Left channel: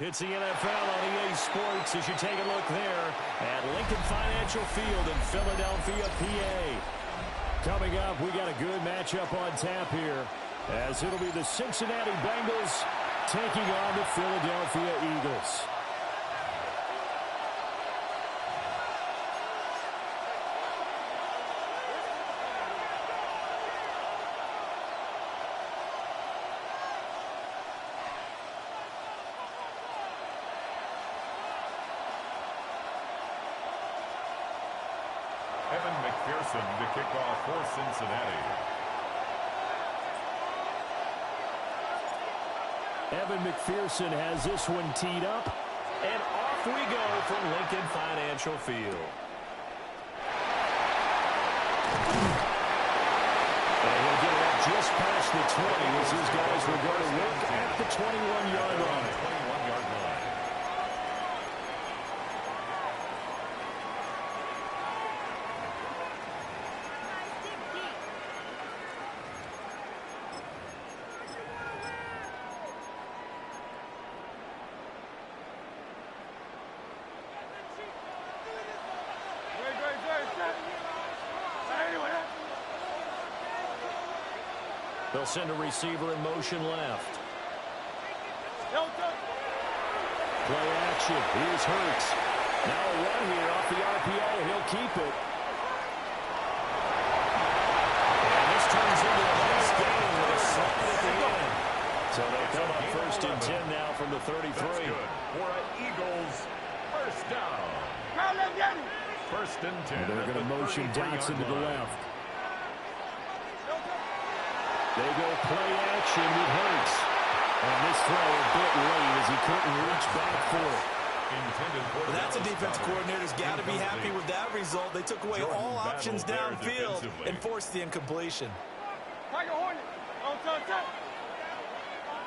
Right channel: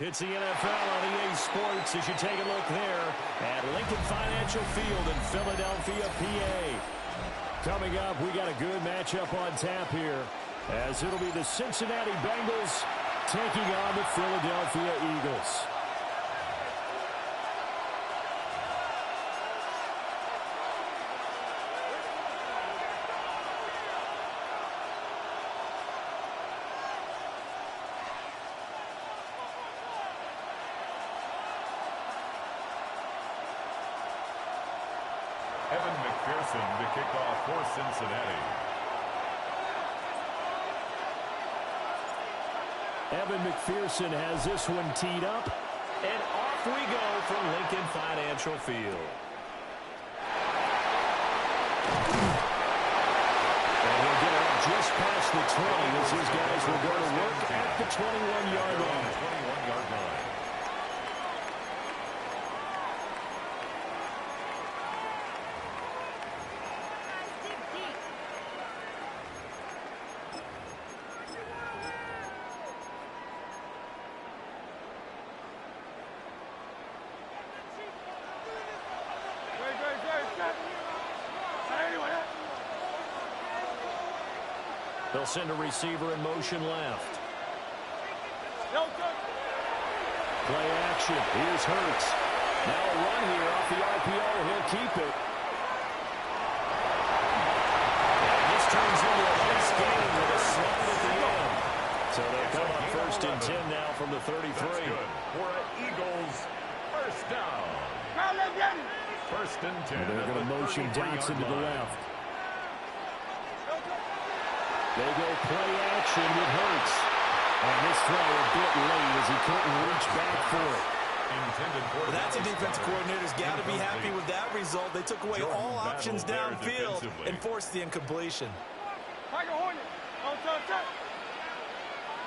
It's the NFL on EA Sports as you take a look there at Lincoln Financial Field in Philadelphia, PA. Coming up, we got a good matchup on tap here, as it'll be the Cincinnati Bengals taking on the Philadelphia Eagles. McPherson to kick off for Cincinnati. Evan McPherson has this one teed up, and off we go from Lincoln Financial Field. And he'll get it up just past the 20 as his guys will go to work at the 21-yard line. 21-yard line. They'll send a receiver in motion left. Play action. Here's Hurts. Now a run here off the RPO. He'll keep it. And this turns into a nice gain with a slide at the end. So they'll come up first and 10 now from the 33. That's good for an Eagles first down. First and 10. And they're going to motion Dotson to the left. They go play action with Hurts. And this throw a bit late as he couldn't reach back for it. Well, that's a defense coordinator's got to be happy with that result. They took away all options downfield and forced the incompletion. Tiger Hornet. On top.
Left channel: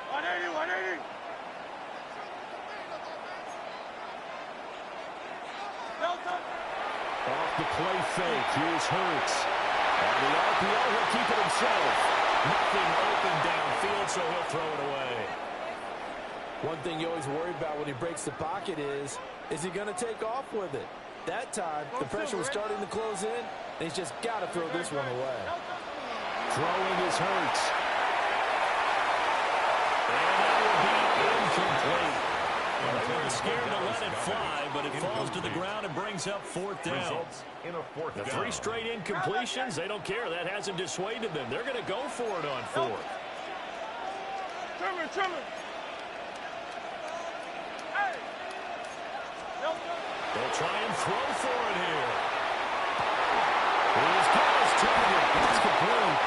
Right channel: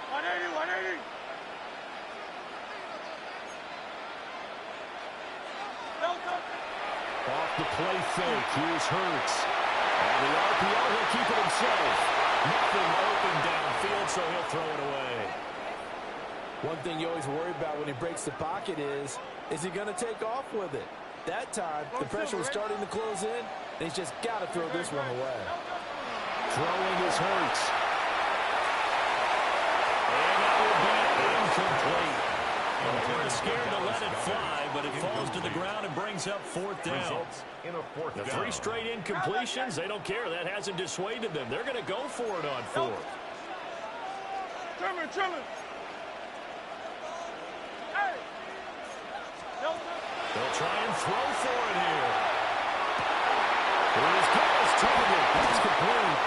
180, 180. Off the play fake. Here's Hurts. On the RPO, he'll keep it himself. Nothing open downfield, so he'll throw it away. One thing you always worry about when he breaks the pocket is he going to take off with it? That time, the pressure was starting to close in, and he's just got to throw this one away. Throwing is Hurts. And that will be incomplete. They weren't scared to let it fly, but it falls to the ground and brings up fourth down. The 3 straight incompletions, they don't care. That hasn't dissuaded them. They're going to go for it on fourth. Trimmer. They'll try and throw for it here. He's got his target. That's complete.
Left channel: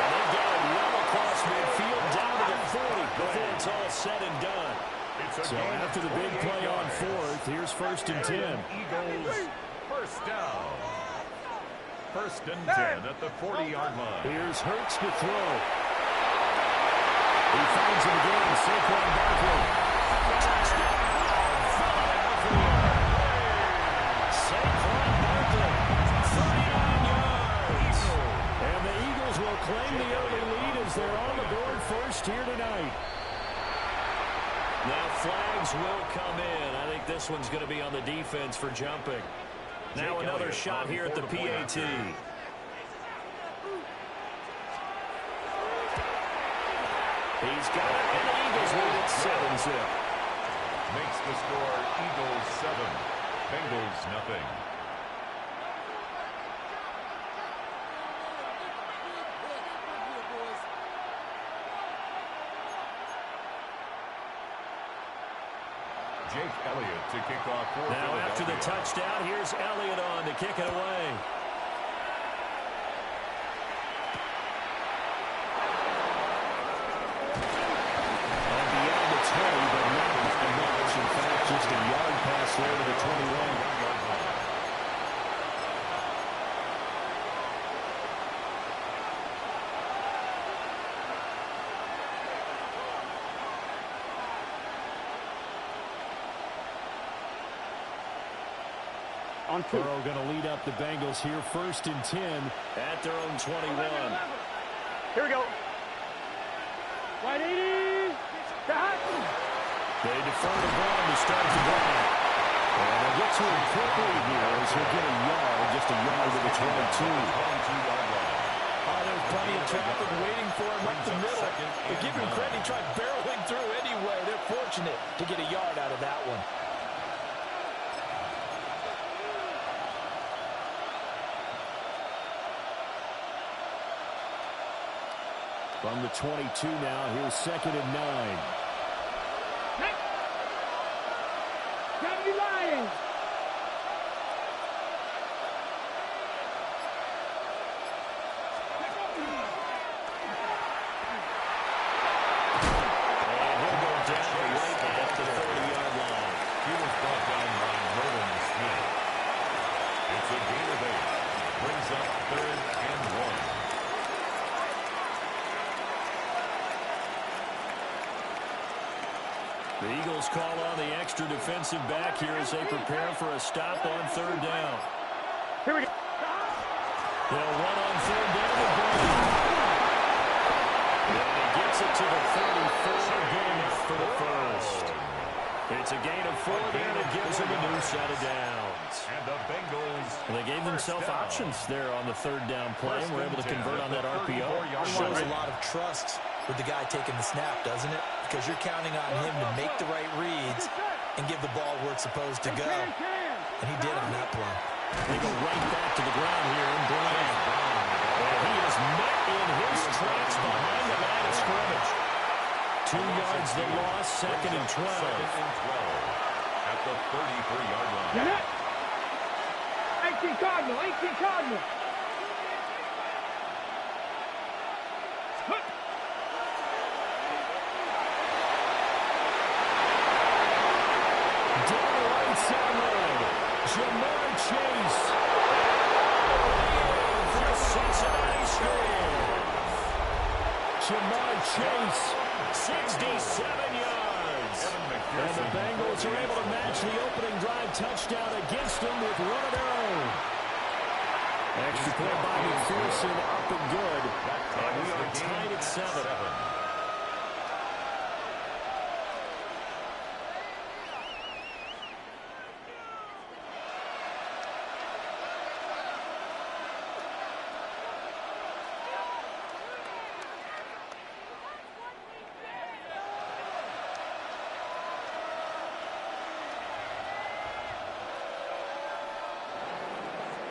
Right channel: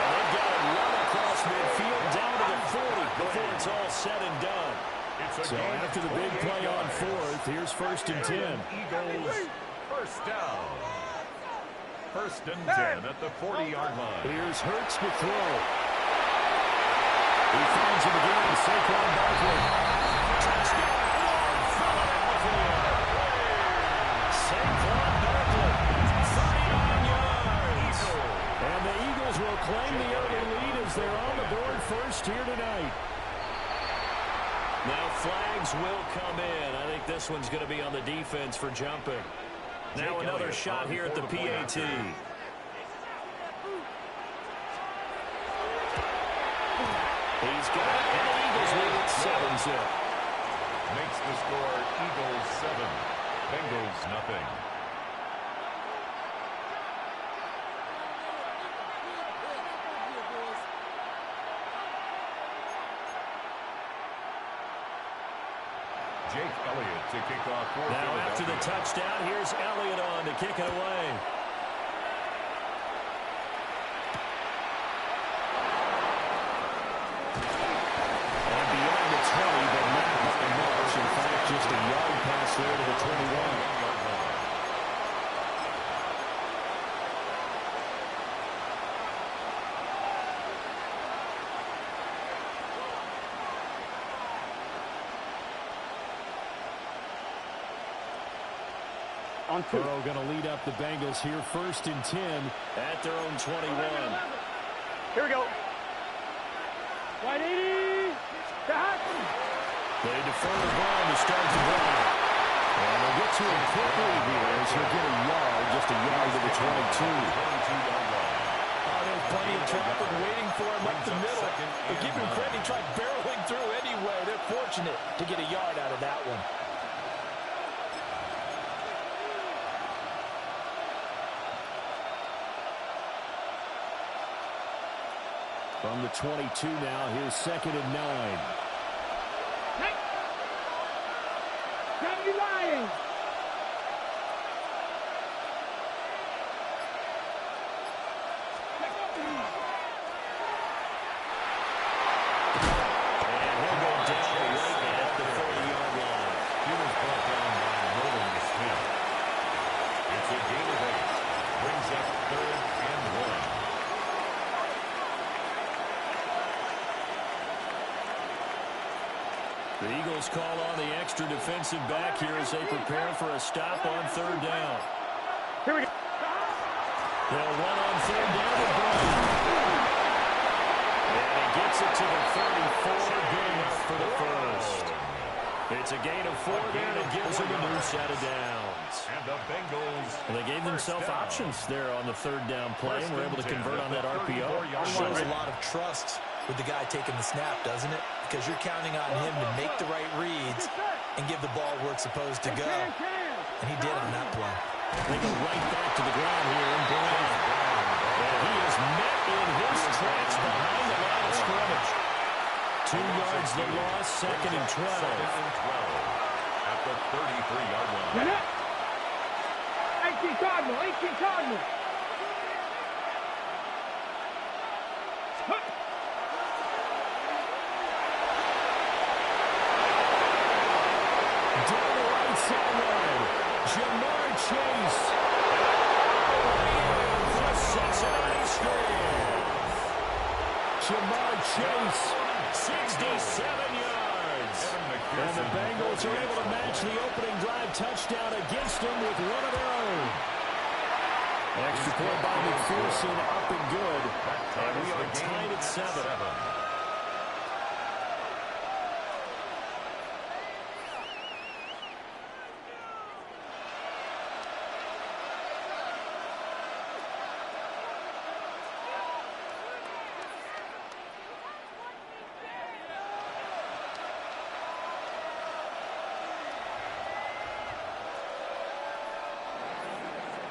And they've got it well across midfield down to the 40 before it's all said and done. So after the big play on fourth, here's first and 10. Eagles first down. First and 10 at the 40-yard line. Here's Hurts to throw. He finds him again. Saquon Barkley. Touchdown, Philadelphia. Saquon Barkley, 39 yards. And the Eagles will claim the early lead as they're on the board first here tonight. Now flags will come in. I think this one's going to be on the defense for jumping. Now another shot here at the PAT. He's got it, and the Eagles lead it 7-0. Makes the score Eagles 7, Bengals nothing. Jake Elliott to kick off for Now after the touchdown, here's Elliott on to kick it away. And beyond the 20, but not by much. In fact, just a yard pass there to the 21. Burrow going to lead up the Bengals here first and 10 at their own 21. Here we go. 180. They defer to Brown to start the drive. And they'll get to a quick lead here as he'll get a yard, just a yard to the 22. 22-yard line. Oh, there's plenty of traffic waiting for him up the middle. But give him credit, he tried barreling through anyway. They're fortunate to get a yard out of that one. From the 22 now, here's 2nd and 9. Gravity Lions. And he'll go down right at the 30-yard line. He was brought down by Nolan Smith. It's a gain of 8. Brings up 3rd and 1. The Eagles call on the extra defensive back here as they prepare for a stop on 3rd down. Here we go. They'll run on 3rd down to Brown. And he gets it to the 34. Good enough for the first. It's a gain of 4 there, and it gives them a new set of downs. And the Bengals. Well, they gave themselves options there on the 3rd down play, and were able to convert on that RPO. It shows a lot of trust with the guy taking the snap, doesn't it? Because you're counting on him to make the right reads and give the ball where it's supposed to go. And he did on that play. They go right back to the ground here, and Brown. And he is met in his tracks behind the line of scrimmage. 2 yards the loss, 2nd and 12. 2nd and 12 at the 33-yard line. 18 Cardinal, 18 Cardinal. Down the right sideline, Jamar Chase. All the way in for a Cincinnati score. Jamar Chase, 67 yards. And the Bengals are able to match the opening drive touchdown against them with one of their own. Extra point by McPherson, up and good. And we are tied at 7.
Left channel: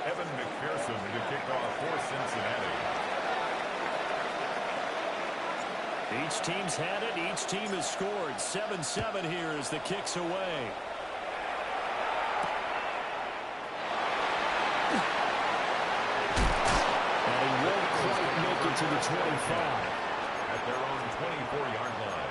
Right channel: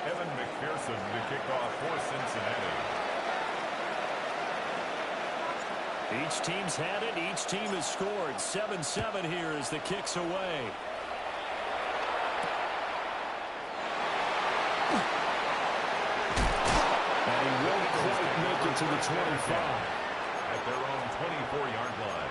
Evan McPherson to kick off for Cincinnati. Each team's had it. Each team has scored. 7-7 here as the kick's away. And he won't quite make it to the 25. At their own 24-yard line.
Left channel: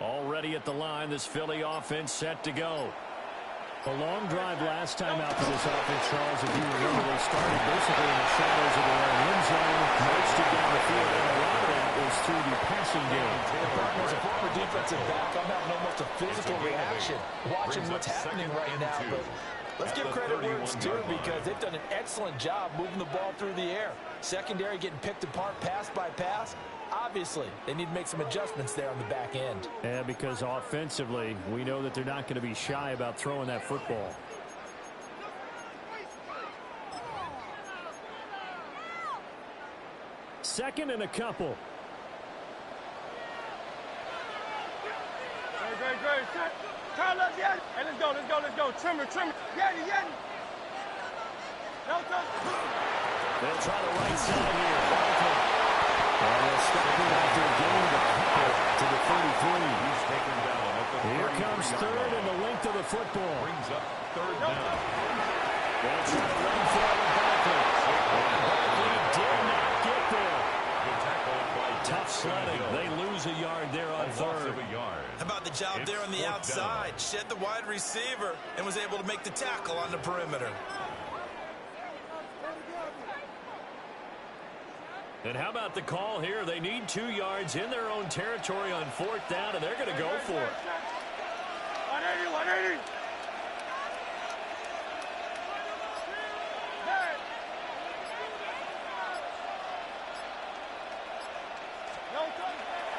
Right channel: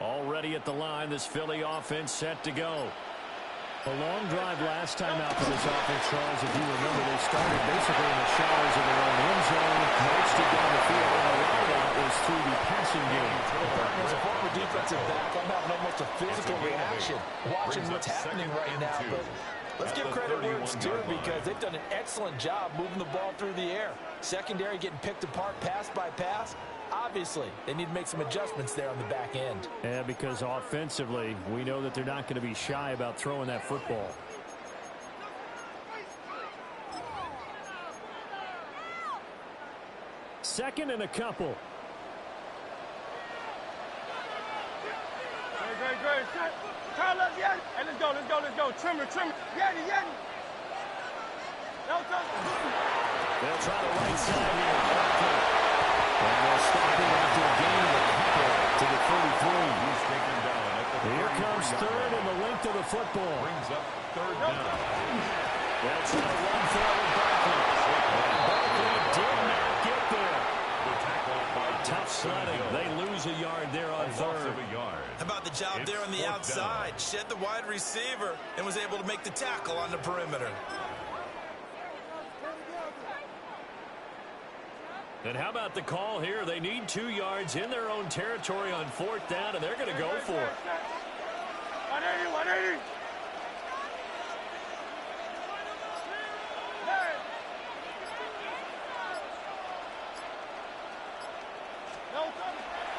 Already at the line, this Philly offense set to go. A long drive last time out for this offense, Charles. If you remember, they started basically in the shadows of their own end zone, marched it down the field, and a lot of that was through the passing game. As a former defensive back, I'm having almost a physical reaction watching what's happening right now. But let's give credit where it's due because they've done an excellent job moving the ball through the air. Secondary getting picked apart pass by pass. Obviously, they need to make some adjustments there on the back end. Yeah, because offensively, we know that they're not going to be shy about throwing that football. Second and a couple. Great. Turn up, Yeti. Hey, let's go. Trimmer. Yeti. No touch. They'll try the right side here. Barkley. And they'll stop him after a gain of a couple to the 33. He's taken down at the 33. Here comes third and the length of the football. Brings up 3rd down. They'll try to run for it with Barkley. And Barkley did not get there. The tackle by Tough sledding. They lose a yard there on third. How about the job there on the outside? Shed the wide receiver and was able to make the tackle on the perimeter. And how about the call here? They need 2 yards in their own territory on 4th down, and they're going to go for it. 180, 180.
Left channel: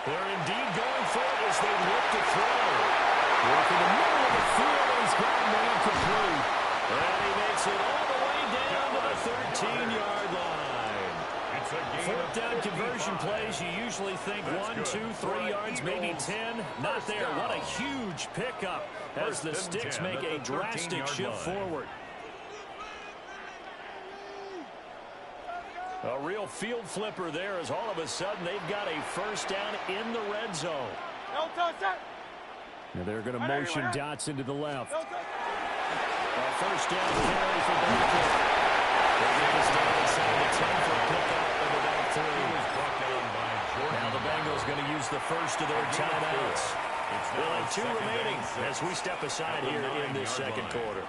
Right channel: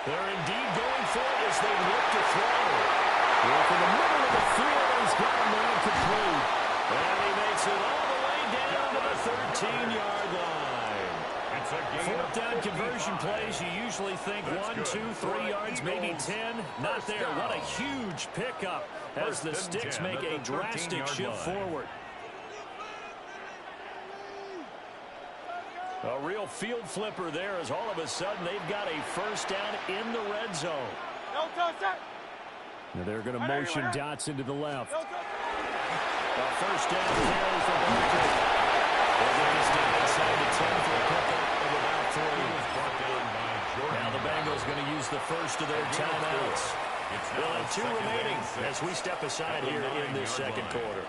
They're indeed going for it as they look to throw. Work in the middle of the field, and he's got a man complete. And he makes it all the way down to the 13-yard line. It's a gain 4th down conversion plays, you usually think 1, 2, 3 yards, maybe 10. Not there. What a huge pickup as the Sticks make a drastic shift forward. A real field flipper there as all of a sudden they've got a 1st down in the red zone. Now they're going to motion dots into the left. A 1st down carry for Barkley. They'll get this down inside the 10 for a pickup of about 3. Now the Bengals going to use the first of their timeouts. They'll have 2 remaining as we step aside here in this second quarter.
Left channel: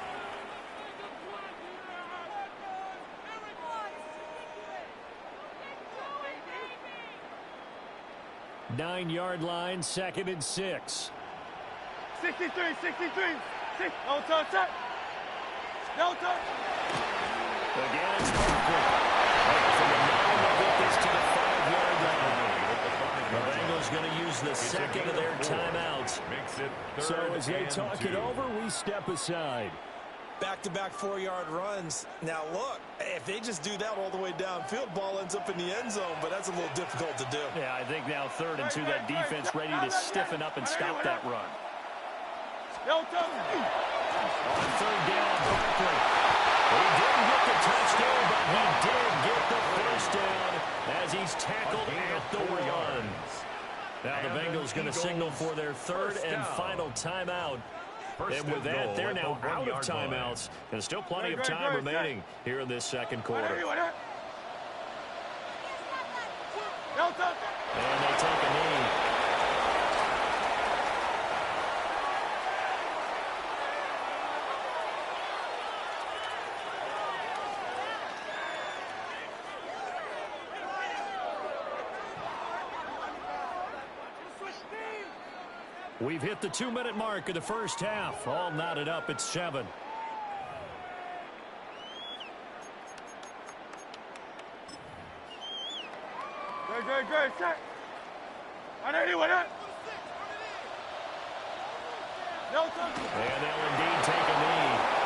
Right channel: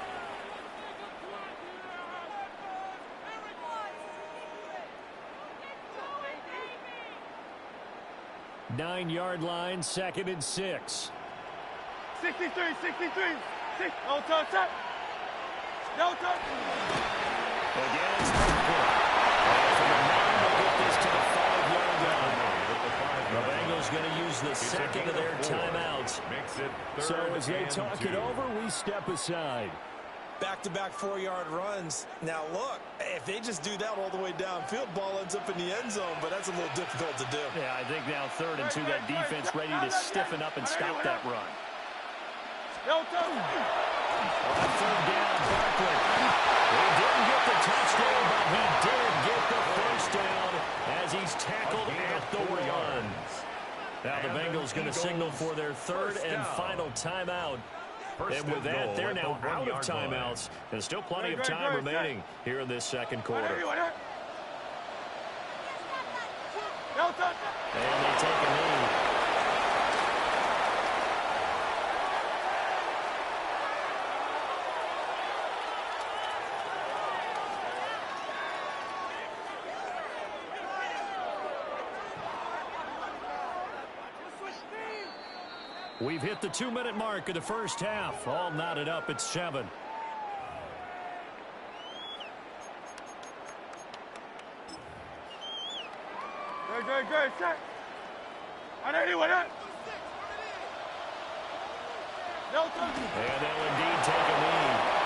9-yard line, 2nd and 6. 63, 63. No touch. No touch. Again, it's Barkley. And from the 9, they get this to the 5-yard line. The Bengals going to use the second of their timeouts. So as they talk it over, we step aside. Back-to-back 4-yard runs. Now, look, if they just do that all the way downfield, ball ends up in the end zone, but that's a little difficult to do. Yeah, I think now 3rd and 2, that defense ready to stiffen up and stop that run. No touch. On 3rd down, Barkley. He didn't get the touchdown, but he did get the 1st down as he's tackled at the 1. Now the Bengals going to signal for their 3rd and final timeout. And with that, they're now out of timeouts. And still plenty of time remaining here in this second quarter. And they take a knee. We've hit the 2-minute mark of the first half. All knotted up at 7. Good. Set. 180, what up? No touch. And they'll indeed take a knee.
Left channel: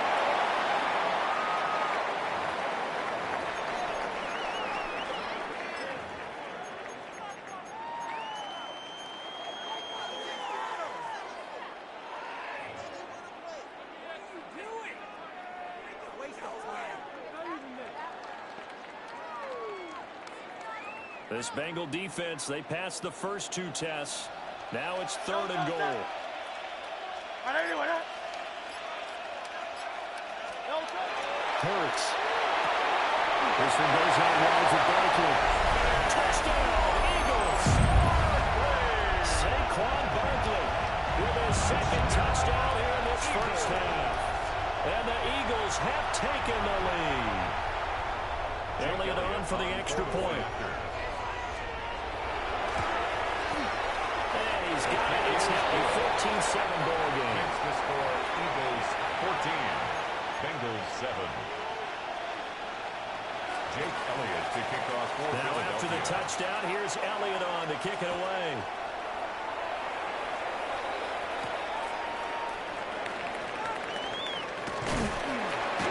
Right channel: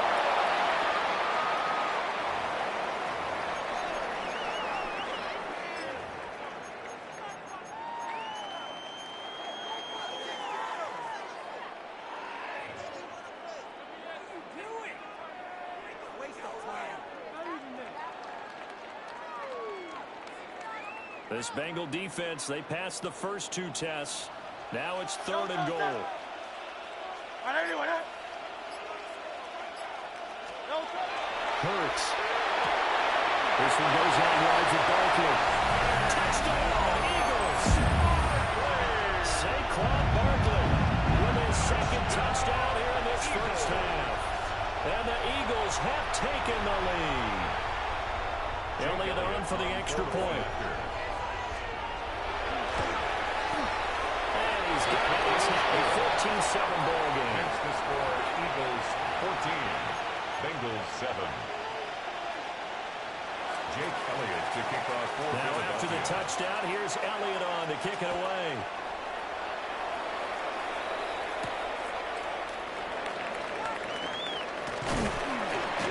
This Bengal defense, they passed the first 2 tests. Now it's 3rd and goal. Hurts. This one goes out wide for Barkley. Touchdown, Eagles! Saquon Barkley with his 2nd touchdown here in this first half. And the Eagles have taken the lead. Elliott on for the extra point. He's got it. It's now a 14-7 ball game. Makes the score Eagles 14, Bengals 7. Jake Elliott to kick off for Now Philadelphia. after the touchdown, here's Elliott on to kick it away.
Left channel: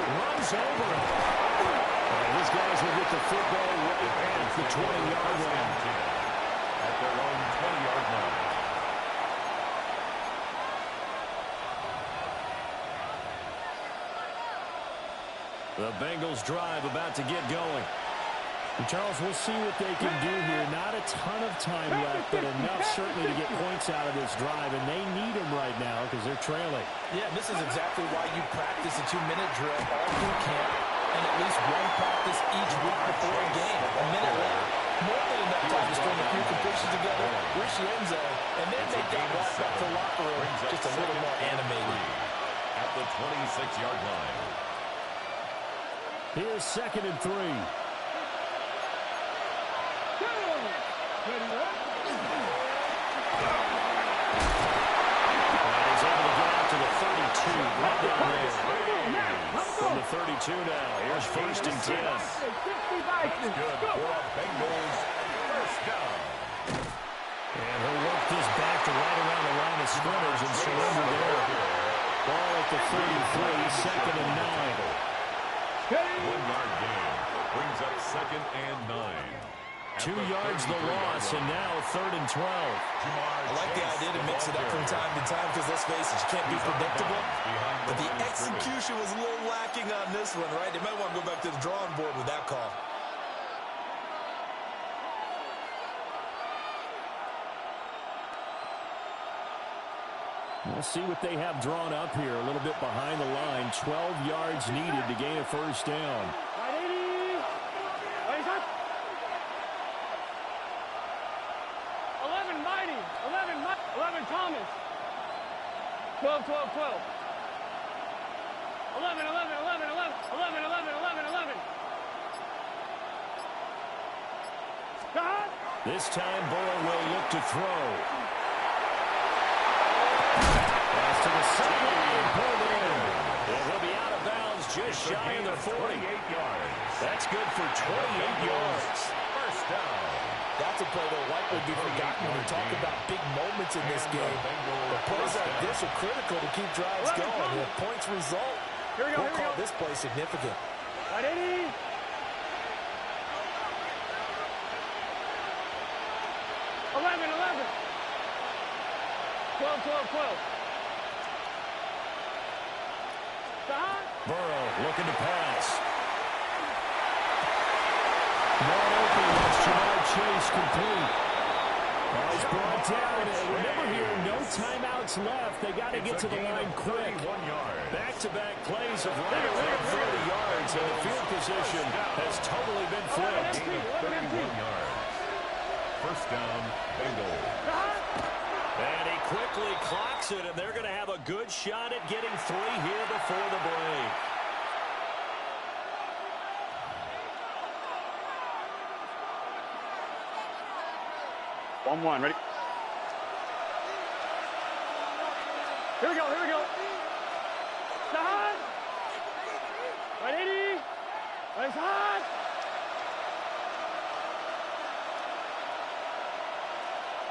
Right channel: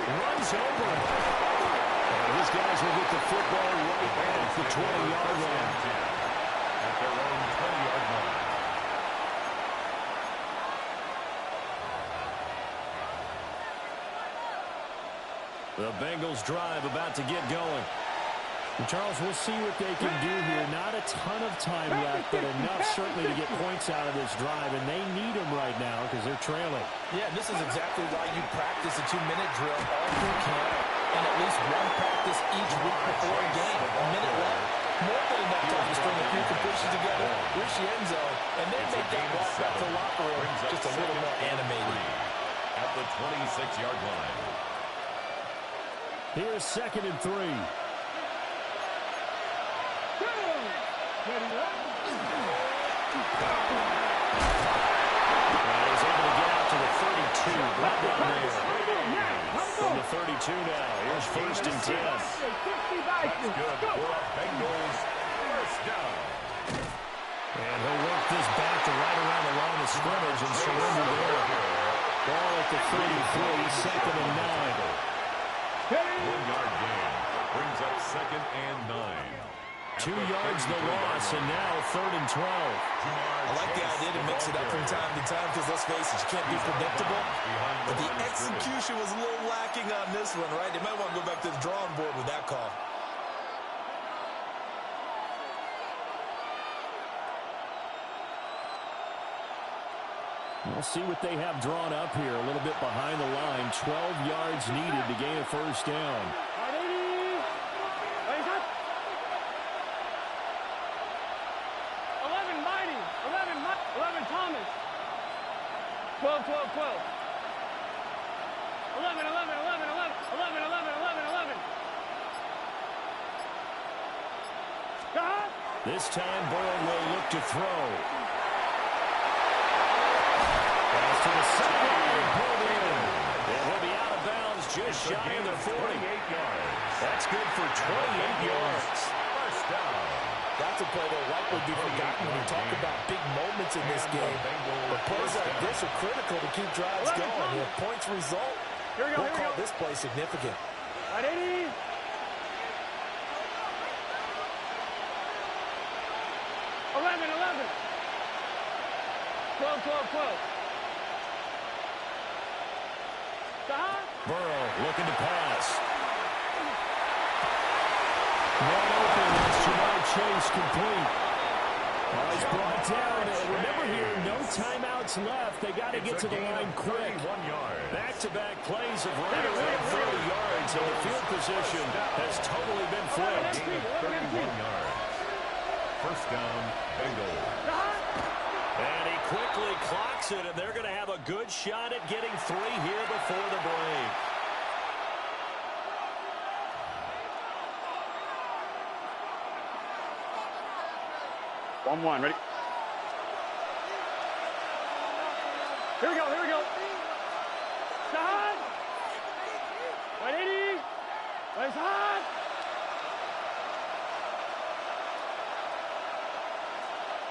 Runs over him. And these guys will get the football right at the 20-yard line. At their own 20-yard line. The Bengals drive about to get going. And Charles, we'll see what they can do here. Not a ton of time left, but enough certainly to get points out of this drive, and they need them right now because they're trailing. Yeah, this is exactly why you practice a 2-minute drill all through camp and at least one practice each week before a game. A minute left, more than enough time to string a few completions together, reach the end zone, and then make that walk back to the locker room just a little more animated. At the 26-yard line. Here's 2nd and 3. And he's able to get out to the 32. Right down there. From the 32 now. Here's 1st and 10. That's good for a Bengals first down. And he'll work this back to right around the line of scrimmage and surrender there. Ball at the 33, 2nd and 9. 1-yard gain brings up 2nd and 9. 2 yards the loss, and now 3rd and 12. I like the idea to mix it up from time to time because, let's face it, you can't be predictable. But the execution was a little lacking on this one, right? They might want to go back to the drawing board with that call. We'll see what they have drawn up here. A little bit behind the line. 12 yards needed to gain a first down. 11 Thomas. 12, 12, 12. 11, 11, 11, 11, 11, 11, 11, 11. This time Burrow will look to throw. Pass to the sideline and pulled in. And he'll be out of bounds just shy of the 40. 28 yards. That's good for 28 yards. First down. That's a play that will likely be forgotten when we talk about big moments in this game. But plays like this are critical to keep drives going. If points result, we'll call this play significant. 180. Eleven, 11. 12, 12, 12. Burrow looking to pass. Man open, that's Jamar Chase complete. Oh, he's brought down. And remember here, no timeouts left. They got to get to the line quick. Back-to-back plays of right around 30 yards, and the field position has totally been flipped. 31 yards. First down, Bengals. And he quickly clocks it, and they're going to have a good shot at getting 3 here before the break. One, ready? Here we go, here we go. Side. 180. Right side.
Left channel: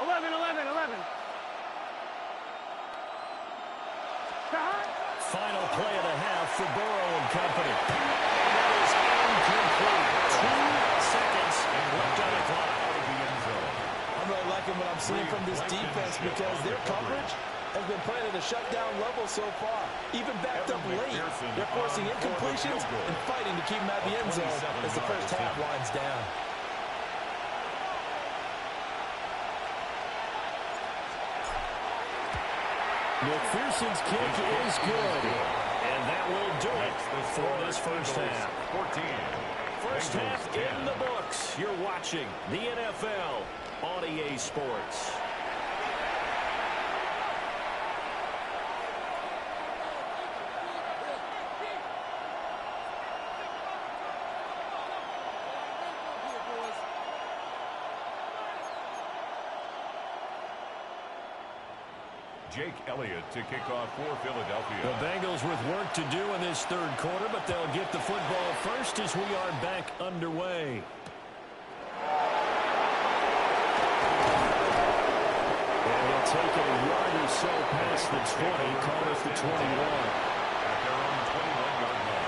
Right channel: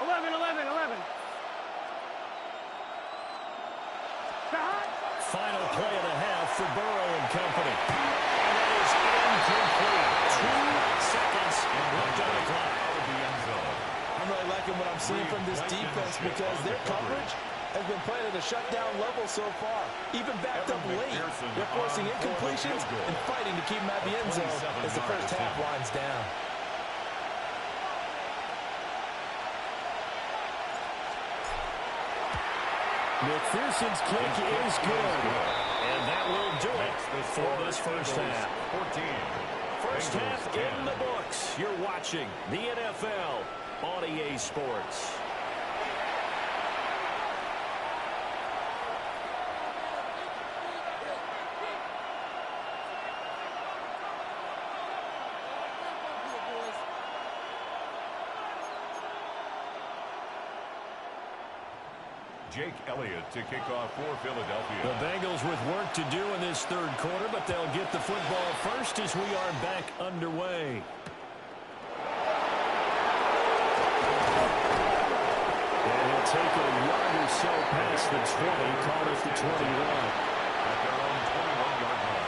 11, 11, 11. Side. Final play of the half for Burrow and company. And that is incomplete. 2 seconds left on the clock. Out of the end zone. I'm really liking what I'm seeing from this defense because their coverage has been playing at a shutdown level so far. Even backed up late, they're forcing incompletions and fighting to keep them at the end zone as the first half winds down. McPherson's kick is good. And that will do it for this first half. 14. First half in the books. You're watching the NFL on EA Sports. Jake Elliott to kick off for Philadelphia. The Bengals with work to do in this third quarter, but they'll get the football first as we are back underway. And he'll take it a yard or so past the 20, call it the 21. At their own 21-yard line.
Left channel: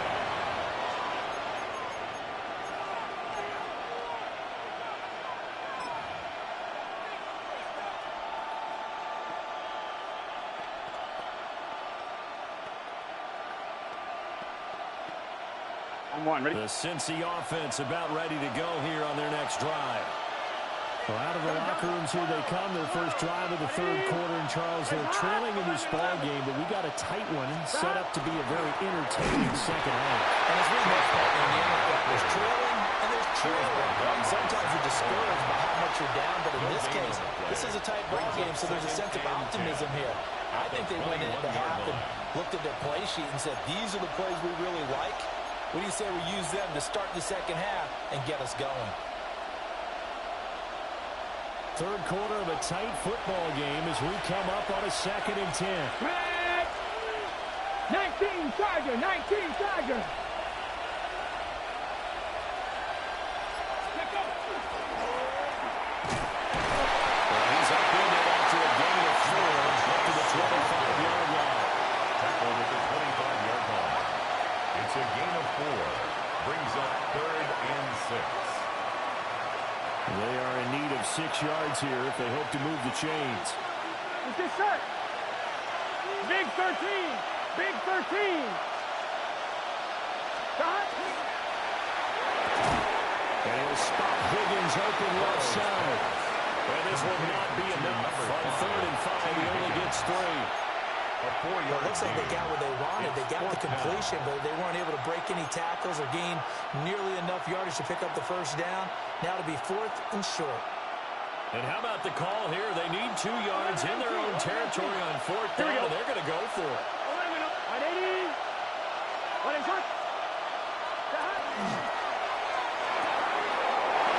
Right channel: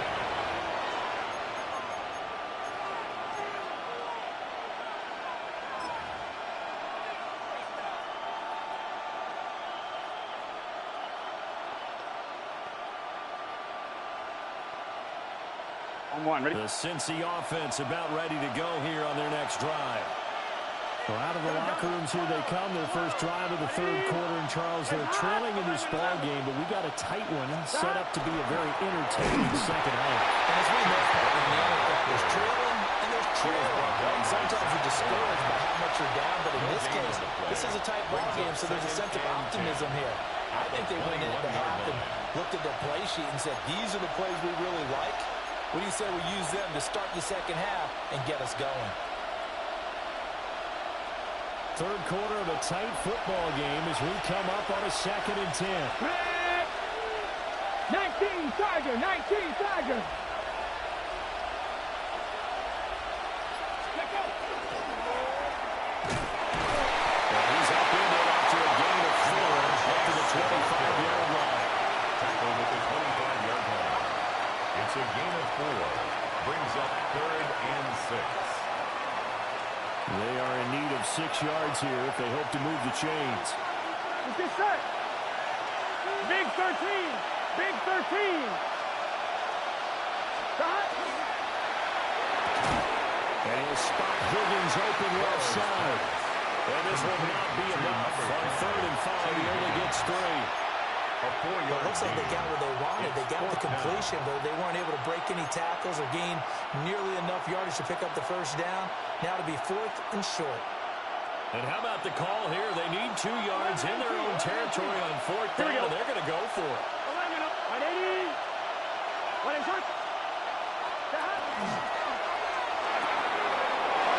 The Cincy offense about ready to go here on their next drive. Well, out of the locker rooms here they come. Their first drive of the third quarter. And, Charles, they're trailing in this ball game, but we got a tight one set up to be a very entertaining second half. And as we know, in the NFL, there's trailing and there's trailing. Sometimes you're discouraged by how much you're down, but in this case, this is a tight ball game, so there's a sense of optimism here. I think they went into the half and looked at their play sheet and said, these are the plays we really like. What do you say we use them to start the second half and get us going? Third quarter of a tight football game as we come up on a 2nd and 10. 19 Tiger, 19 Tiger. Let go. Well, he's up in it after a gain of 4 up to the 25-yard line. Tackled at the 25-yard line. It's a gain of 4. Brings up 3rd and 6. They are in need of 6 yards here if they hope to move the chains. Let's get set. Big 13. Big 13. Stop. And he'll spot Higgins open left side. And this will not be enough. On 3rd and 5, he only gets 3. Well, it looks like they got what they wanted. They got the completion, but they weren't able to break any tackles or gain nearly enough yardage to pick up the first down. Now to be 4th and short. And how about the call here? They need 2 yards in their own territory on 4th down, and they're going to go for it. 180. What is it?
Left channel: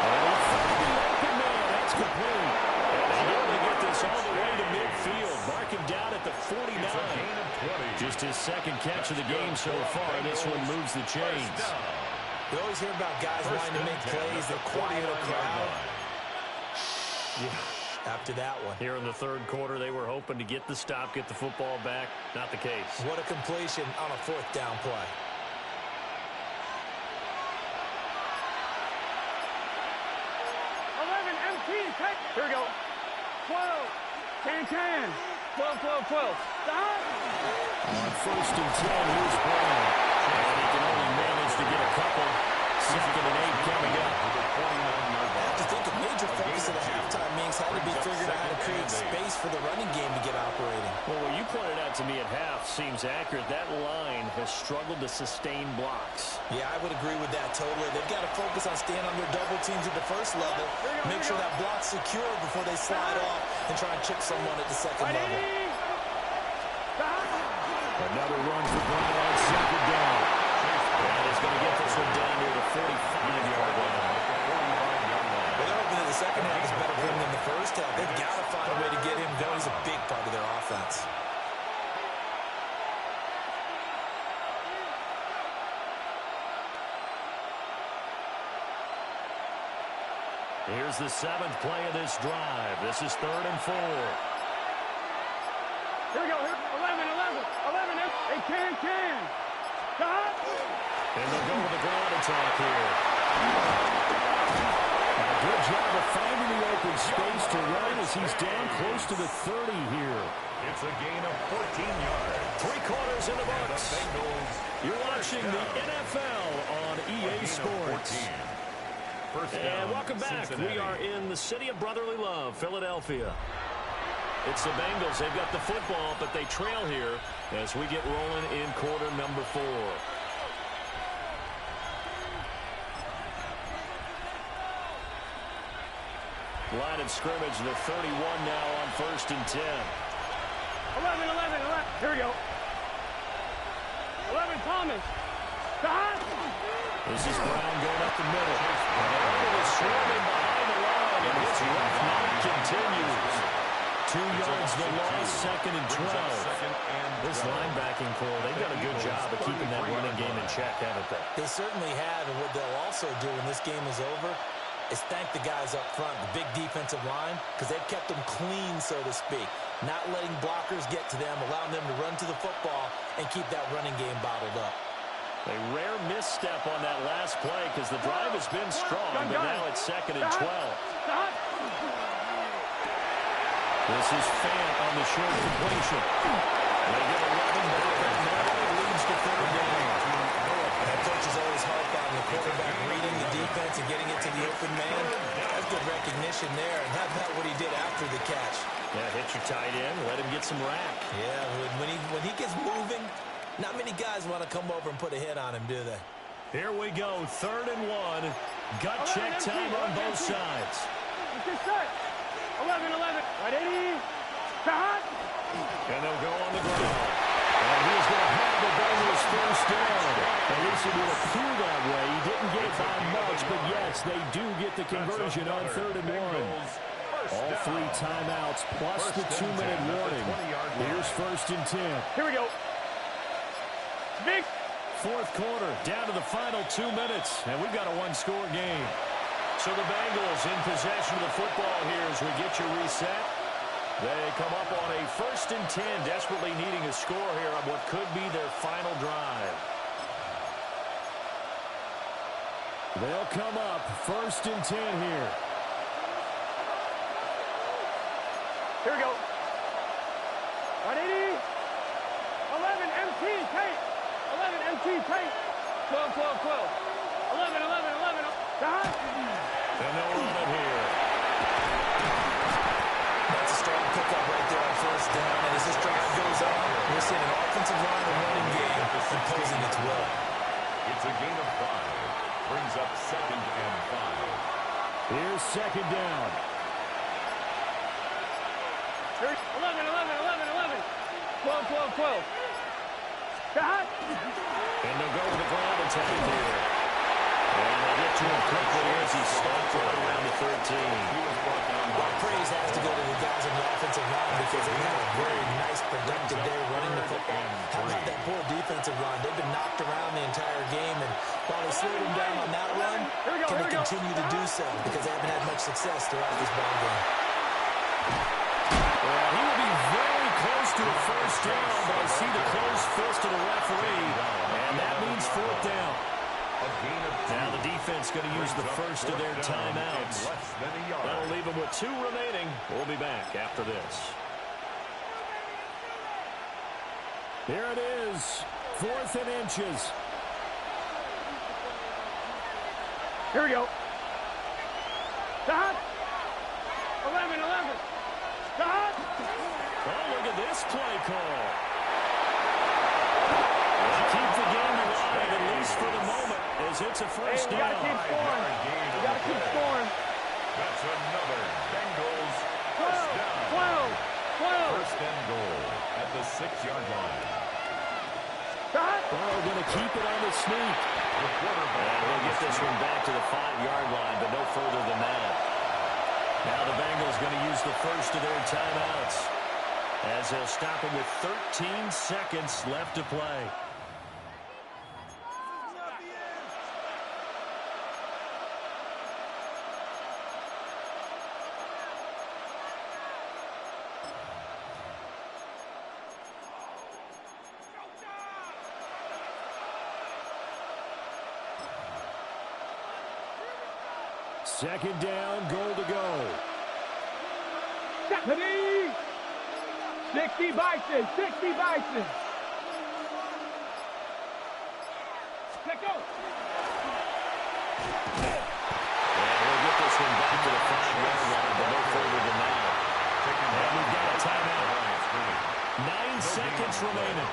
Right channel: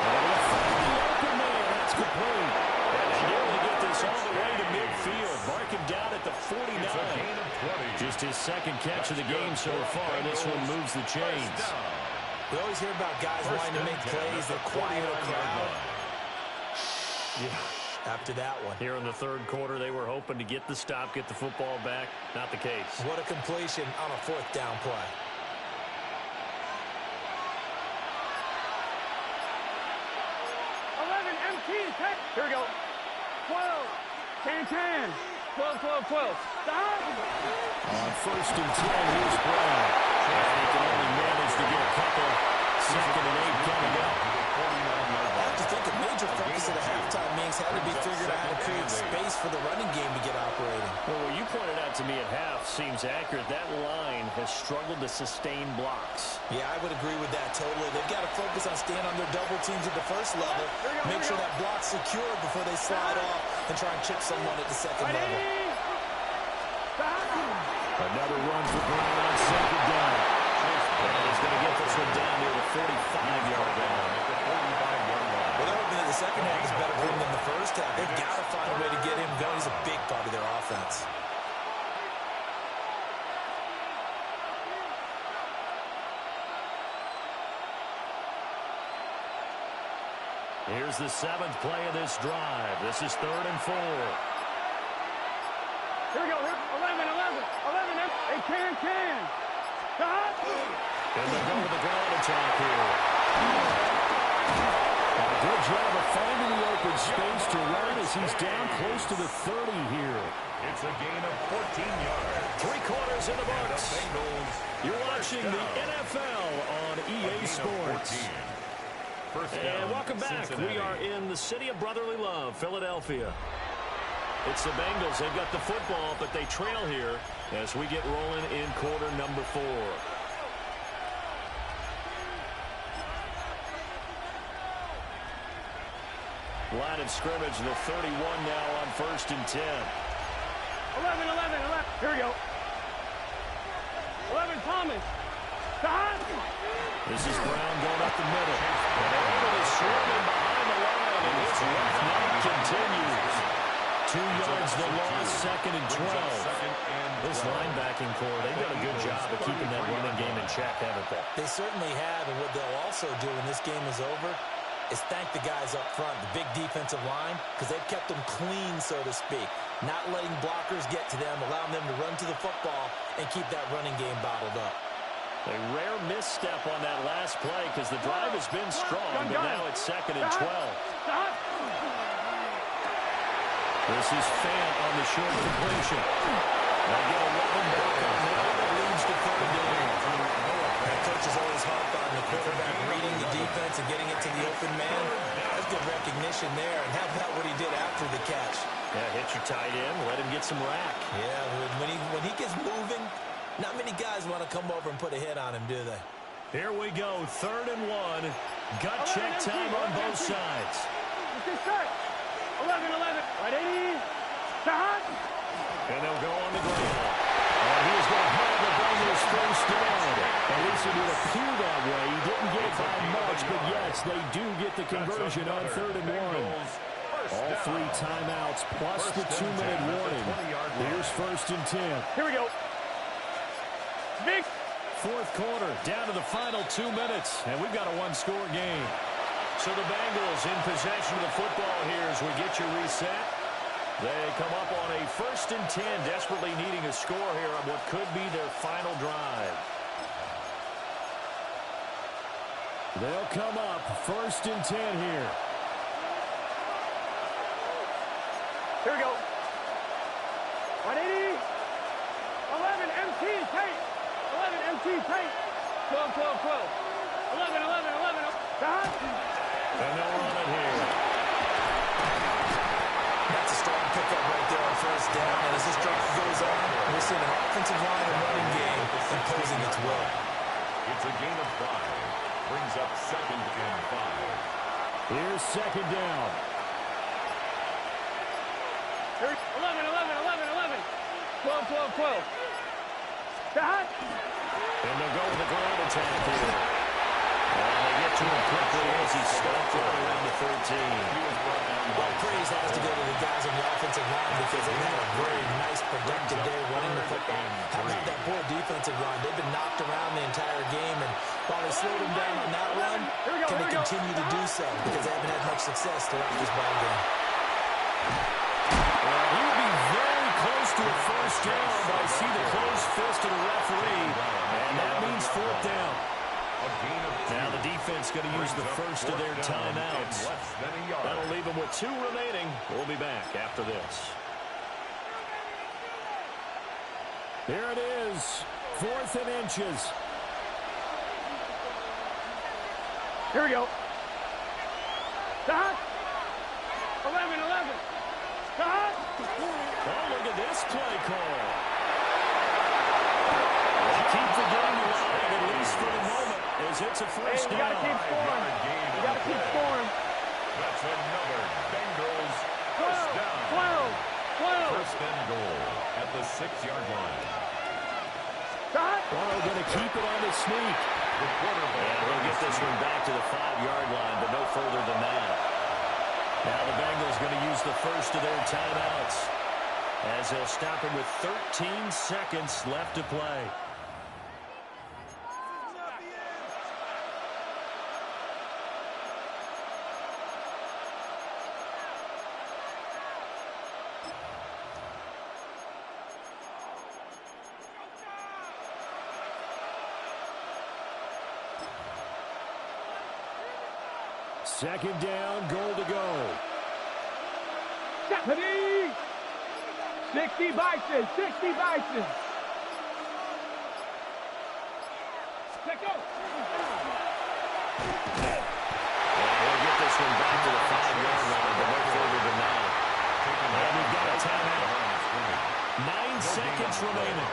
And they'll find the open man. That's complete. And they nearly get this all the way to midfield. Mark him down at the 49. Just his 2nd catch of the game so far. This one moves the chains. We always hear about guys wanting to make plays that quiet a crowd. Yeah, after that one. Here in the third quarter, they were hoping to get the stop, get the football back. Not the case. What a completion on a 4th down play. Here we go. 12. 10. 12. Stop. On 1st and 10, here's Brown. And he can only manage to get a couple. 2nd and 8 coming up. I have to think a major focus of the halftime meetings had to be figuring out how to create space for the running game to get operating. Well, what you pointed out to me at half seems accurate. That line has struggled to sustain blocks. Yeah, I would agree with that totally. They've got to focus on staying on their double teams at the first level. Make sure that block's secure before they slide off and try and chip someone at the second level. Another run for Brown on 2nd down. And he's going to get this one down near the 45-yard line. Well, they're hoping that the second half is better for him than the first half. They've got to find a way to get him going. He's a big part of their offense. Here's the 7th play of this drive. This is 3rd and 4. Here we go. 11. They can. Stop. And they'll go with the ground attack here. And a good job of finding the open space to run as he's down close to the 30 here. It's a gain of 14 yards. 3 quarters in the books. You're watching the NFL on EA Sports. And welcome back. Cincinnati. We are in the city of brotherly love, Philadelphia. It's the Bengals. They've got the football, but they trail here as we get rolling in quarter number 4. Line of scrimmage, the 31 now on 1st and 10. 11. Here we go. 11, Thomas. Stop. This is Brown going up the middle. And they're able to swarm him behind the line, and his rough night continues. 2 yards the loss, 2nd and 12. This linebacking core, they've done a good job of keeping that running game in check, haven't they? They certainly have, and what they'll also do when this game is over is thank the guys up front, the big defensive line, because they've kept them clean, so to speak. Not letting blockers get to them, allowing them to run to the football and keep that running game bottled up. A rare misstep on that last play because the drive has been strong, but now it's 2nd and 12. Stop. This is Fant on the short completion. They get 11 back on that. It leads to 3rd down. And coaches always harp on the quarterback reading the defense and getting it to the open man. That's good recognition there. And how about what he did after the catch? Yeah, hit your tight end, let him get some rack. Yeah, when he gets moving, not many guys want to come over and put a hit on him, do they? Here we go, 3rd and 1. Gut check time on both sides. Get set. 11. Right 80. Shot. And they'll go on the ground. And he is going to have the Bengals first down. At least it would appear that way. He didn't get it by much, but yes, they do get the conversion on 3rd and 1. All 3 timeouts plus the 2-minute warning. Here's 1st and 10. Here we go. Big. 4th quarter, down to the final 2 minutes, and we've got a 1-score game. So the Bengals in possession of the football here as we get you reset. They come up on a 1st and 10, desperately needing a score here on what could be their final drive. They'll come up 1st and 10 here. Here we go. 180. 11 MT tape. 11 MT tape. 12. 11. Shot. And they'll run it here. That's a strong pickup right there on 1st down. And as this drive goes on, we're seeing an offensive line and running game imposing its will. It's a gain of 5. Brings up 2nd and 5. Here's 2nd down. 11. 12. Shot. And they'll go with the ground attack here. And they get to him quickly as he stopped right around the 13. He was brought down by Well, praise has to go to the guys on the offensive line because they've had a very nice, productive day running the football. How about that poor defensive line? They've been knocked around the entire game, and while they slowed them down on that run, can they continue to do so? Because they haven't had much success throughout this ball game. Well, he will be very close to a 1st down, but I see the closed fist of the referee, and that means 4th down. Now the defense going to use the first of their timeouts. That'll leave them with 2 remaining. We'll be back after this. Here it is, 4th and inches. Here we go. Shot. 11. Shot. Oh, look at this play call. They keep the game alive, at least for the moment, as it's a 1st down. We got to keep scoring. We got to keep scoring. That's another Bengals 12. 1st and goal at the 6-yard line. Shot. Burrow going to keep it on the sneak. And they'll get this one back to the 5-yard line, but no further than that. Now the Bengals going to use the first of their timeouts as they'll stop him with 13 seconds left to play. Second down, goal to go. 60 Bison. Let go. And we'll get this one back to the 5-yard line, but no further than that. And we've got a timeout. 9 seconds remaining.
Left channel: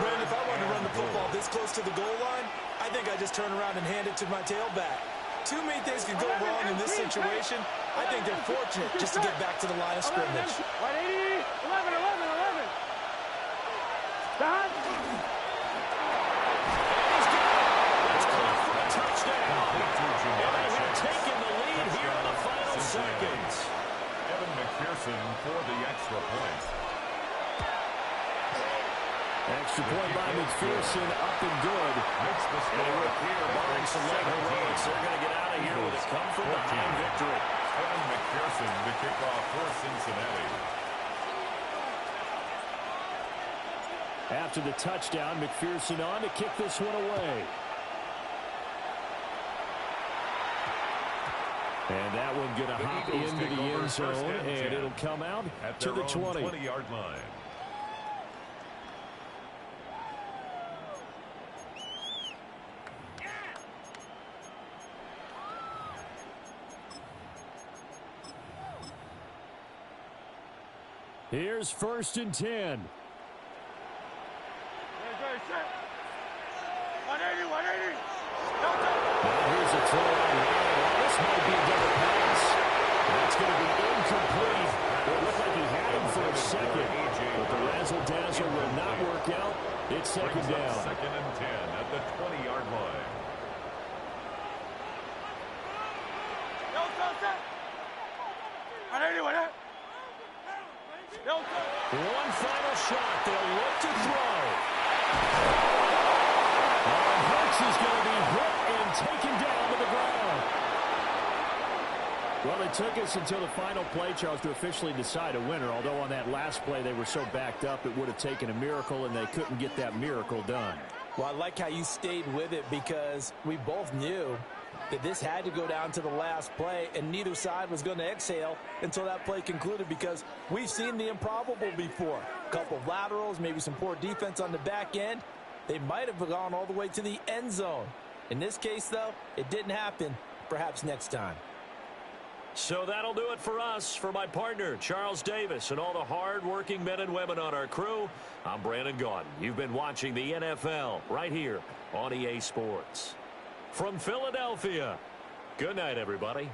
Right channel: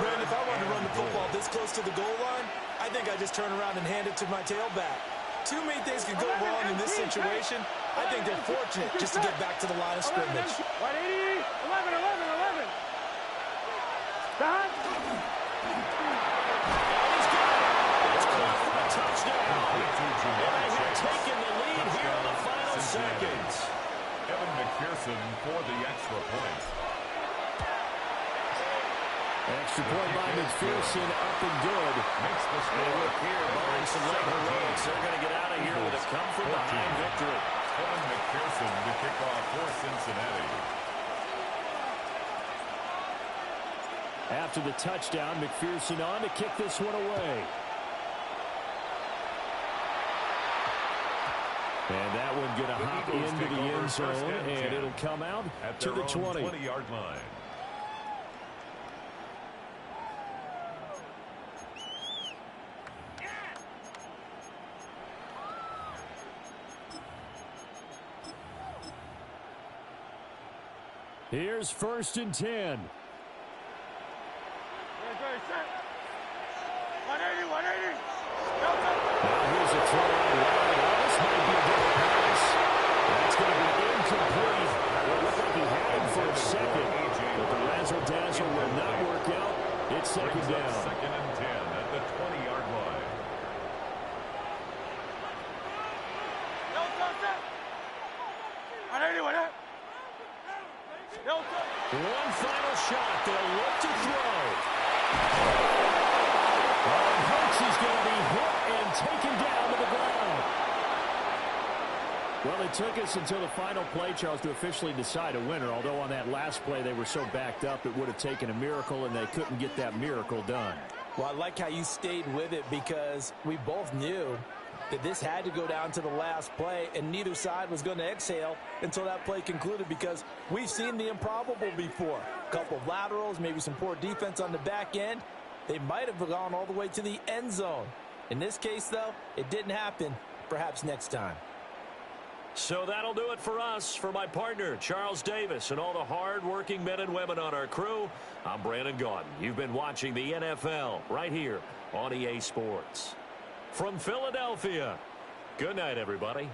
Brandon, if I wanted to run the football this close to the goal line, I think I just turn around and hand it to my tailback. Too many things could go wrong in this situation. I think they're fortunate just to get back to the line of scrimmage. 180, 11. Stop. And he's got it. It's caught for a touchdown. And they have taken the lead here in the final seconds. Evan McPherson for the extra point. Extra point by McPherson, up and good. Makes the And score look here, barring some late heroics, they're going to get out of here with a come-from-behind victory. Evan McPherson to kick off for Cincinnati. After the touchdown, McPherson on to kick this one away. And that one going to hop into the end zone, and it'll come out to the 20. 20-yard line. Here's 1st and 10. Ready, set. 180, 180. Now here's a throw out wide. Well, this might be a double pass. That's going to be incomplete. It looked like he had him for a second, but the razzle-dazzle will not work out. It's second down. 2nd and 10 at the 20-yard line. One final shot. They'll look to throw. And Hurts is going to be hit and taken down to the ground. Well, it took us until the final play, Charles, to officially decide a winner, although on that last play they were so backed up it would have taken a miracle, and they couldn't get that miracle done. Well, I like how you stayed with it because we both knew that this had to go down to the last play, and neither side was going to exhale until that play concluded because we've seen the improbable before. A couple of laterals, maybe some poor defense on the back end. They might have gone all the way to the end zone. In this case, though, it didn't happen. Perhaps next time. So that'll do it for us. For my partner, Charles Davis, and all the hard-working men and women on our crew, I'm Brandon Gaudin. You've been watching the NFL right here on EA Sports. From Philadelphia, good night, everybody.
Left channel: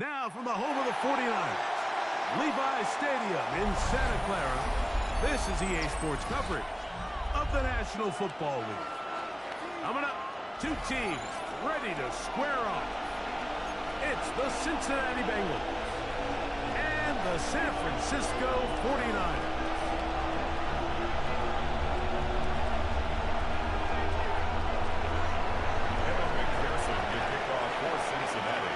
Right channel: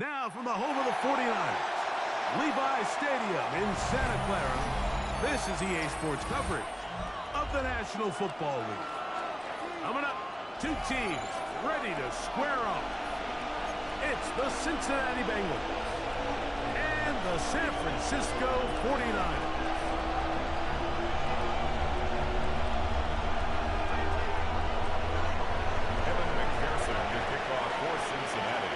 Now from the home of the 49ers, Levi Stadium in Santa Clara, this is EA Sports coverage of the National Football League. Coming up, two teams ready to square off. It's the Cincinnati Bengals and the San Francisco 49ers. To kick off for Cincinnati.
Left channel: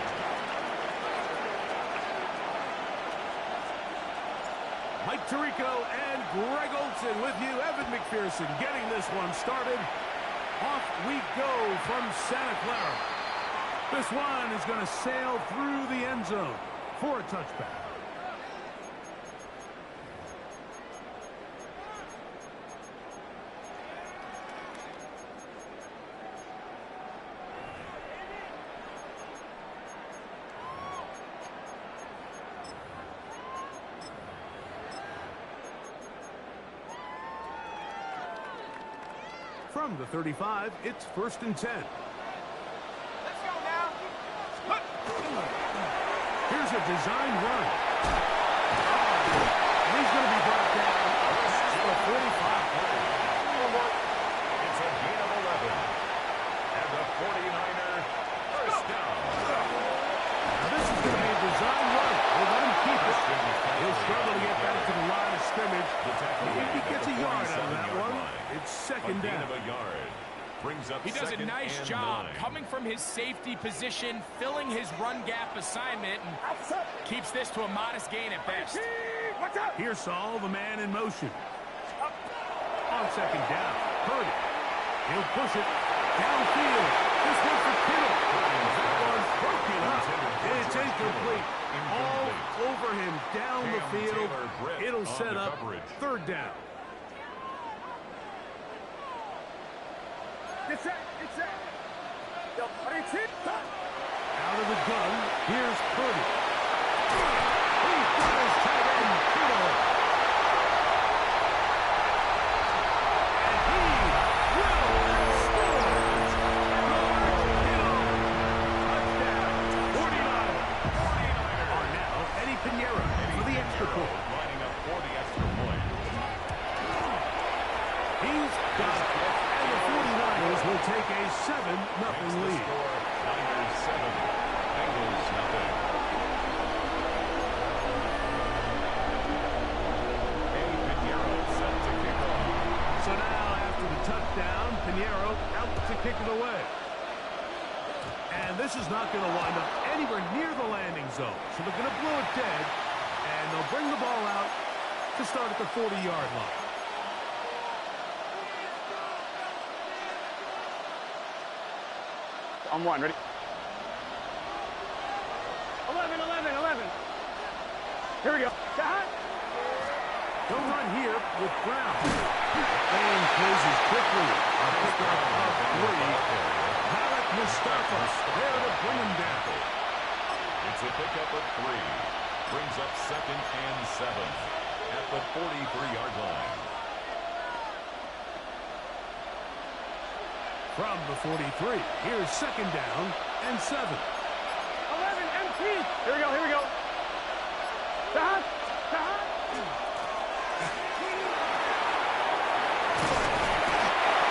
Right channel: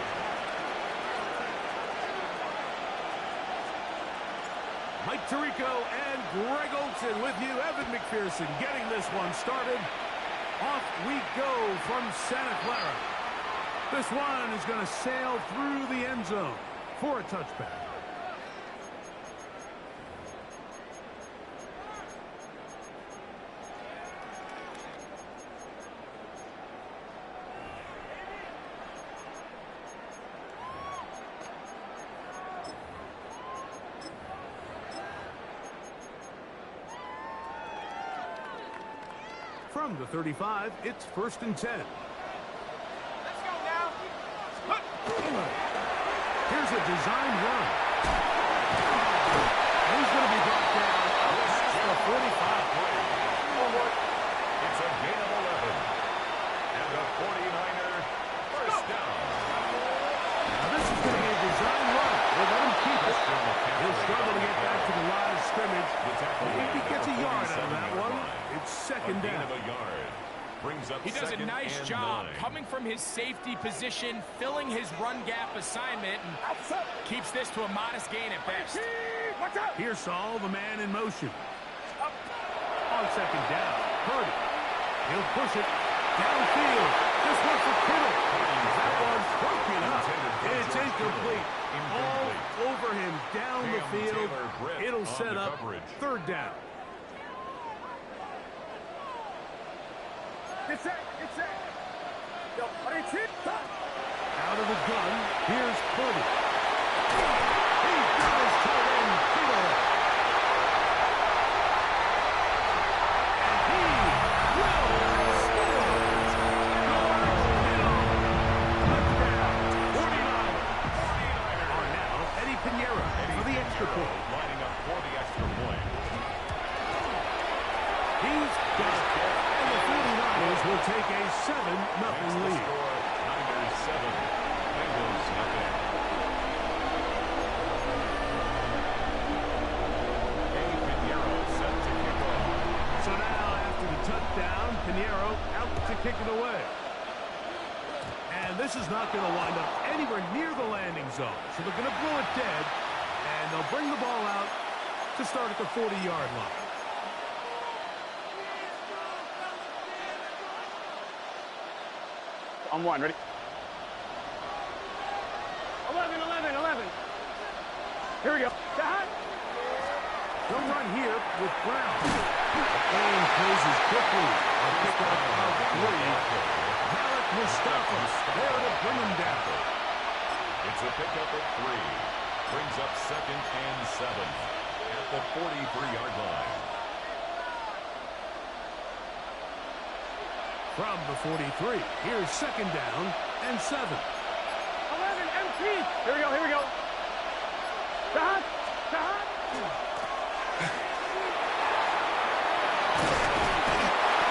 Mike Tirico and Greg Olsen with you. Evan McPherson getting this one started. Off we go from Santa Clara. This one is going to sail through the end zone for a touchback. From the 35, it's 1st and 10. Let's go now. Here's a design run. And he's going to be brought down up past the 45. It's a gain of 11. And the 49er first down. Now this is going to be a design run. We'll let him keep it. He'll struggle to get back to the line of scrimmage. If he gets a yard out of that one, it's second down. He does a nice job coming from his safety position, filling his run gap assignment, and keeps this to a modest gain at best. Here's Saul, the man in motion. On second down, Purdy. He'll push it downfield. This one for Kittle. That one's broken up. It's incomplete. All over him down the field. It'll set up third down. Out of the gun, here's Purdy. He's got his tight end, Kittle. And he will score. Kittle. Touchdown. 49ers are now Eddie Pinheiro for the extra point. Lining up for the extra point. He's got it. And the 49ers will take a 7-0 lead. Niners 7, Bengals nothing. Pinheiro set to kick off. So now after the touchdown, Pinheiro out to kick it away. And this is not going to wind up anywhere near the landing zone. So they're going to blow it dead, and they'll bring the ball out to start at the 40-yard line. On one, ready? 11. Here we go. They'll run here with Brown. The game closes quickly. A pickup of 3. Malik Mustafa there to bring him down. It's a pickup of 3. Brings up 2nd and 7 at the 43-yard line. From the 43, here's 2nd down and 7. 11, MT. Here we go. Stop.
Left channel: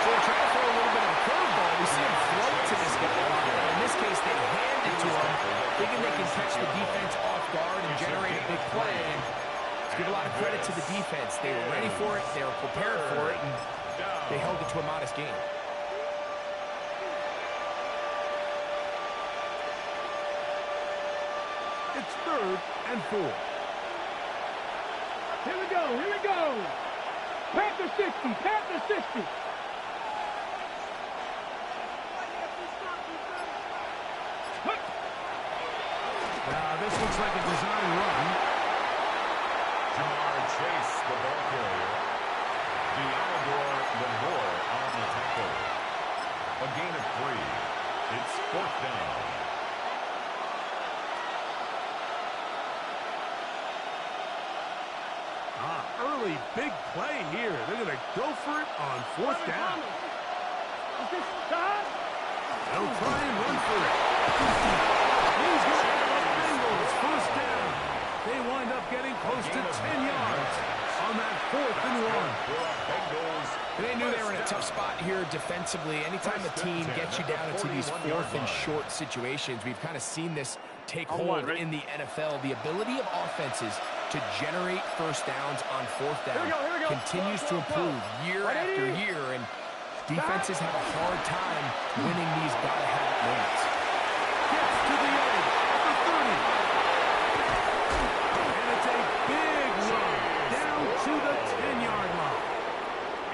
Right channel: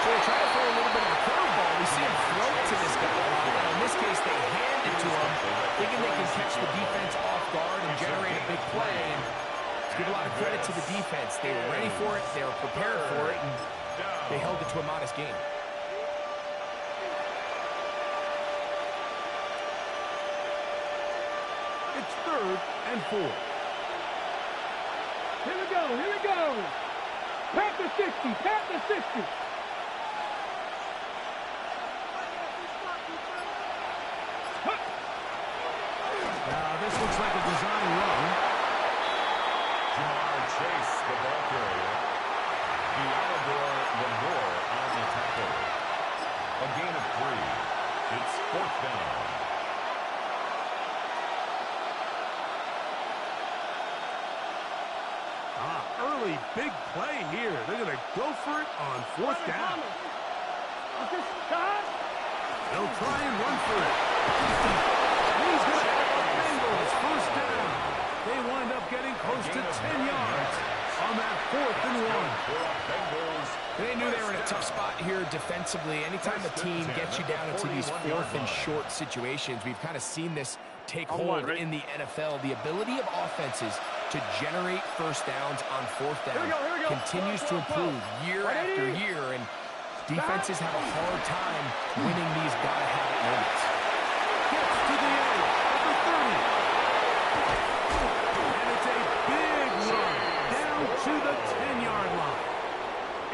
So they try to throw a little bit of a curveball. We see him throw it to this guy a lot. In this case, they hand it to him, thinking they can catch the defense off guard and generate a big play. And let's give a lot of credit to the defense. They were ready for it, they were prepared for it, and they held it to a modest gain. It's 3rd and 4. Here we go. Panther 60. Now this looks like a design run. Jamar Chase, the ball carrier. Deolador Lamore on the tackle. A gain of 3. It's 4th down. Early big play here. They're going to go for it on 4th down. They'll try and run for it. He's going to have a bingo Bengals first down. They wind up getting close to 10 yards on that 4th and 1. They knew they were in a tough spot here defensively. Anytime the team gets you down into these 4th and short situations, we've kind of seen this take hold in the NFL. The ability of offenses to generate first downs on 4th down continues to improve year after year, and defenses have a hard time winning these gotta-have-it moments. Gets to the edge at the 30. And it's a big run down to the 10-yard line.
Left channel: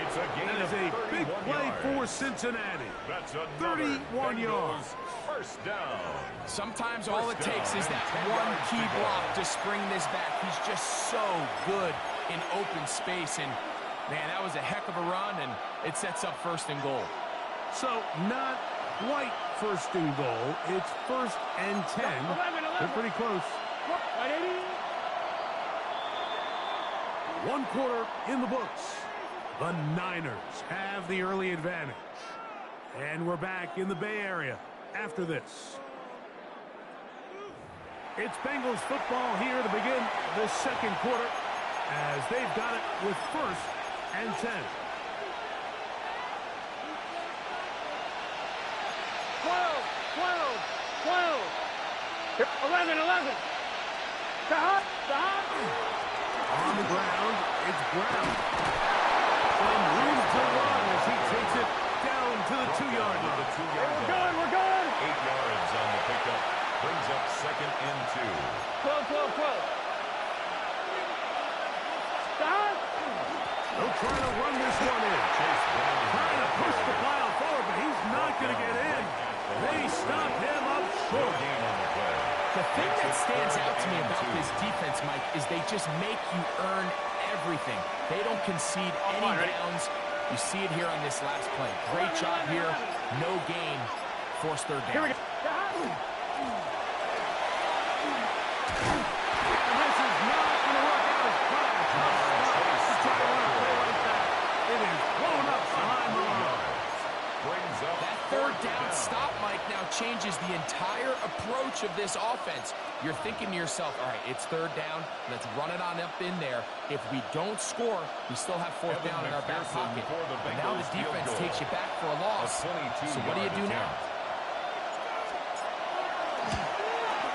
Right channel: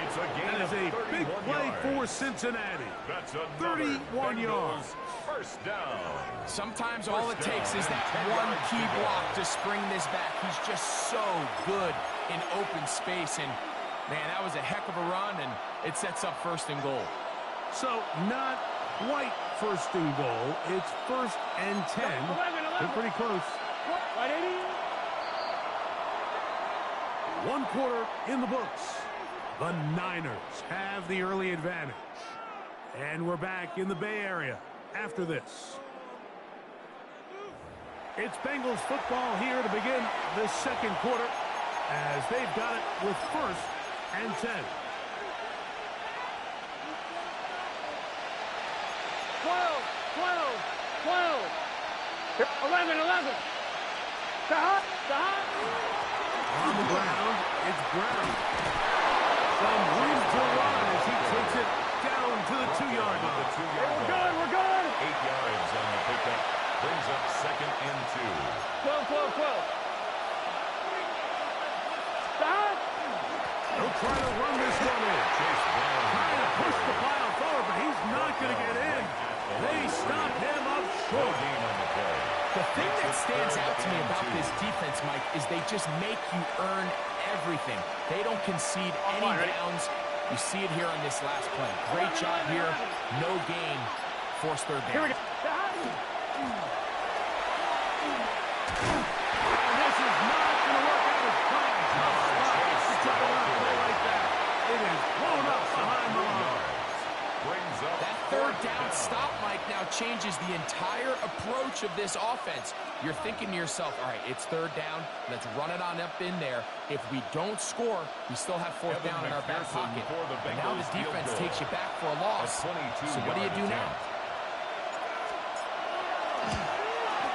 It's a gain That is a big play for Cincinnati. That's 31 yards. First down. Sometimes all it takes is that one key block to spring this back. He's just so good in open space, and man, that was a heck of a run, and it sets up 1st and goal. So not quite 1st and goal. It's 1st and 10. They're pretty close. 1 quarter in the books. The Niners have the early advantage. And we're back in the Bay Area after this. It's Bengals football here to begin the 2nd quarter as they've got it with 1st and 10. 12. 11. On the ground, it's Brown. Some room to run as he takes it down to the 2-yard line. We're good. 8 yards on the pickup. Brings up 2nd and 2. 12. They'll try to run this one in. Chase Brown Trying to push the pile forward, but he's not going to get in. They stop him up short. No gain on the play. The thing that stands out to me about this defense, Mike, is they just make you earn everything. They don't concede any downs. You see it here on this last play. Great job here. No gain. Forced 3rd down. And this is not going to work out as planned. To try to run a play like that. It is blown up behind the line. That 3rd down stop, Mike, now changes the entire approach of this offense. You're thinking to yourself, all right, it's 3rd down. Let's run it on up in there. If we don't score, we still have 4th down in our back pocket. But now the defense takes you back for a loss. So what do you do now?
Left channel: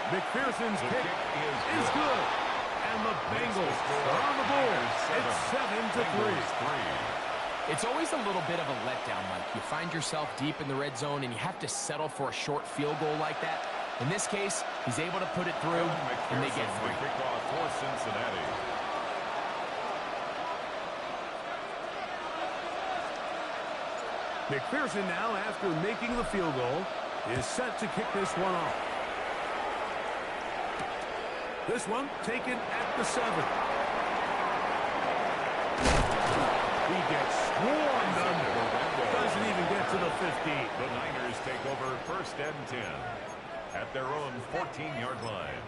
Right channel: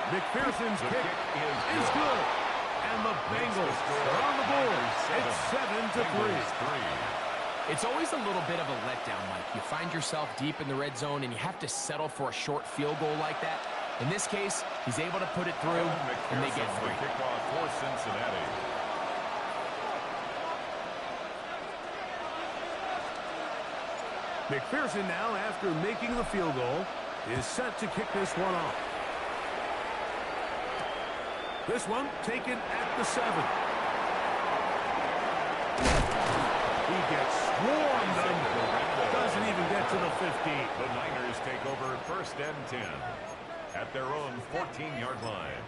McPherson's kick is good. And the Bengals are on the board. It's 7-3. It's always a little bit of a letdown, Mike. You find yourself deep in the red zone, and you have to settle for a short field goal like that. In this case, he's able to put it through, and they get 3. Kickoff for Cincinnati. McPherson now, after making the field goal, is set to kick this one off. This one taken at the 7. He gets swarmed under. Doesn't even get to the 15. The Niners take over 1st and 10 at their own 14-yard line.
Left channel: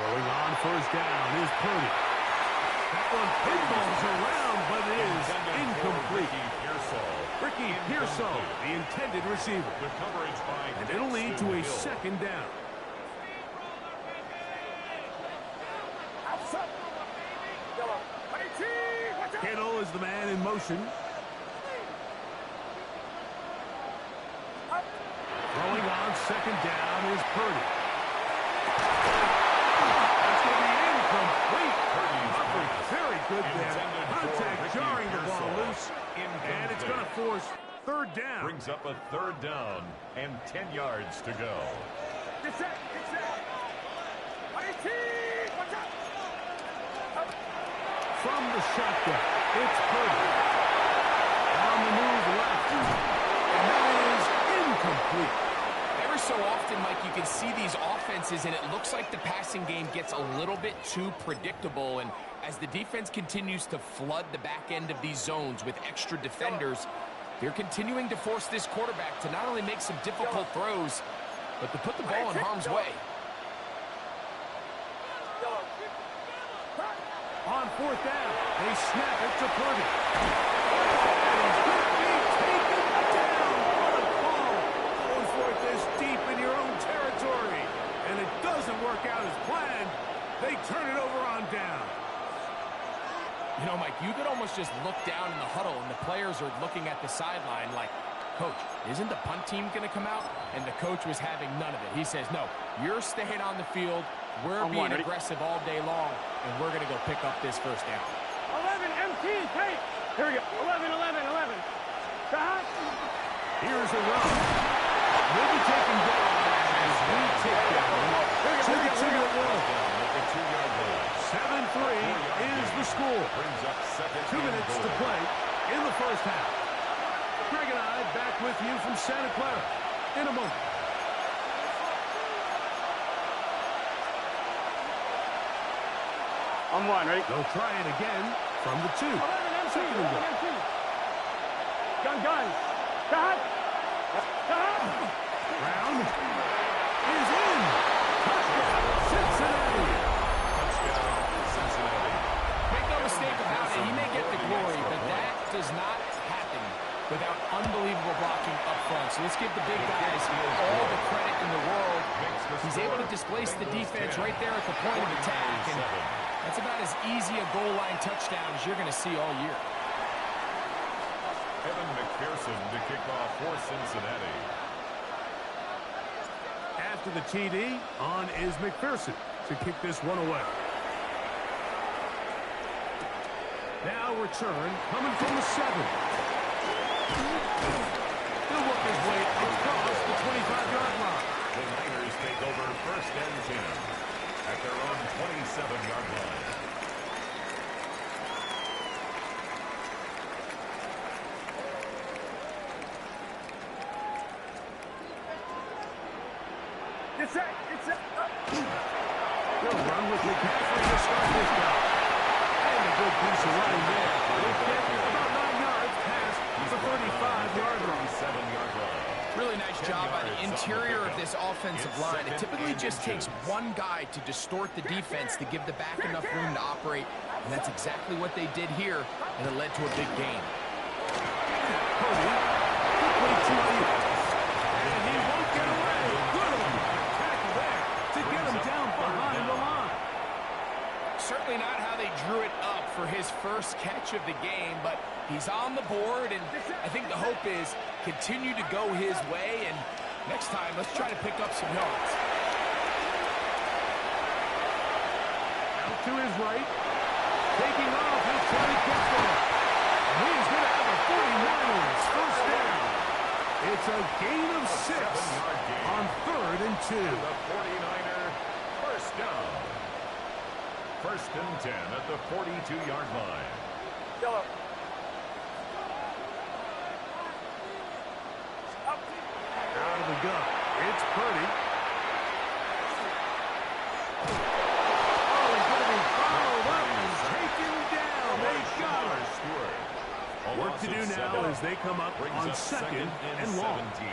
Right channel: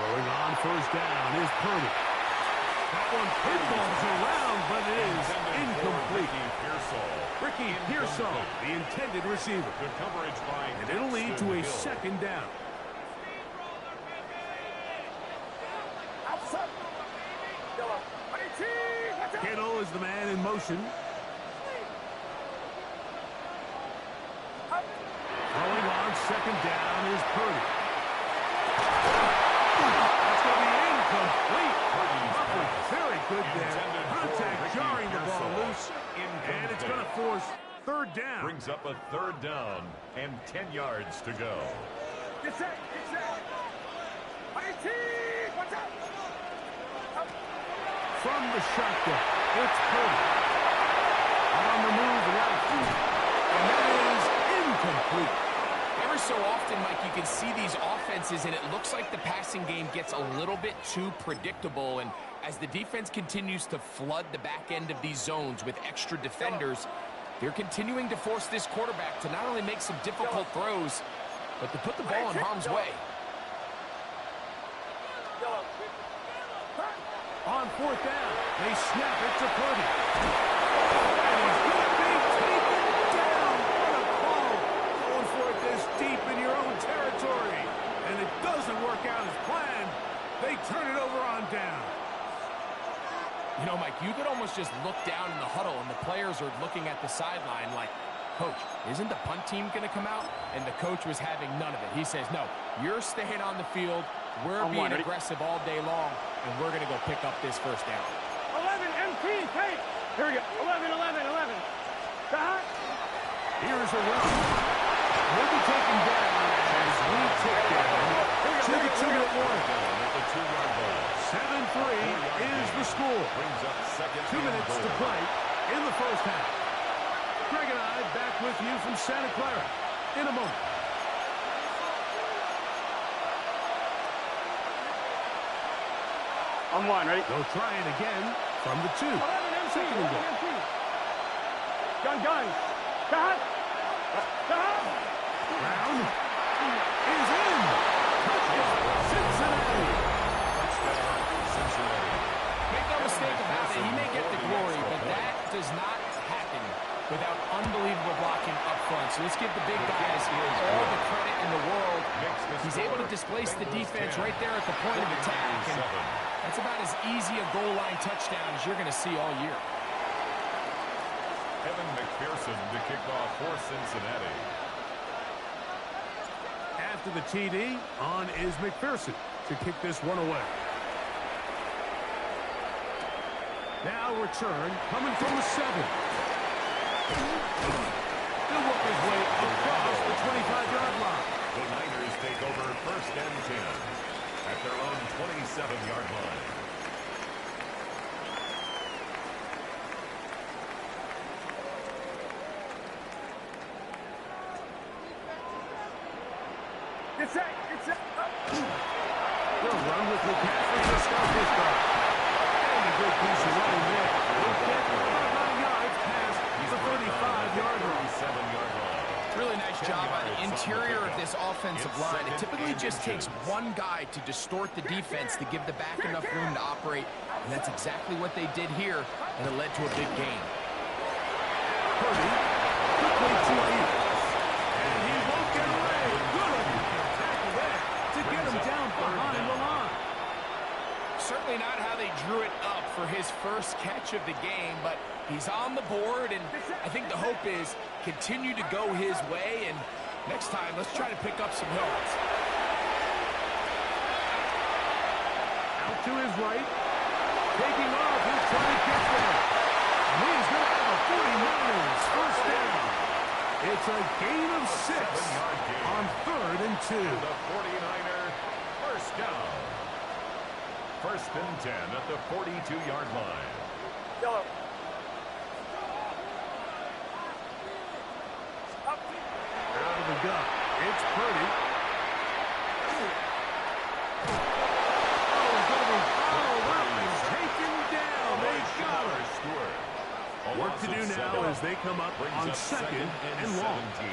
Throwing on 1st down is Purdy. That one pinballs around, but it is incomplete. Ricky Pearsall, the intended receiver. The coverage by and it'll lead to a 2nd down. Kittle is the man in motion. Throwing on 2nd down is Purdy. That's going to be incomplete. Coverage very good there. Contact jarring the ball loose. And it's going to force 3rd down. Brings up a 3rd down and 10 yards to go. Get set. From the shotgun, it's Purdy. On the move left. And that is incomplete. Every so often, Mike, you you can see these offenses, and it looks like the passing game gets a little bit too predictable. And as the defense continues to flood the back end of these zones with extra defenders, they're continuing to force this quarterback to not only make some difficult throws, but to put the ball in harm's way. On fourth down, they snap it to Purdy. And he's going to be taken down. What a call. Going for it this deep in your own territory. And it doesn't work out as planned. They turn it over on down. You know, Mike, you could almost just look down in the huddle, and the players are looking at the sideline like, Coach, isn't the punt team going to come out? And the coach was having none of it. He says, no, you're staying on the field. We're being aggressive all day long, and we're going to go pick up this first down. 11, MT, take. Here we go. 11. Stop. Here's a run. He'll be taken down as we take down to the 2-minute warning. At the 2-yard line. 7-3 is the score. Brings up second 2 minutes to play in the first half. Greg and I back with you from Santa Clara in a moment. I'm one, ready? They'll try it again from the 2. 11, MT, Second and goal. MT. Gun. Stop. Brown is in. Touchdown, Cincinnati. Touchdown, Cincinnati. Make no mistake about it, he may get the glory, but that does not happen without unbelievable blocking up front. So let's give the big guys all the credit in the world. He's able to displace the defense right there at the point of attack, and that's about as easy a goal line touchdown as you're going to see all year. Evan McPherson to kick off for Cincinnati. After the TD, on is McPherson to kick this one away. Now return coming from the 7. He'll work his way across the 25-yard line. The Niners take over first and 10 at their own 27-yard line. Get set. They'll run with McCaffrey to start this drive. And a good piece of running there. He'll get about 9 yards past the 35-yard line. 37-yard line. Really nice job by the interior of this offensive line. It typically just takes one guy to distort the defense to give the back enough room to operate, and that's exactly what they did here, and it led to a big gain. Purdy quickly to Ayuk. And he won't get away. Good tackle there to get him down behind the line. Certainly not how they drew it up for his first catch of the game, but he's on the board, and I think the hope is continue to go his way, and next time, let's try to pick up some yards. Out to his right. Taking off, he'll try to get there. And he's going to have a 49ers first down. It's a gain of 6 on 3rd and 2. The 49er first down. First and 10 at the 42-yard line. Yellow. Out of the gun. It's Purdy. Oh, he's going to be followed up and taken down. They got him. Work to do now as they come up on second and long. 17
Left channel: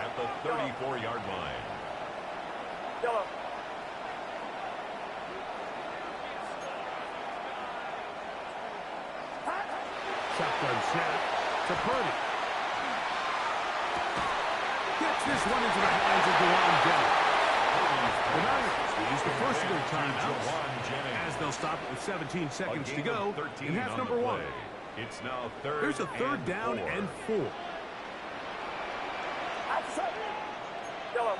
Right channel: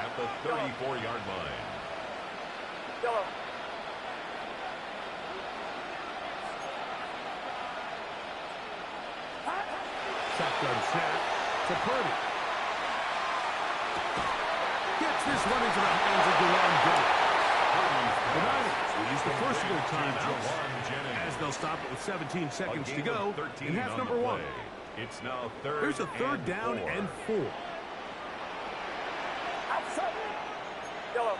at the 34-yard line. Yellow. Shotgun snap to Purdy. Gets this one into the hands of Dewan Jennings. The Niners will use the first of their timeouts as they'll stop it with 17 seconds to go in half number 1. It's now third. There's a third down and 4. Outside. Yellow.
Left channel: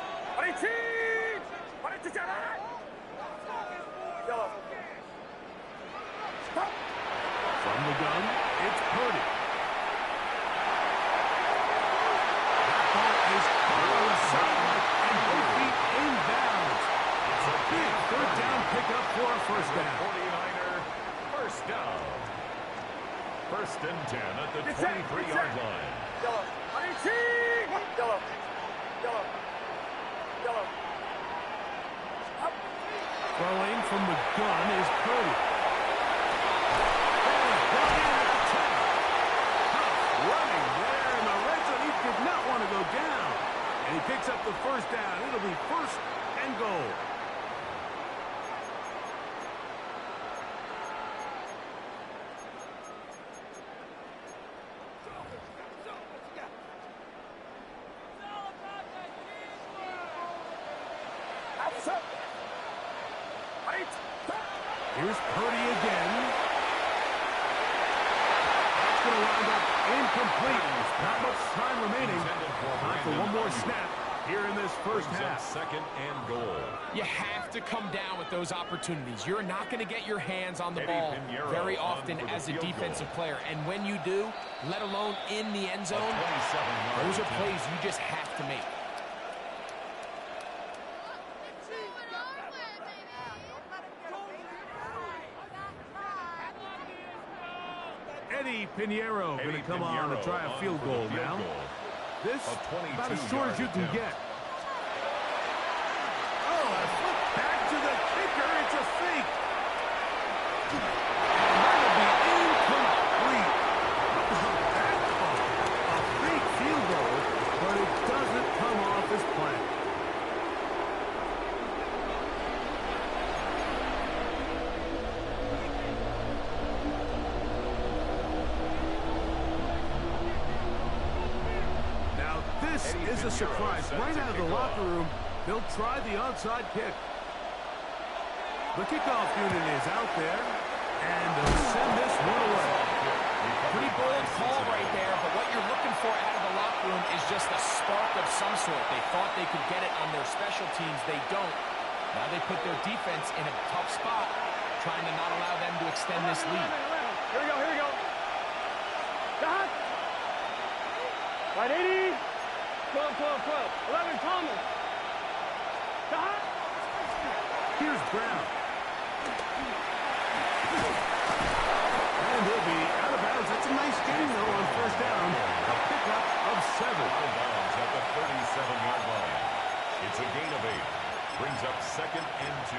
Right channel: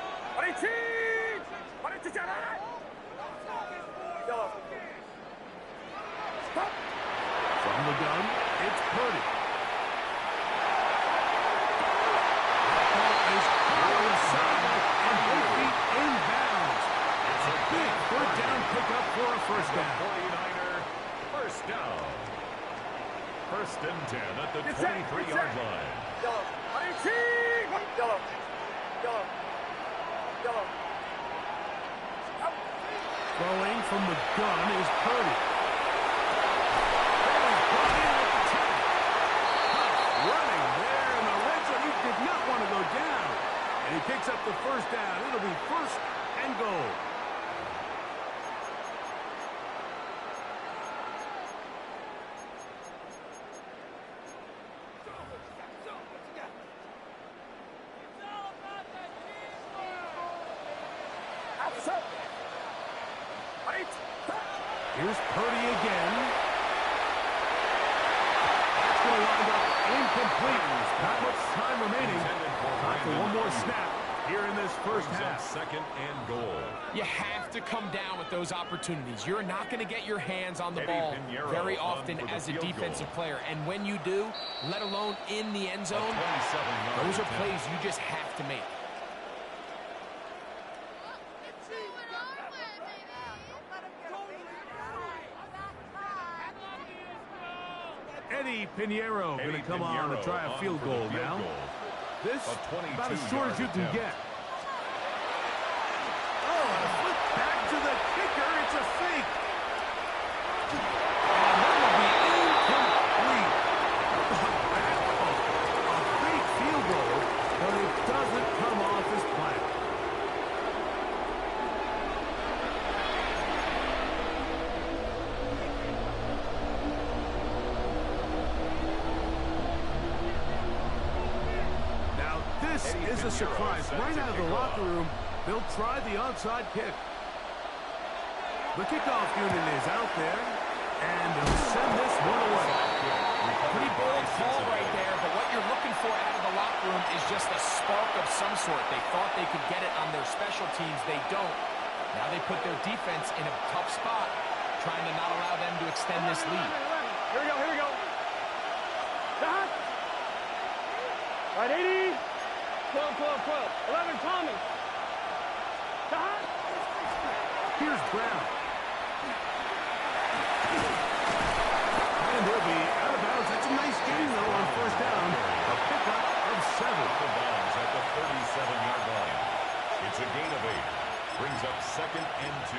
Yellow. Stop. From the gun, it's Purdy. That ball is caught on the sideline and both feet inbounds. It's a big third down pickup for a first down. 49er first down. First and 10 at the 23-yard line. Yellow. Yellow. Throwing from the gun is Purdy. That is brought in at the 10. Huff running there in the red zone. He did not want to go down. And he picks up the first down. It'll be 1st and goal. Here's Purdy again. That's going to wind up incomplete. Not much time remaining. Time for one more snap here in this first half. 2nd and goal. You have to come down with those opportunities. You're not going to get your hands on the ball very often as a defensive player. And when you do, let alone in the end zone, those are plays you just have to make. Eddie Pinheiro going to come on to try a field goal now. This about as short as you can get. Oh, a flip back to the kicker. It's a fake. And that'll be incomplete. That call, a fake field goal, but it doesn't come off his plan. This is a surprise. Right out of the locker room, they'll try the onside kick. The kickoff unit is out there, and they'll send this one away. Pretty bold call right there, but what you're looking for out of the locker room is just a spark of some sort. They thought they could get it on their special teams. They don't. Now they put their defense in a tough spot, trying to not allow them to extend this lead. 11. Here we go, here we go. Dot. Right, 80. 12, 12, 12. 11, Thomas. Dot. Here's Brown. And he'll be out of bounds. That's a nice game, though, on first down. A pickup of 7. Bounds at the 37-yard line. It's a gain of 8. Brings up 2nd and 2.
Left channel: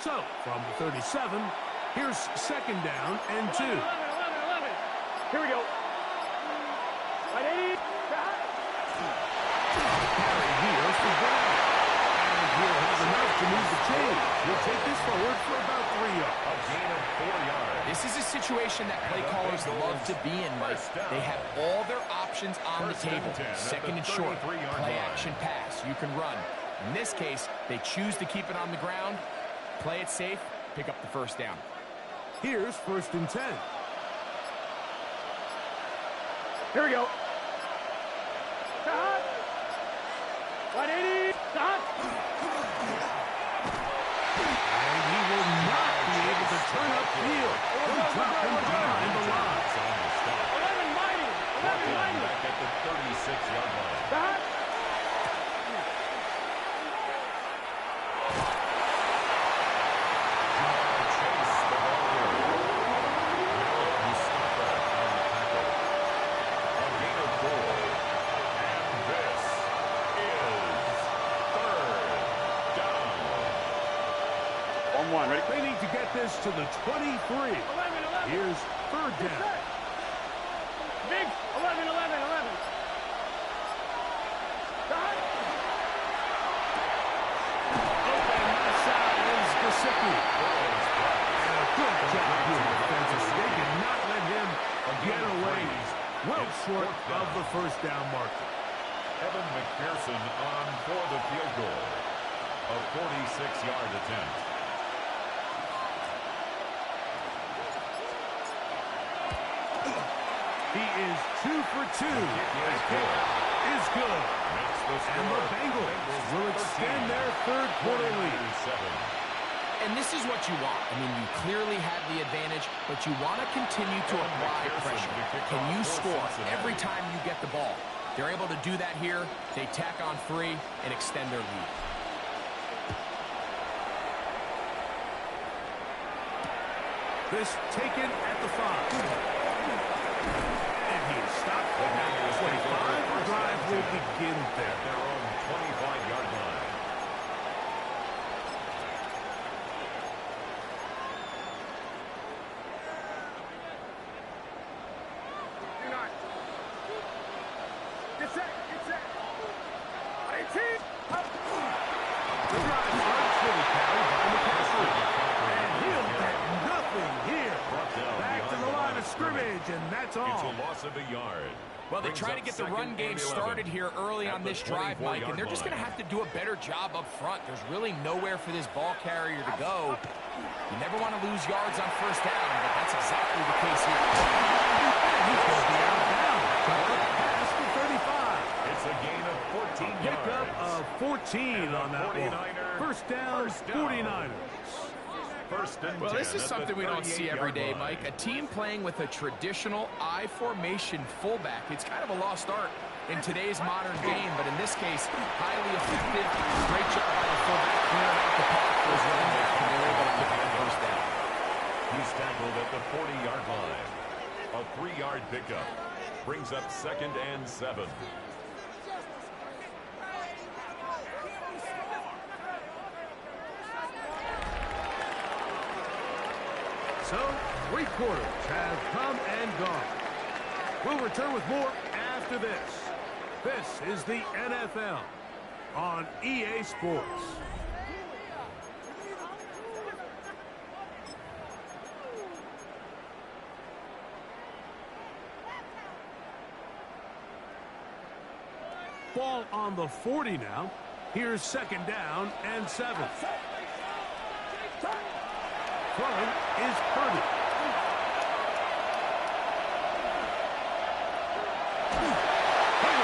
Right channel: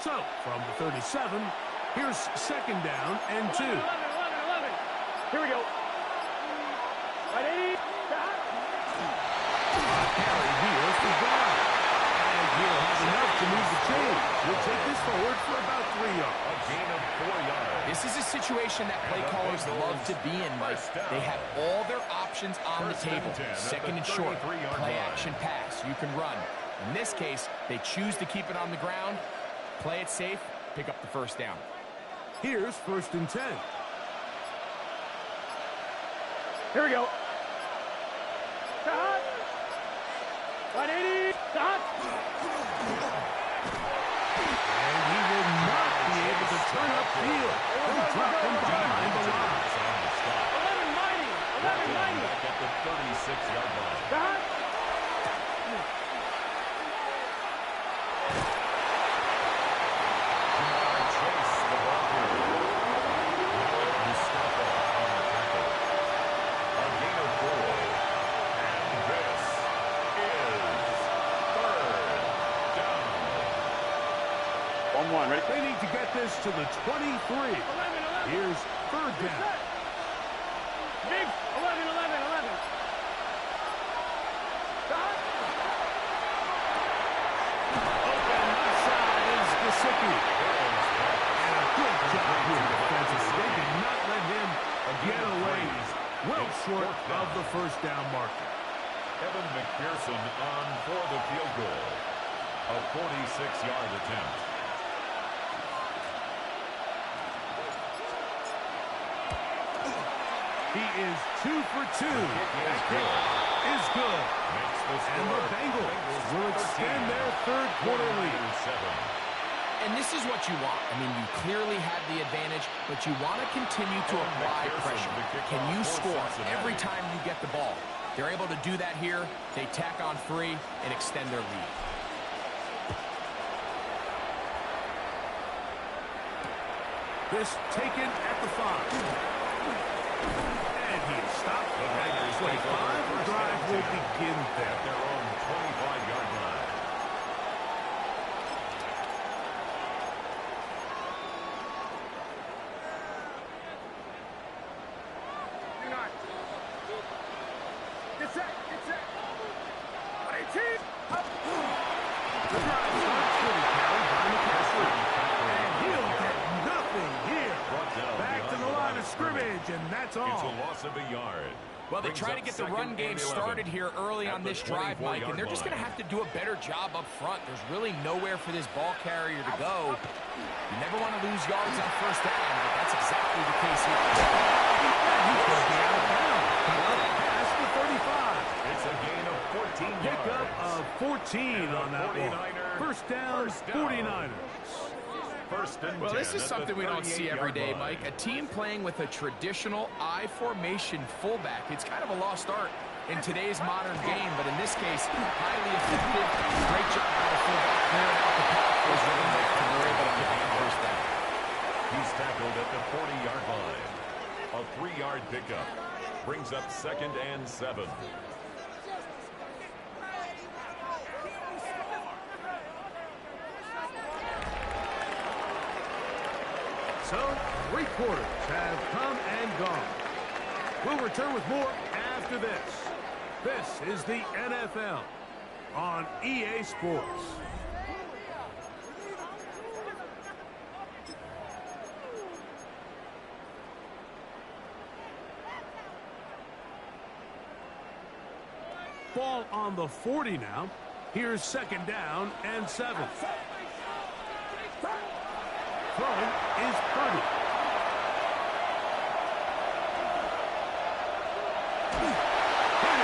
So, from the 37, here's 2nd down and 2. 11. Here we go. Right, 80. Carry here for Brown. And he'll have enough to move the chain. He'll take this forward for about 3 yards. A gain of 4 yards. This is a situation that play callers love to be in, Mike. They have all their options on the table. 2nd and short, play action pass. You can run. In this case, they choose to keep it on the ground. Play it safe, pick up the first down. Here's 1st and 10. Here we go. Dot. 180. Dot. And he will not be able to turn upfield. They'll drop him behind the line. 11 mighty. 11 mighty. Back at the 36-yard line. Dot. Ready? They need to get this to the 23. 11. Here's 3rd down. Big 11. Dot. Open outside is Gesicki. And a good job here defensively. They did not let him get away. Well short of the first down marker. Evan McPherson on for the field goal. A 46-yard attempt. He is 2 for 2. That kick is good. And the Bengals will extend their 3rd quarter lead. And this is what you want. I mean, you clearly have the advantage, but you want to continue to apply pressure. Can you score every time you get the ball? They're able to do that here. They tack on 3 and extend their lead. This taken at the 5. And he is stopped at 25. The drive will begin there. At their own 25-yard line. Get set. The drive starts with a carry by McCaffrey. And he'll get nothing here. Back to the line of scrimmage, and that's all. It's a loss of a yard. Well, they try to get the run game started here early on this drive, Mike, and they're just going to have to do a better job up front. There's really nowhere for this ball carrier to go. You never want to lose yards on first down, but that's exactly the case here. And he's going to be out of bounds. Past the 35. It's a gain of 14 yards. Pickup of 14 on that one. First down, 49ers. Well, this is something we don't see every day, Mike. A team playing with a traditional I formation fullback. It's kind of a lost art in today's modern game, but in this case, highly effective. Great job by the fullback clearing out the path for his running back, and they're able to pick up the first down. He's tackled at the 40-yard line. A 3-yard pickup brings up 2nd and 7. So, 3 quarters have come and gone. We'll return with more after this. This is the NFL on EA Sports. Ball on the 40 now. Here's 2nd down and 7. Throwing is Purdy.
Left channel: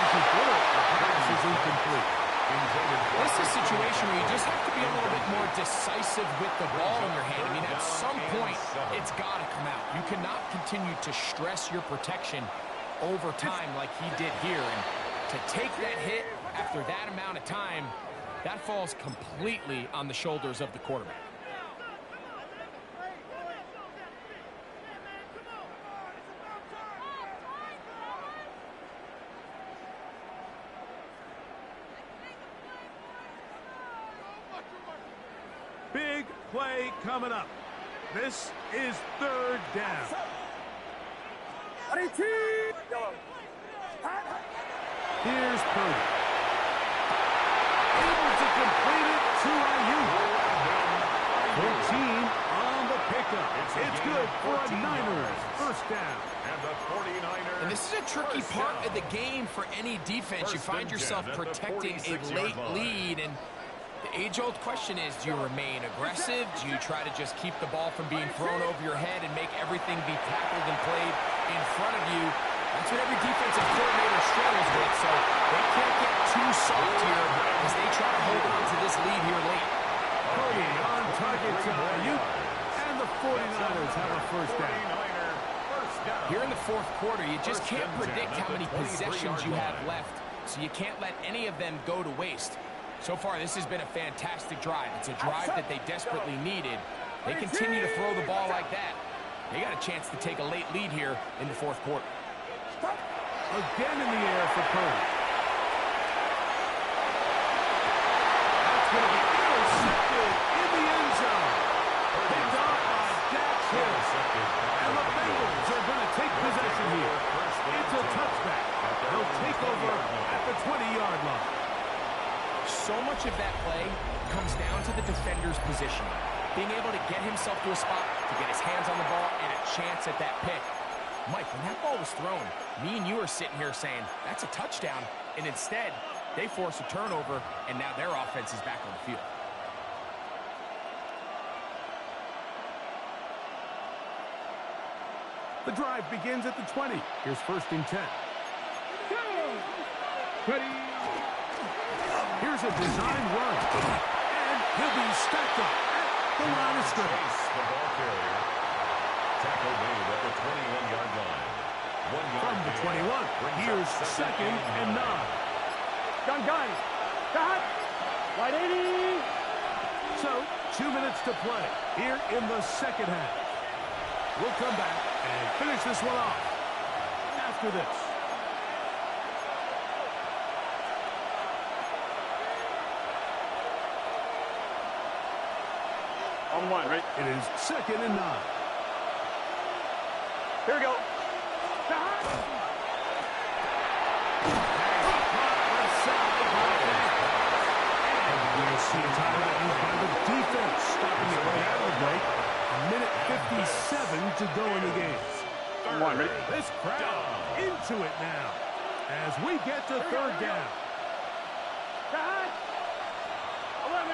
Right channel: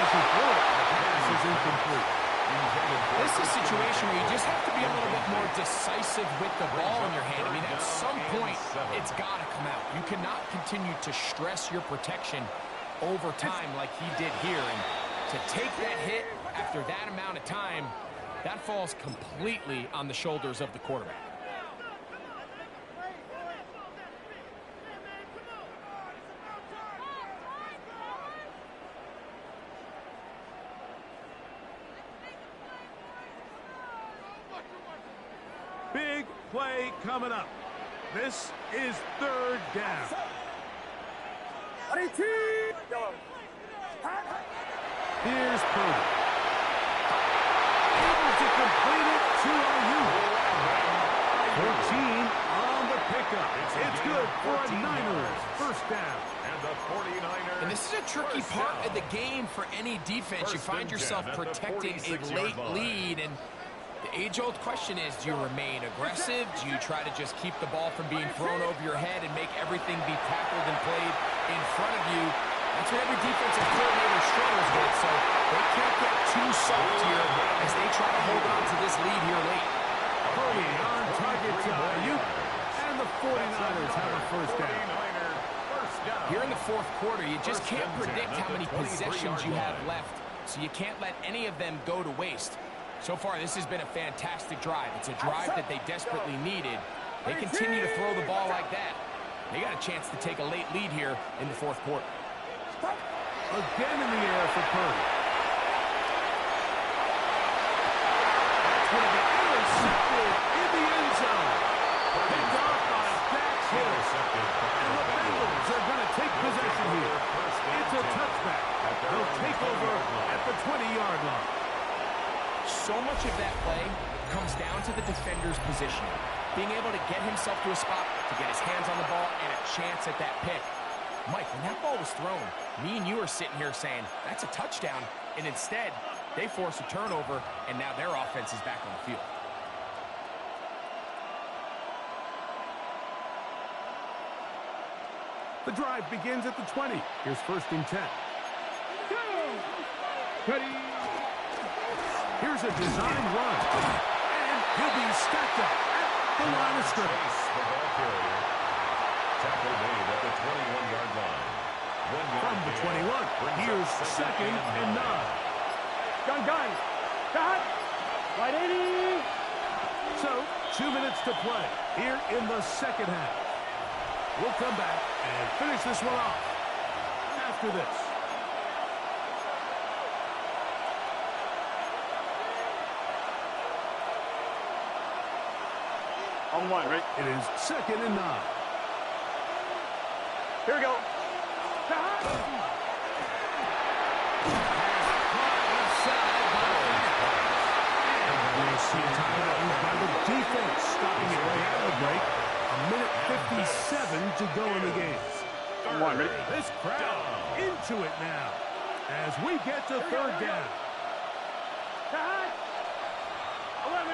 The pass is incomplete. This is a situation where you just have to be a little bit more decisive with the ball in your hand. I mean, at some point, it's got to come out. You cannot continue to stress your protection over time like he did here. And to take that hit after that amount of time, that falls completely on the shoulders of the quarterback. Big play coming up. This is 3rd down. Here's Purdy. Able to complete it to Ayuk. 14 on the pickup. It's good for a Niners first down. And the 49ers. And this is a tricky part of the game for any defense. You find yourself protecting a late lead, and the age-old question is, do you remain aggressive? Do you try to just keep the ball from being thrown over your head and make everything be tackled and played in front of you? That's what every defensive coordinator struggles with, so they can't get too soft here as they try to hold on to this lead here late. Purdy on target to Ayuk, and the 49ers have a first down. Here in the 4th quarter, you just can't predict how many possessions you have left, so you can't let any of them go to waste. So far, this has been a fantastic drive. It's a drive that they desperately needed. They continue to throw the ball like that. They got a chance to take a late lead here in the 4th quarter. Again in the air for Purdy. That's going to be intercepted in the end zone. Picked off by Dax Hill. And the Bengals are going to take possession here. It's a touchback. They'll take over at the 20-yard line. So much of that play comes down to the defender's positioning. Being able to get himself to a spot, to get his hands on the ball, and a chance at that pick. Mike, when that ball was thrown, me and you are sitting here saying, that's a touchdown. And instead, they force a turnover, and now their offense is back on the field. The drive begins at the 20. Here's 1st and 10. Ready. Here's a design run. And he'll be stacked up at the line of scrimmage. The ball carrier. Tackle made at the 21-yard line. From the 21, here's second and 9. Gun. Cut. Right 80. So, 2 minutes to play here in the second half. We'll come back and finish this one off after this. On one, right? It is second and 9. Here we go. Pass caught left side by Fan. And we'll see a timeout used by the defense, stopping it right out of the break. A minute 57 to go in the game. On one, ready? This crowd into it now as we get to third down. Cut. 11.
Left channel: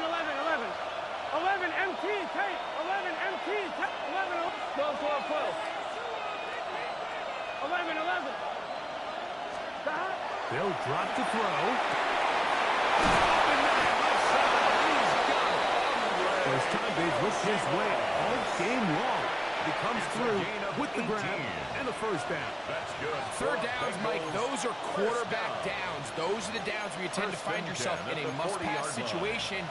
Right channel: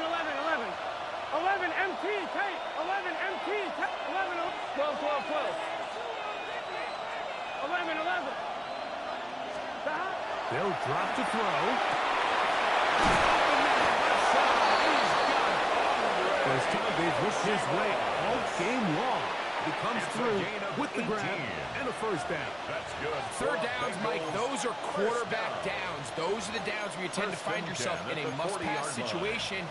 11 MT, Tate. 11 MT, Tate. 11, 12. 11. Cut. They'll drop to throw. Open man, left side. He's got it. First time they've looked his way all game long. He comes through with the grab and a first down. That's good. Third downs, Mike, those are quarterback downs. Those are the downs where you tend to find yourself in a must-pass situation,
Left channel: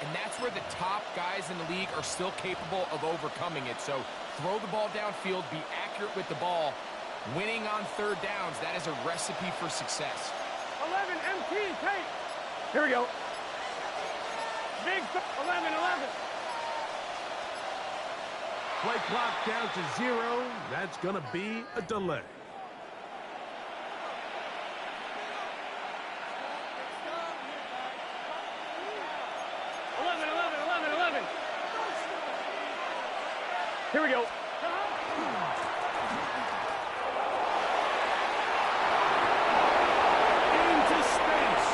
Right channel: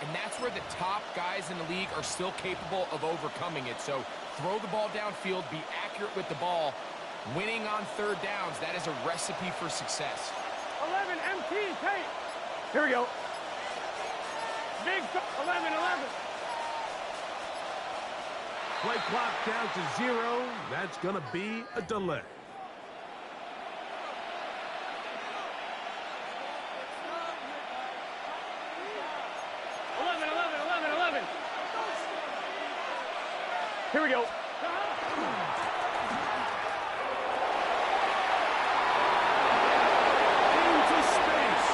and that's where the top guys in the league are still capable of overcoming it. So throw the ball downfield, be accurate with the ball. Winning on third downs, that is a recipe for success. 11 MT, Tate. Here we go. Big 11. Play clock down to 0. That's going to be a delay. Here we go. Into space.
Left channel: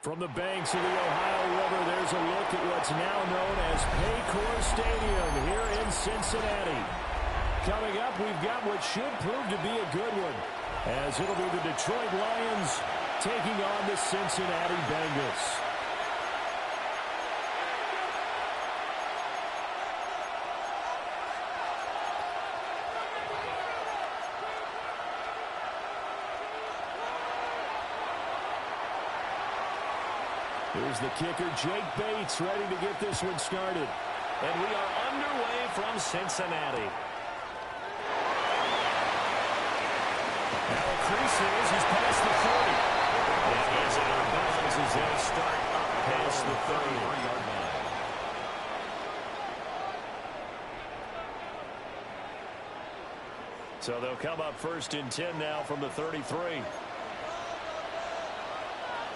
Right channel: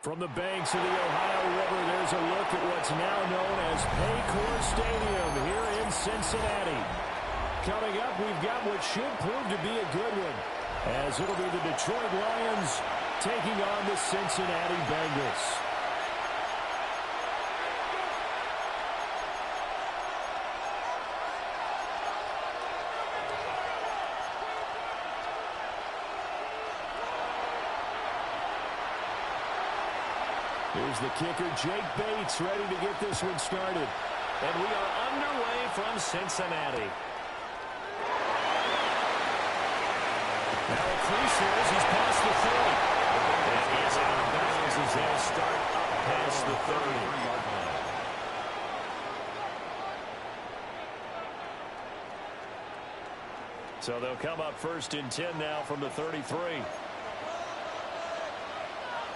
From the banks of the Ohio River, there's a look at what's now known as Paycor Stadium here in Cincinnati. Coming up, we've got what should prove to be a good one, as it'll be the Detroit Lions taking on the Cincinnati Bengals. Here's the kicker, Jake Bates, ready to get this one started. And we are underway from Cincinnati. Now a crease is, he's past the 30. And he is out of bounds as they'll start up past the 30-yard line. So they'll come up 1st and 10 now from the 33.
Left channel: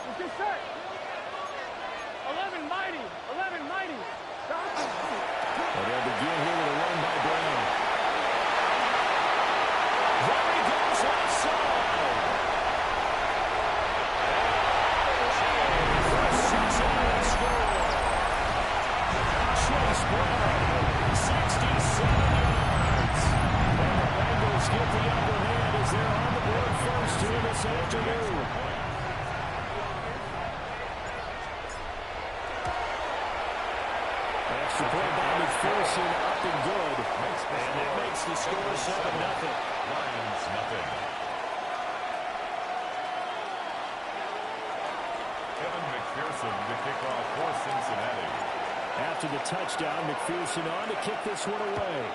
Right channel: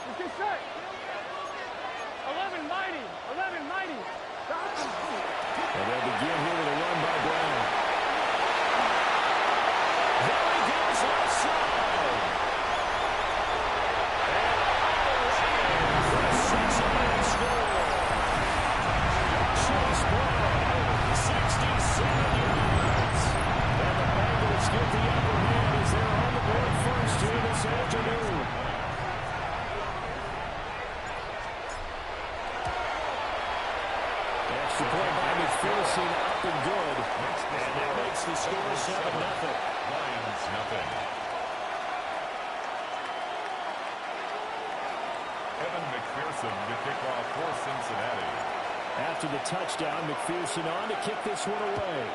Let's get set. 11 mighty. 11 mighty. And they'll begin here with a run by Brown. There he goes left side. And for Cincinnati score. Chase Brown, 67 yards. And the Bengals get the upper hand as they're on the board first here this afternoon. Extra point by McPherson, up and good. And that makes the score 7-0. Lions, nothing. Evan McPherson to kick off for Cincinnati. After the touchdown, McPherson on to kick this one away.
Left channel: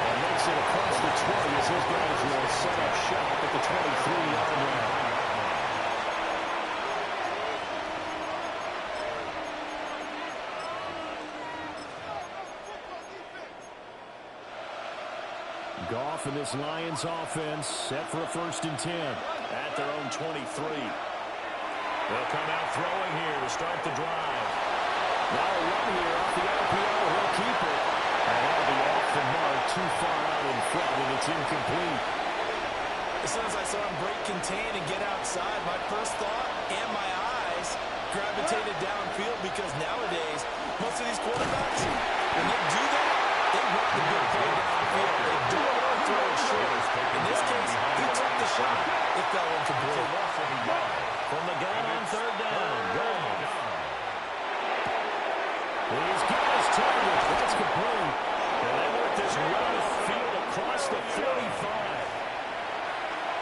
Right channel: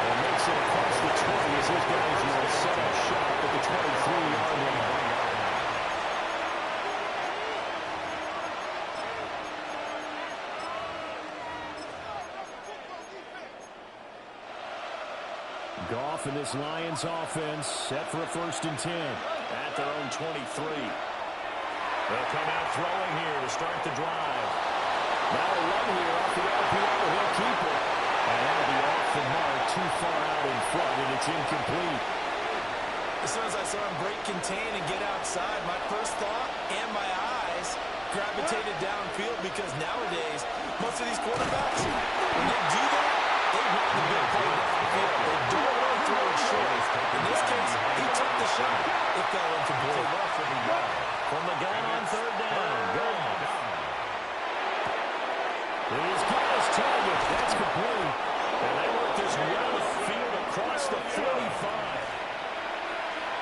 And makes it across the 20 as his guys will set up shop at the 23-yard line. Goff and this Lions offense set for a 1st and 10 at their own 23. They'll come out throwing here to start the drive. Now a run here off the RPO. He'll keep it. And that'll be off the mark, too far out in front, and it's incomplete. As soon as I saw him break contain and get outside, my first thought and my eyes gravitated downfield, because nowadays, most of these quarterbacks, when they do that, they want the big play downfield. They don't want to throw it short. In this case, he took the shot. It fell incomplete. From the gun on 3rd down. Goff. He's got his target. That's complete. And they work this run of field across the 45.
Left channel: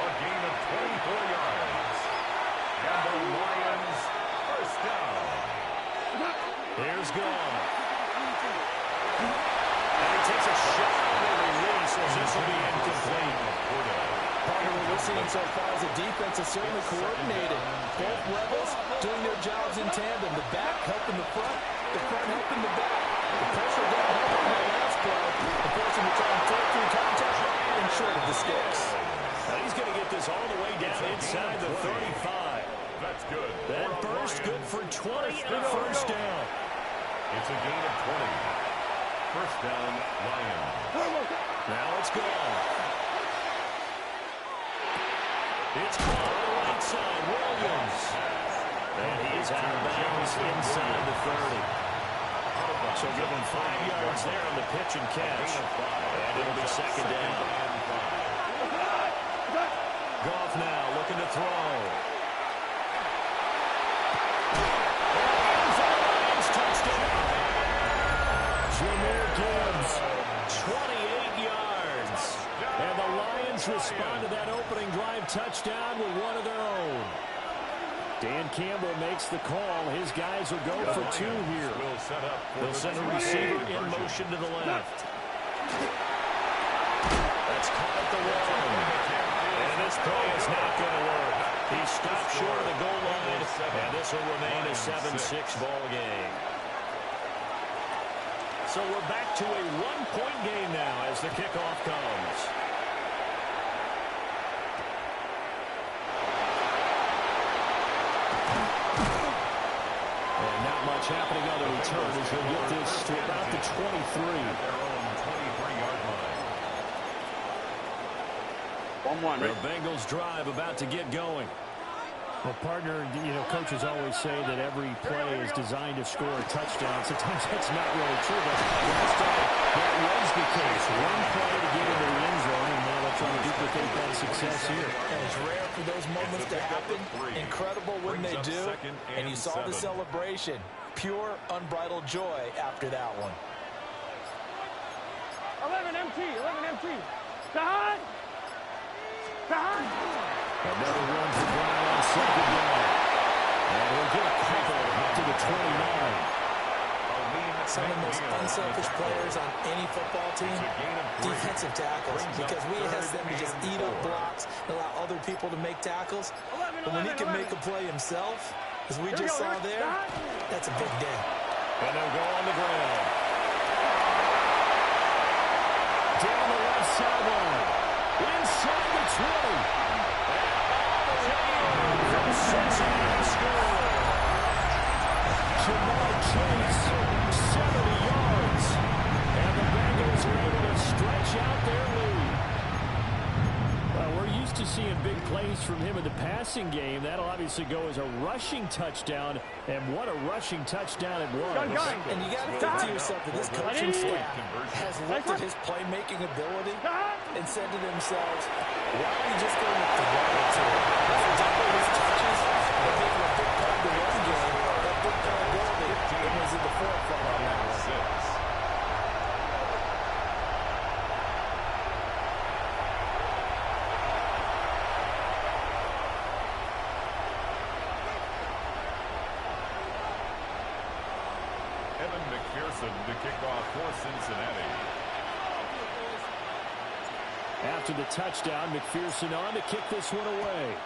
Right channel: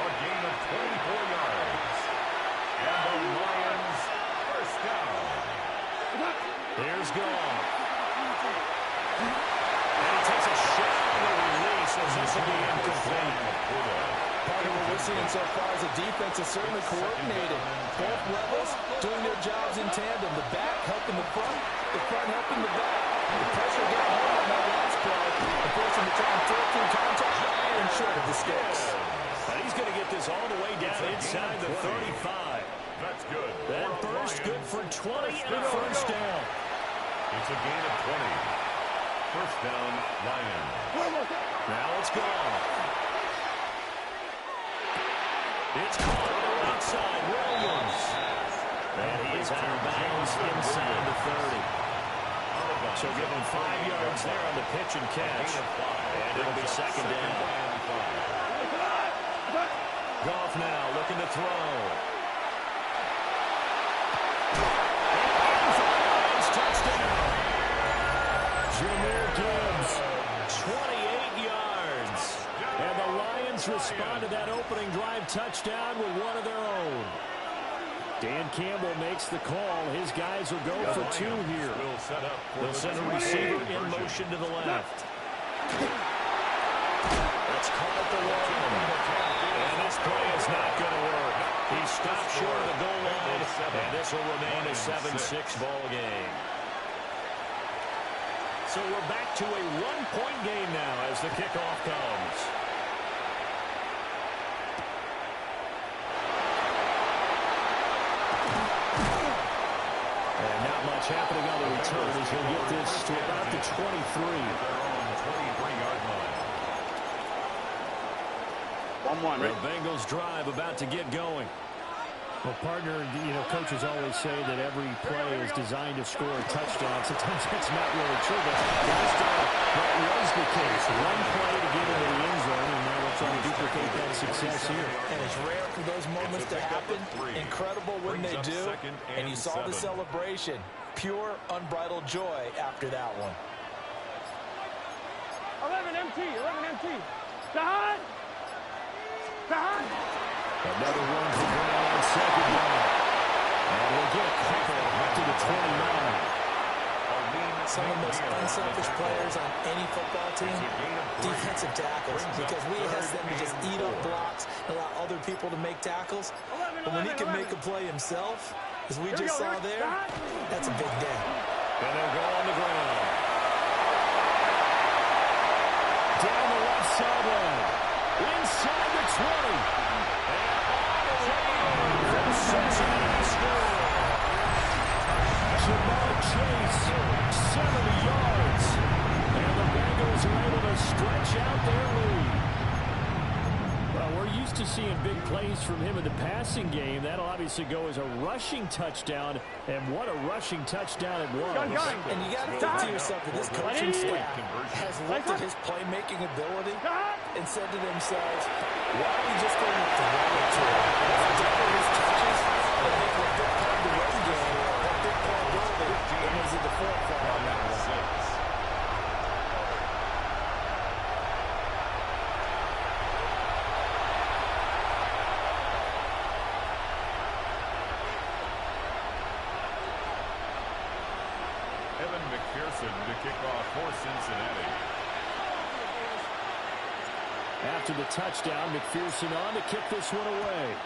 A gain of 24 yards. And the Lions 1st down. Here's Goff. And he takes a shot on the release as this will be incomplete. Partner, what we're seeing so far is the defense is certainly coordinated. Both levels doing their jobs in tandem. The back helping the front helping the back. The pressure got home on that last play and forced him to try and throw through contact and short of the sticks. He's going to get this all the way down inside the 35. That's good. That burst good for 20 and a 1st down. It's a gain of 20. 1st down, Lions. Now it's Goff. It's caught on the right side. Williams. And he is out of bounds inside the 30. So give him 5 yards there on the pitch and catch. And it'll be 2nd down. Goff now looking to throw. And for the Lions, touchdown. Jahmyr Gibbs, 28 yards. And the Lions respond to that opening drive touchdown with one of their own. Dan Campbell makes the call. His guys will go for 2 here. They'll send a receiver in motion to the left. That's caught at the 1. And this play is not going to work. He stopped short of the goal line, and this will remain a 7-6 ball game. So we're back to a 1-point game now as the kickoff comes. And not much happening on the return as he'll get this to about the 23. Their own 23-yard line. 1-1, right? The Bengals drive about to get going. Well, partner, coaches always say that every play is designed to score a touchdown. Sometimes that's not really true, but last time that was the case. One play to get into the end zone, and now they'll try to duplicate that success here. And it's rare for those moments to happen. Incredible when they do. And you saw the celebration. Pure, unbridled joy after that one. 11 MT, 11 MT. Sahad! Sahad! Another run for Brown on second down. And he'll get a couple up to the 29. Some of the most unselfish players on any football team, defensive tackles, because we ask them to just eat up blocks and allow other people to make tackles. But when he can make a play himself, as we just saw there, that's a big day. And they'll go on the ground. Down the left sideline. Inside the 20. And all the way in for the Cincinnati score. Jamar Chase, 70 yards. And the Bengals are able to stretch out their lead. Well, we're used to seeing big plays from him in the passing game. That'll obviously go as a rushing touchdown. And what a rushing touchdown it was. And you got to think to yourself that this coaching staff has looked at his playmaking ability and said to themselves, why are we just going to throw it to him? Let's double his touches and make him a big part of the run game. That big playability was in the forefront on that one. To kick off for Cincinnati. After the touchdown, McPherson on to kick this one away.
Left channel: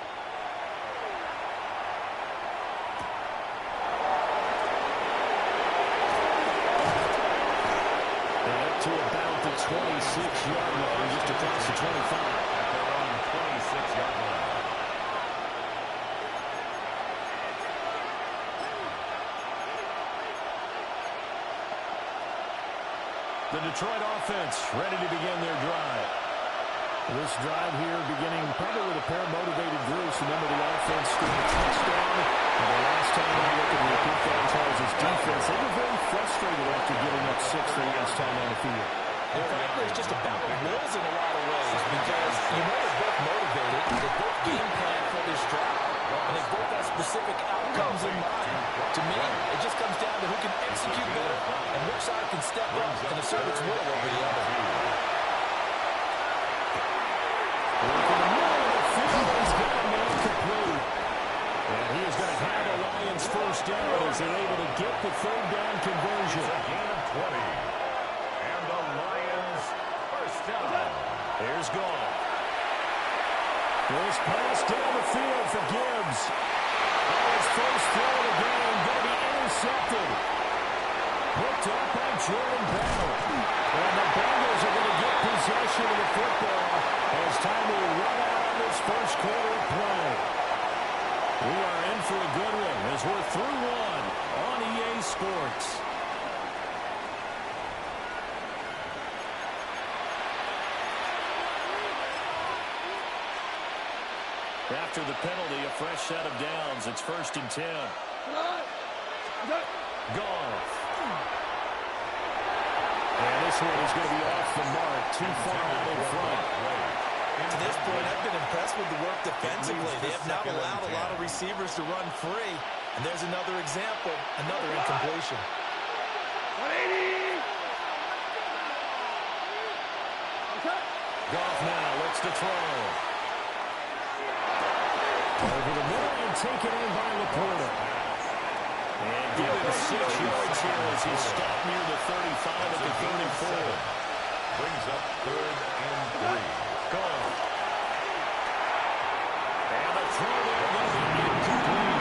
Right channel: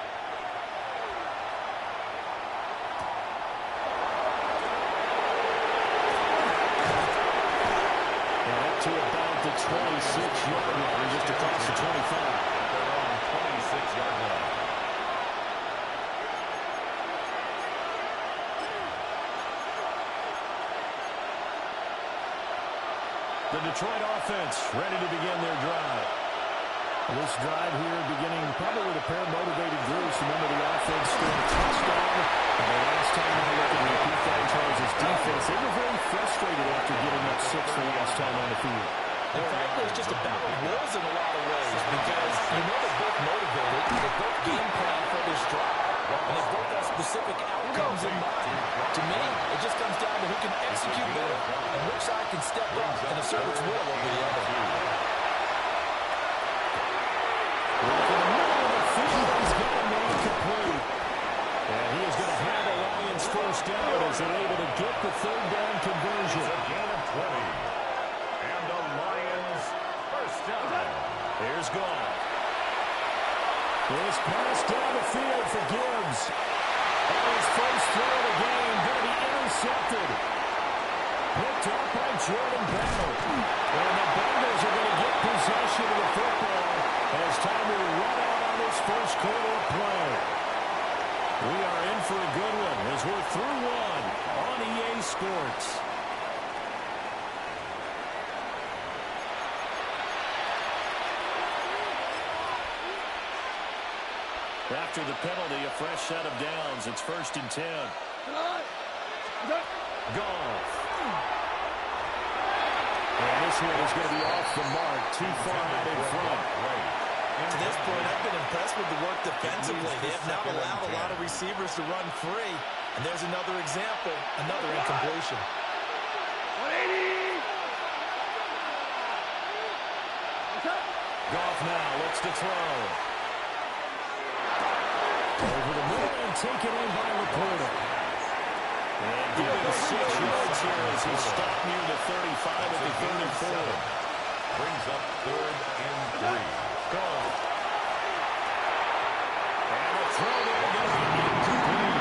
And up to about the 26-yard line, just across the 25. At their own 26-yard line. The Detroit offense ready to begin their drive. This drive here beginning probably with a pair of motivated Bruce. Remember, the offense scored a touchdown. And the last time I looked at repeat that, Charles' defense, they were very frustrated after giving up 6 the last time on the field. And frankly, it's just a battle of wills in a lot of ways because they're both motivated. They both game plan for this drive. And they both have specific outcomes in mind. To me, it just comes down to who can execute better and which side can step up and assert its will over the other. Look in the middle of the field. He's got a man complete. And he is going to have the Lions first down as they're able to get the third down conversion. It's a gain of 20. And the Lions first down. Here's Goff. This pass down the field for Gibbs. His first throw of the game going to be intercepted. Picked up by Jordan Battle. And the Bengals are going to get possession of the football as time will run out on this first quarter of play. We are in for a good one as we're through one on EA Sports. After the penalty, a fresh set of downs. It's 1st and 10. Goff. And this one is going to be off the mark. Too far out in front. To this point, I've been impressed with the work defensively. They have not allowed a lot of receivers to run free. And there's another example, another incompletion. 180! Goff now looks to throw. Over the middle and taken in by Laporta. And give him 6 yards here as he stopped near the 35 at the 34. Brings up 3rd and 3. Goff. And the throw there going to be incomplete.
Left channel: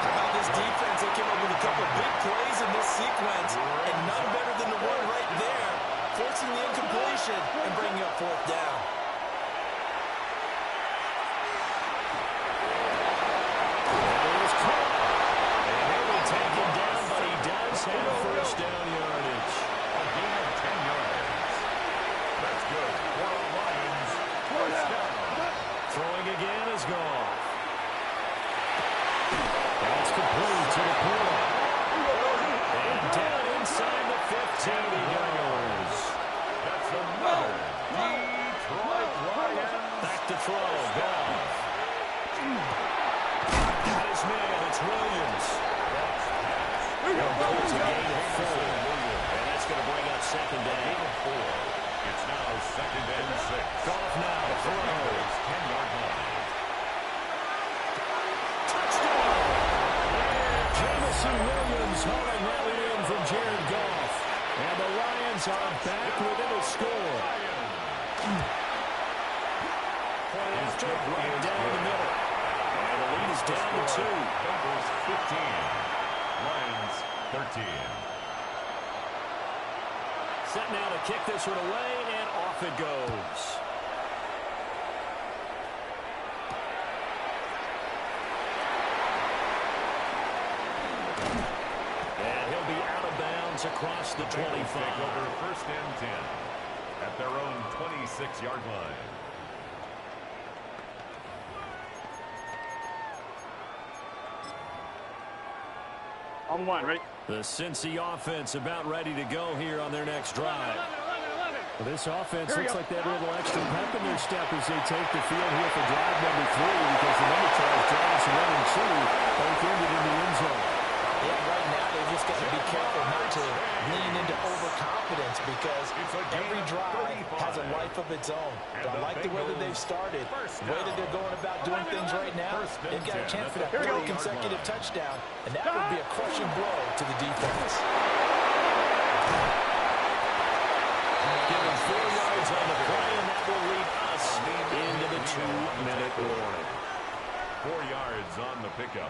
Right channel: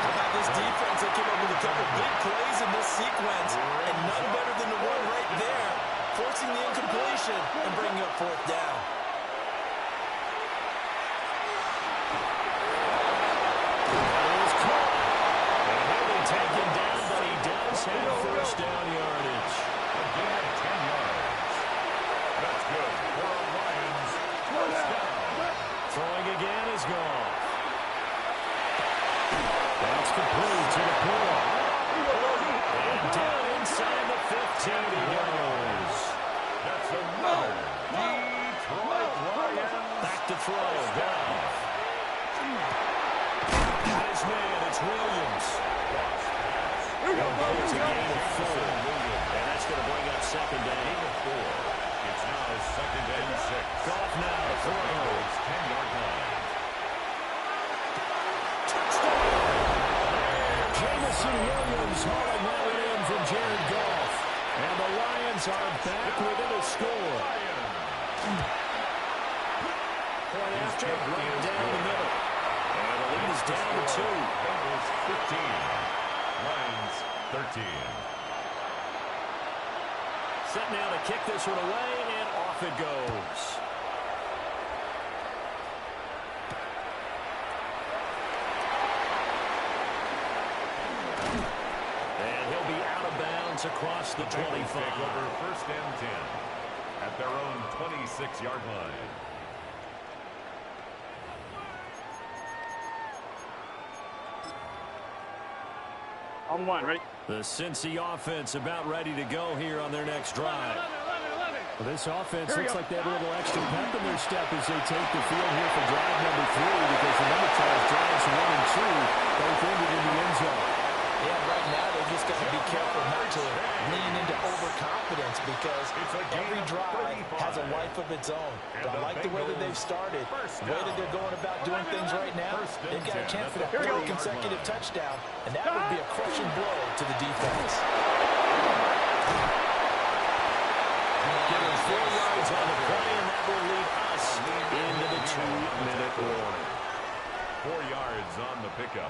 How about this defense? They came up with a couple big plays in this sequence, and none better than the one right there, forcing the incompletion and bringing up 4th down. Taken down, but he does have first down yardage. A gain of 10 yards. That's good for a Lions first down. is Goff. That's complete to the pool. And down inside the 15 he goes. That's another Detroit Lions. Back to throw. Goff. Got his man. It's Williams. Here we go, bro. It's a gain of 4. And that's going to bring up second down. It's now second and 6. Goff now to throw. 10-yard line. Touchdown. Jamison Williams hauling that one in from Jared Goff. And the Lions are back within a score. Point after, right down the middle. And the lead is down to 2. Bengals 15. Lions 13. Set now to kick this one away, and off it goes. And he'll be out of bounds across the 25. Take over first and 10 at their own 26-yard line. On one, ready? The Cincy offense about ready to go here on their next drive. 11. Well, this offense looks like they have a little extra pep in their step as they take the field here for drive number 3, because the number 12 drives 1 and 2 both ended in the end zone. Yeah, right now they've just got to be careful not to lean into overconfidence, because every drive has a life of its own. But I like the way that they've started, the way that they're going about doing things right now. They've got a chance for that 3rd consecutive touchdown, and that would be a crushing blow to the defense. Give him 4 yards on the play, and that will lead us into the 2-minute warning. 4 yards on the pickup.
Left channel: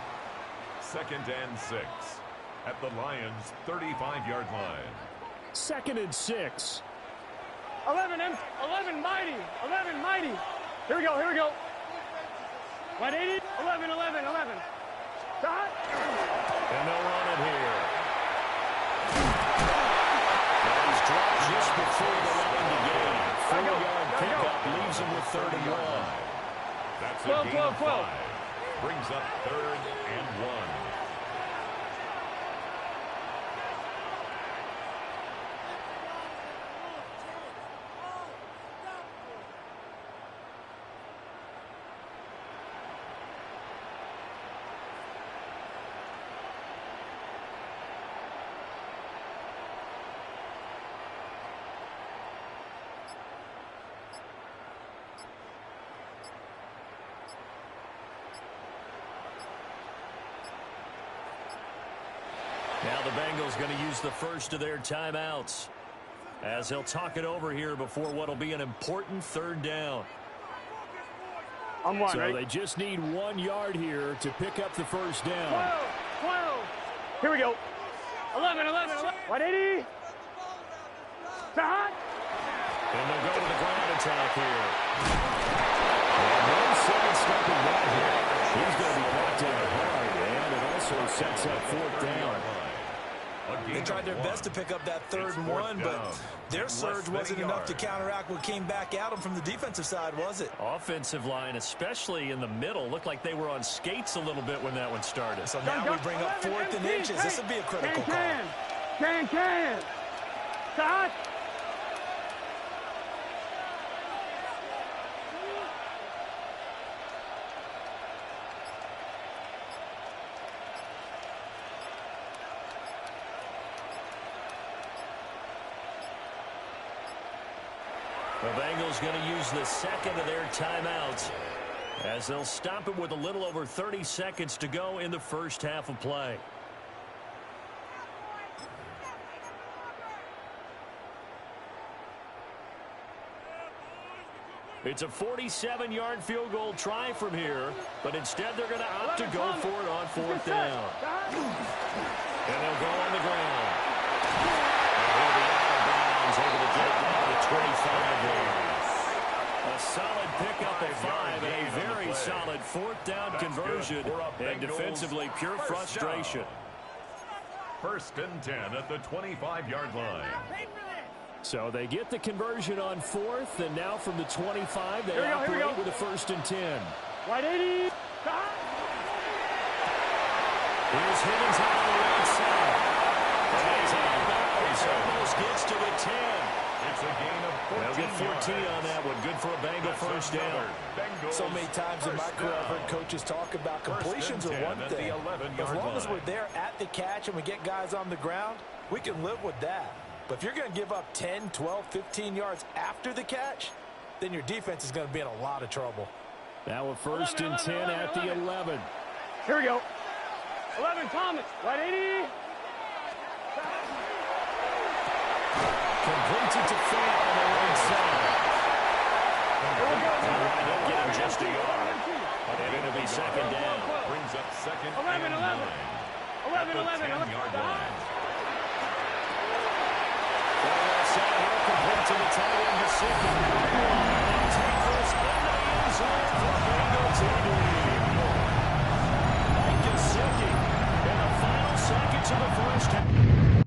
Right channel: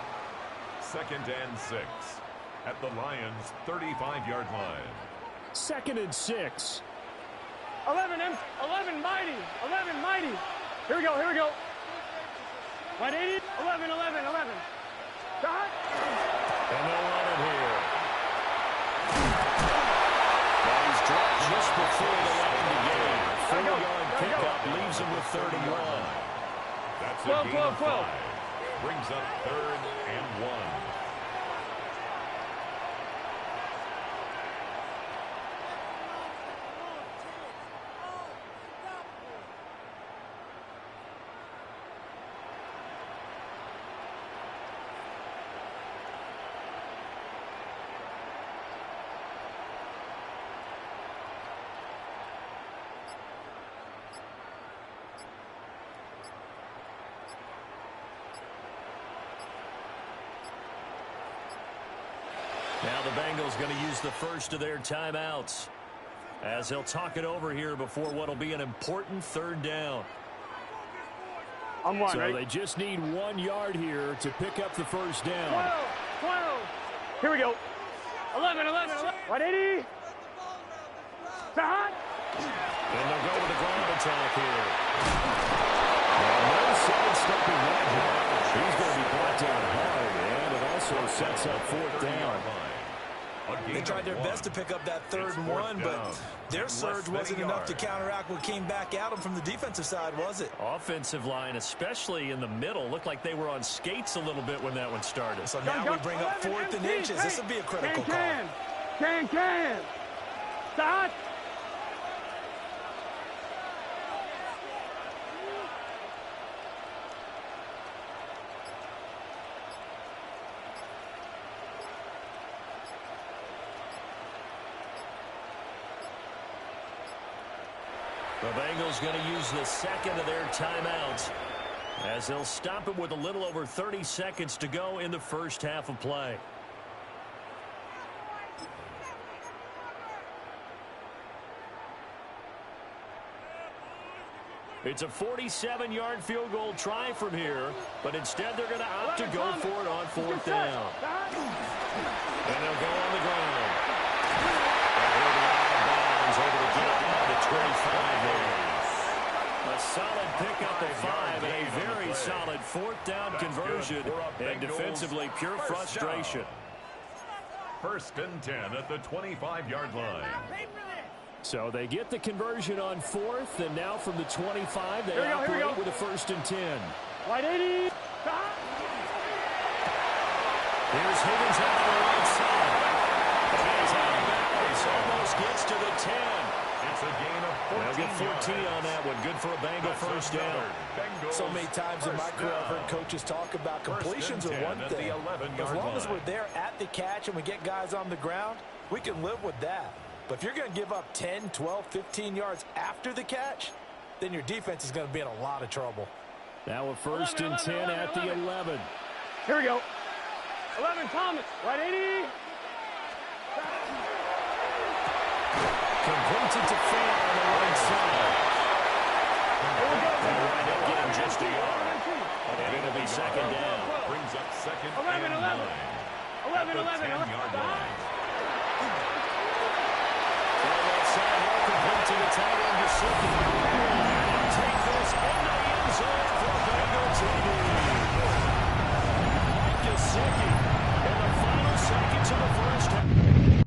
Second and 6 at the Lions' 35-yard line. 2nd and 6. 11 mighty. 11 mighty. Here we go. 180. 11. Dot. And they'll run it here. And he's dropped just before the line to gain. 4-yard pickup leaves him with 31. That's a gain of 5. Brings up 3rd and 1. Now the Bengals going to use the first of their timeouts as they'll talk it over here before what will be an important 3rd down. On one, so right? they just need 1 yard here to pick up the first down. 12. Here we go. 11. 180. Dot. And they'll go with the ground attack here. And no sidestepping that here. He's going to be brought down hard, and it also sets up 4th down. They tried their best to pick up that 3rd and 1, but their surge wasn't enough to counteract what came back at them from the defensive side, was it? Offensive line, especially in the middle, looked like they were on skates a little bit when that one started. So now we bring up 4th and inches. This would be a critical call. Can. Dot. The Bengals going to use the 2nd of their timeouts as they'll stop it with a little over 30 seconds to go in the first half of play. It's a 47-yard field goal try from here, but instead they're going to opt to go for it on 4th down. And they'll go on the ground. And he'll be out of bounds, able to get it down to 25 there. A solid pickup of 5 and a very solid 4th down conversion, and defensively pure frustration. 1st and 10 at the 25-yard line. So they get the conversion on 4th, and now from the 25, they operate with a 1st and 10. Right 80. Here's Higgins out on the right side. And he's out of bounds. Almost gets to the 10. It's a gain of 14 They'll get 14 yards. on that one. Good for a Bengal first down. So many times in my career I've heard coaches talk about completions are one thing. As long as we're there at the catch and we get guys on the ground, we can live with that. But if you're going to give up 10, 12, 15 yards after the catch, then your defense is going to be in a lot of trouble. Now a first and 10 at the 11. Here we go. 11, Thomas. Right 80. Completes it to Fant on the right side. Here we go. They'll wind up getting just a yard. And it'll be second down. Brings up second 11, and 11. 9. 11, 11, 11. 10-yard line. On that side, he'll complete to the tight end, Gesicki. And he'll take this into the end zone for a Bengal TD. Mike Gesicki in the final seconds of the first half.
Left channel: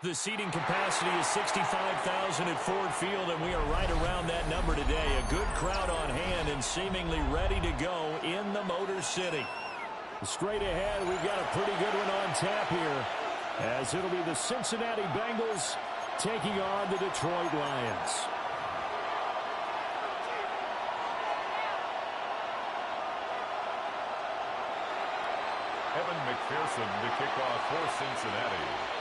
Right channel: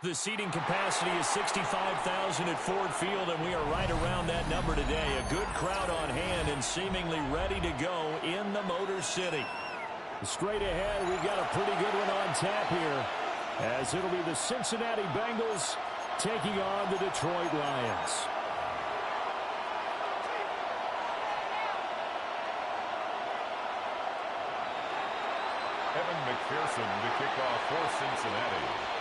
The seating capacity is 65,000 at Ford Field, and we are right around that number today. A good crowd on hand and seemingly ready to go in the Motor City. Straight ahead, we've got a pretty good one on tap here, as it'll be the Cincinnati Bengals taking on the Detroit Lions. Evan McPherson to kick off for Cincinnati.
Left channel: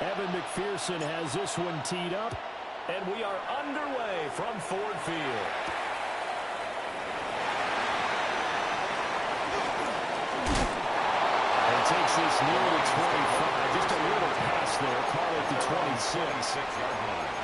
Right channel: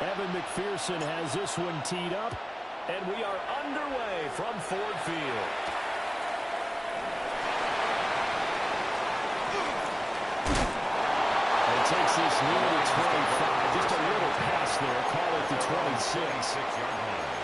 Evan McPherson has this one teed up, and we are underway from Ford Field. And takes this near the 25. Just a little pass there. Call it the 26. 26-yard line.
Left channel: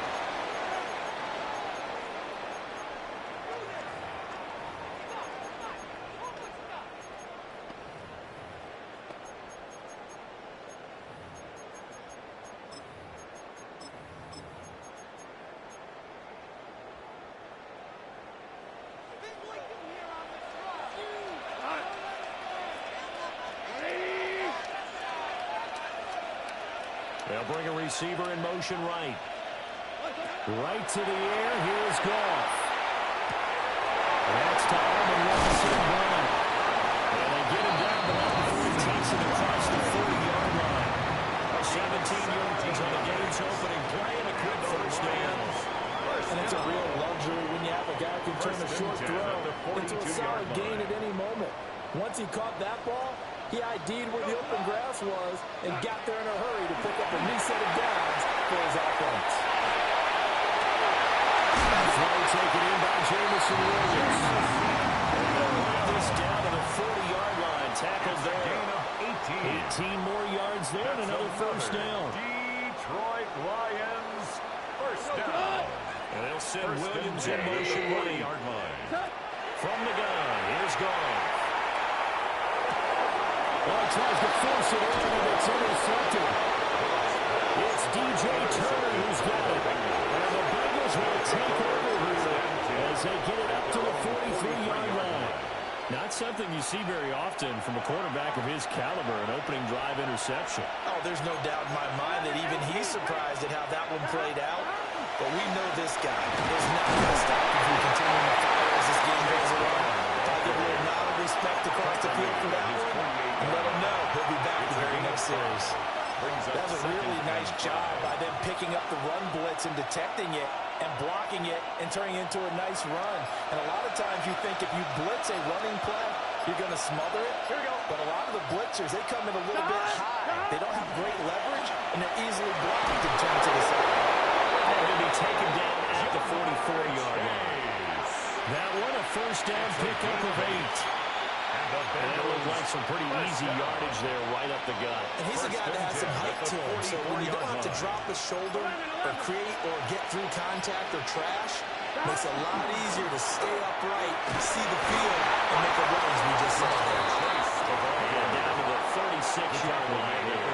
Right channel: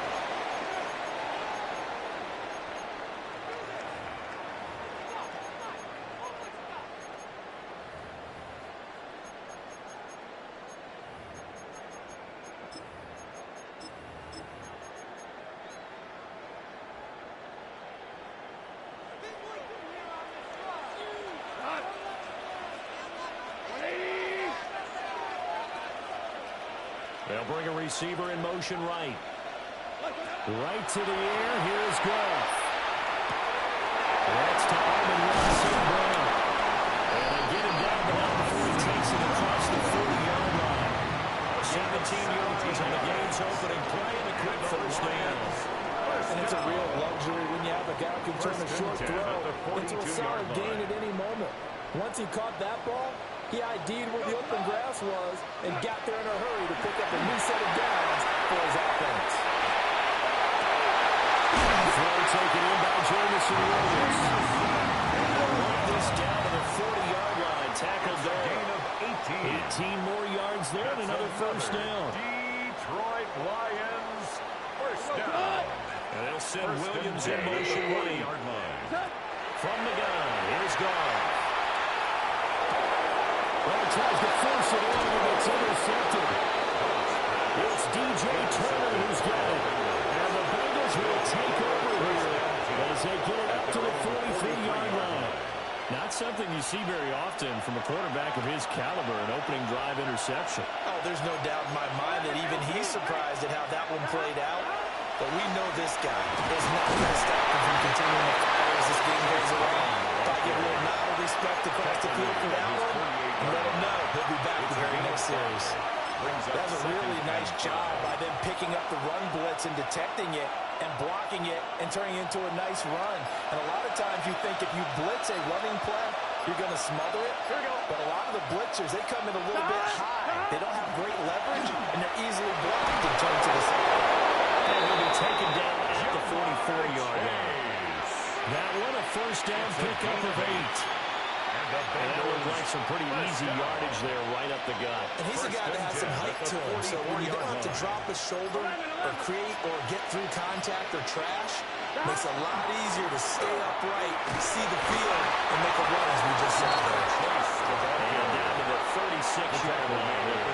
They'll bring a receiver in motion right. Right to the air. Here's Goff. That's to Almond Brown. And they get him down, but not before he takes it across the 40-yard line. 17 yards on the game's opening play and a quick first down. And it's a real luxury when you have a guy who can turn a short throw into a solid gain at any moment. Once he caught that ball, he ID'd where the open grass was and got there in a hurry to pick up a new set of downs for his offense. Throw taken in by Jamison Williams. And they'll run this down to the 40-yard line. Tackled there. Gain of 18. 18 more yards there and another first down. Detroit Lions first down. And they'll send Williams in motion right. From the gun, here's Goff. Well, tries to force it in, and it's intercepted. It's DJ Turner who's got it. And the Bengals will take over here as they get it up to the 43-yard line. Not something you see very often from a quarterback of his caliber, an opening drive interception. Oh, there's no doubt in my mind that even he's surprised at how that one played out. But we know this guy is not going to stop him from continuing to fire as this game goes along. If I give a little nod of respect across the field for that one, and let him know he'll be back the very next series. That was a really nice job by them picking up the run blitz and detecting it and blocking it and turning it into a nice run. And a lot of times you think if you blitz a running play, you're going to smother it. Here we go. But a lot of the blitzers, they come in a little bit high. They don't have great leverage, and they're easily blocked and turned to the side. And he'll be taken down at the 44-yard line. That one, a first down pickup of 8. And that looked like some pretty easy yardage there right up the gut. And he's a guy that has some height to him, so when you don't have to drop a shoulder or create or get through contact or trash, makes it a lot easier to stay upright, see the field, and make a run as we just saw there. And down to the 36-yard line here.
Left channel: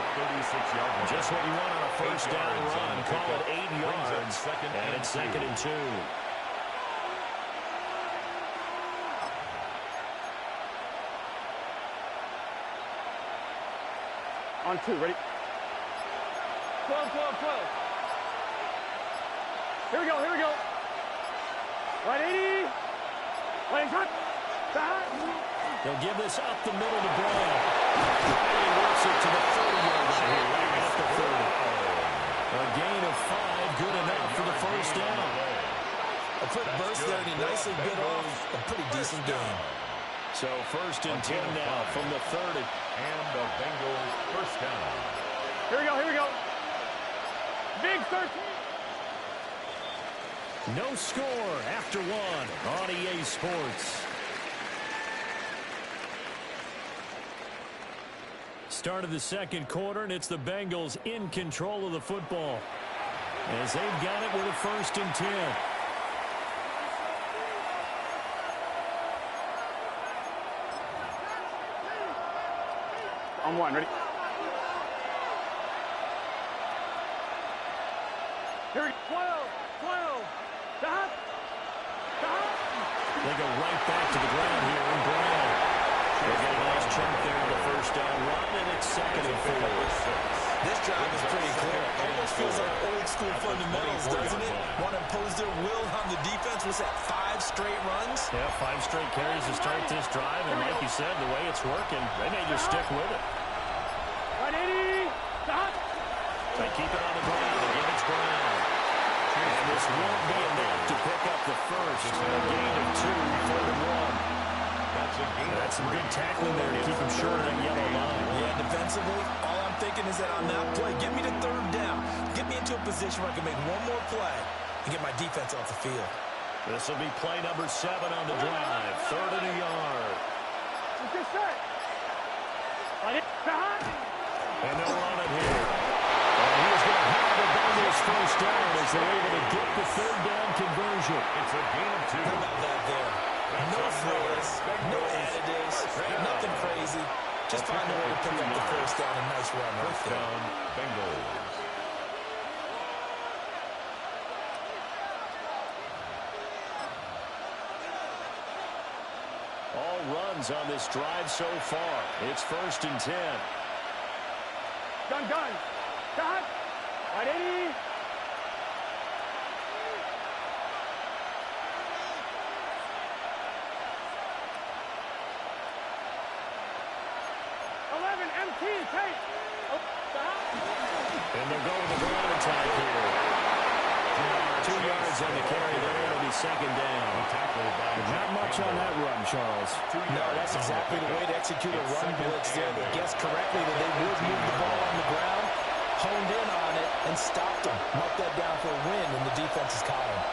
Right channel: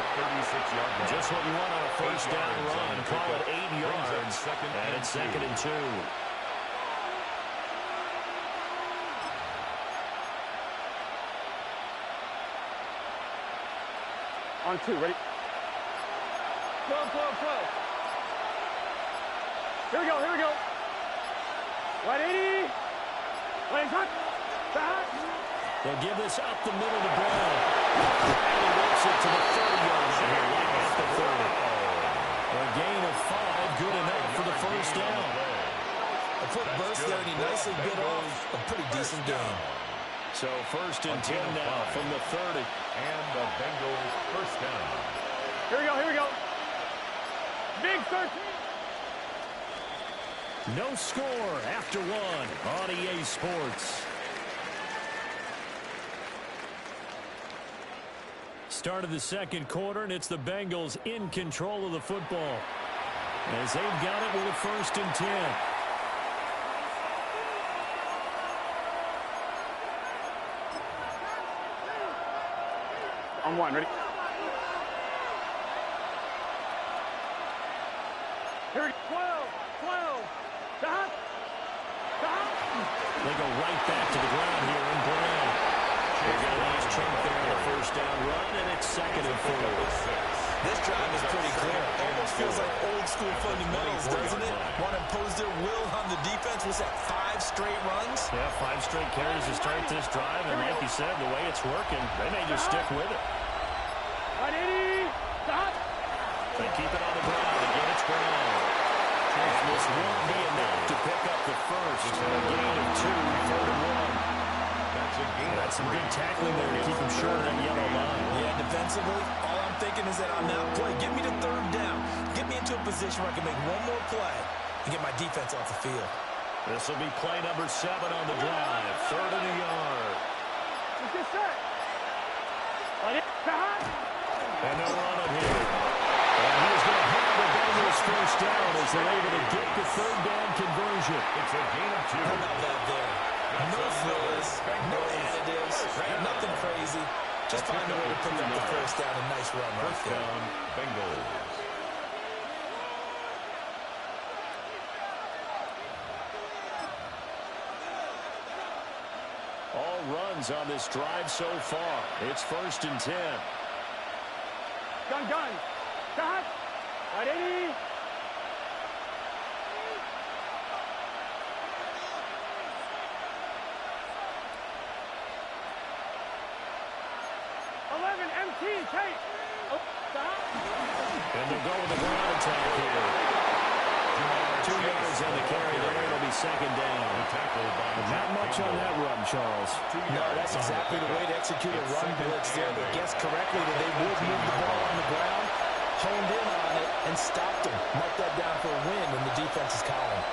Just what you want on a first down run. Call it 8 yards, and it's 2nd and 2. On 2, ready? 12, 12, 12. Here we go, here we go. Right 80. Right cut. Back. They'll give this up the middle to Brown. And he works it to the 30-yard line here, right at the 30. A gain of 5, good enough for the first down. A quick burst there, and he nicely bit off a pretty decent game. So 1st and 10 now from the 30. And the Bengals first down. Here we go, here we go. Big 13. No score after 1 on EA Sports. Start of the second quarter, and it's the Bengals in control of the football as they've got it with a 1st and 10. On 1, ready? Here we go. 12, 12. Stop. Stop. They go right back to the ground here, and Brown They get a nice chunk there on the first down run, and it's 2nd and 4. This drive is pretty clear. Almost feels like old school fundamentals, doesn't it? Want to impose their will on the defense. Was that 5 straight runs? Yeah, 5 straight carries to start this drive, and like you said, the way it's working, they may just stick with it. 180. Stop. They keep it on the ground. Again, it's Brown. And this won't be enough to pick up the first. A gain of 2, 3rd and 1. That's some good tackling there to keep him short of that yellow line. Yeah, defensively, all I'm thinking is that on that play, get me to 3rd down. Get me into a position where I can make one more play and get my defense off the field. This will be play number 7 on the drive. 3rd and a yard. Let's get set. And they'll run it here. And he is going to have the Bengals first down as they're able to get the 3rd down conversion. It's a gain of 2. How about that there? No frills, no additives, right? Nothing crazy. Just find a way to pick up the first down. A nice run right there. First down, Bengals. All runs on this drive so far. It's 1st and 10. Gun. Shot. 180. MT, take. Oh, stop. And they'll go with the ground attack here. 2 yards on the carry there. It'll be 2nd down. Not much on that run, Charles. No, that's exactly the way to execute a run blitz there. They guessed correctly that they would move the ball on the ground, honed in on it, and stopped them. Mark that down for a win in the defense's column.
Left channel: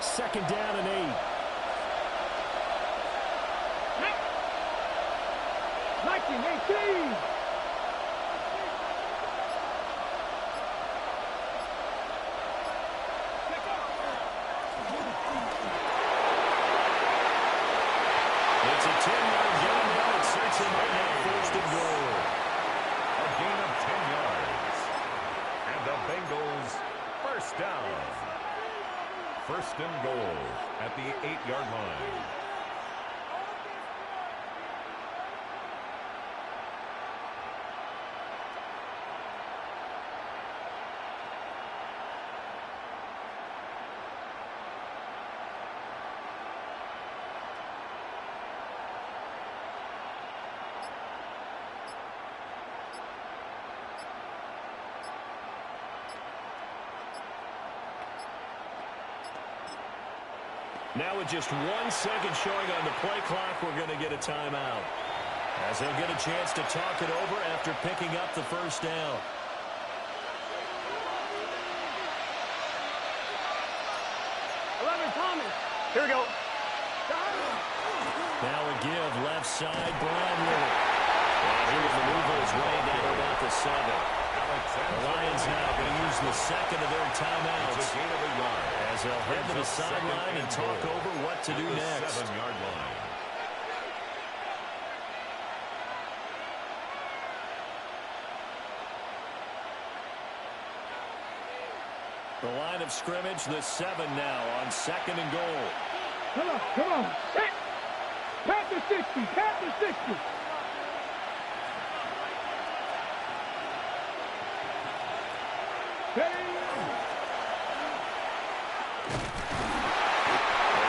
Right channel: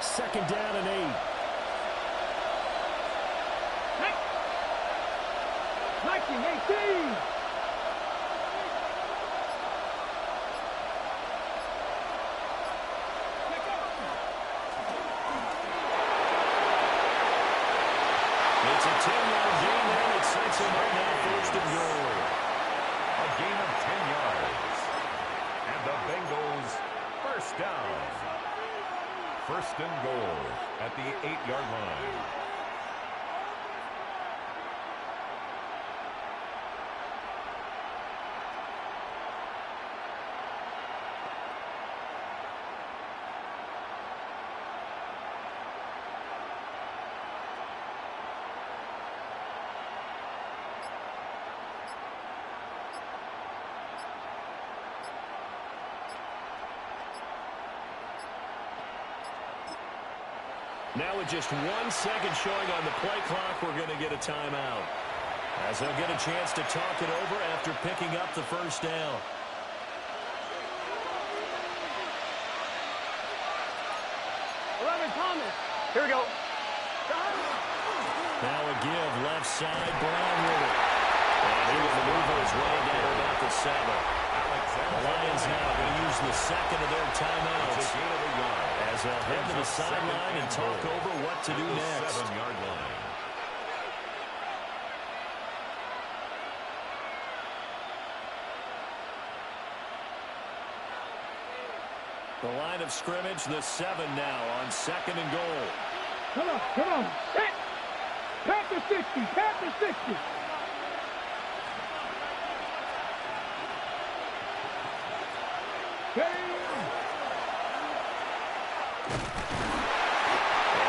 Second down and 8. 1918. It's a 10-yard gain there. It sets him right now 1st and goal. A gain of 10 yards. And the Bengals first down. 1st and goal at the 8-yard line. Now with just 1 second showing on the play clock, we're going to get a timeout. As they'll get a chance to talk it over after picking up the first down. Thomas. Here we go. Now a give left side, Brown with it. And he will maneuver his way down to about the 7. The Lions now going to use the 2nd of their timeouts as they'll head to the sideline and talk over what to do next. 7-yard line. The line of scrimmage, the 7 now on 2nd and goal. Come on. Panther 60. And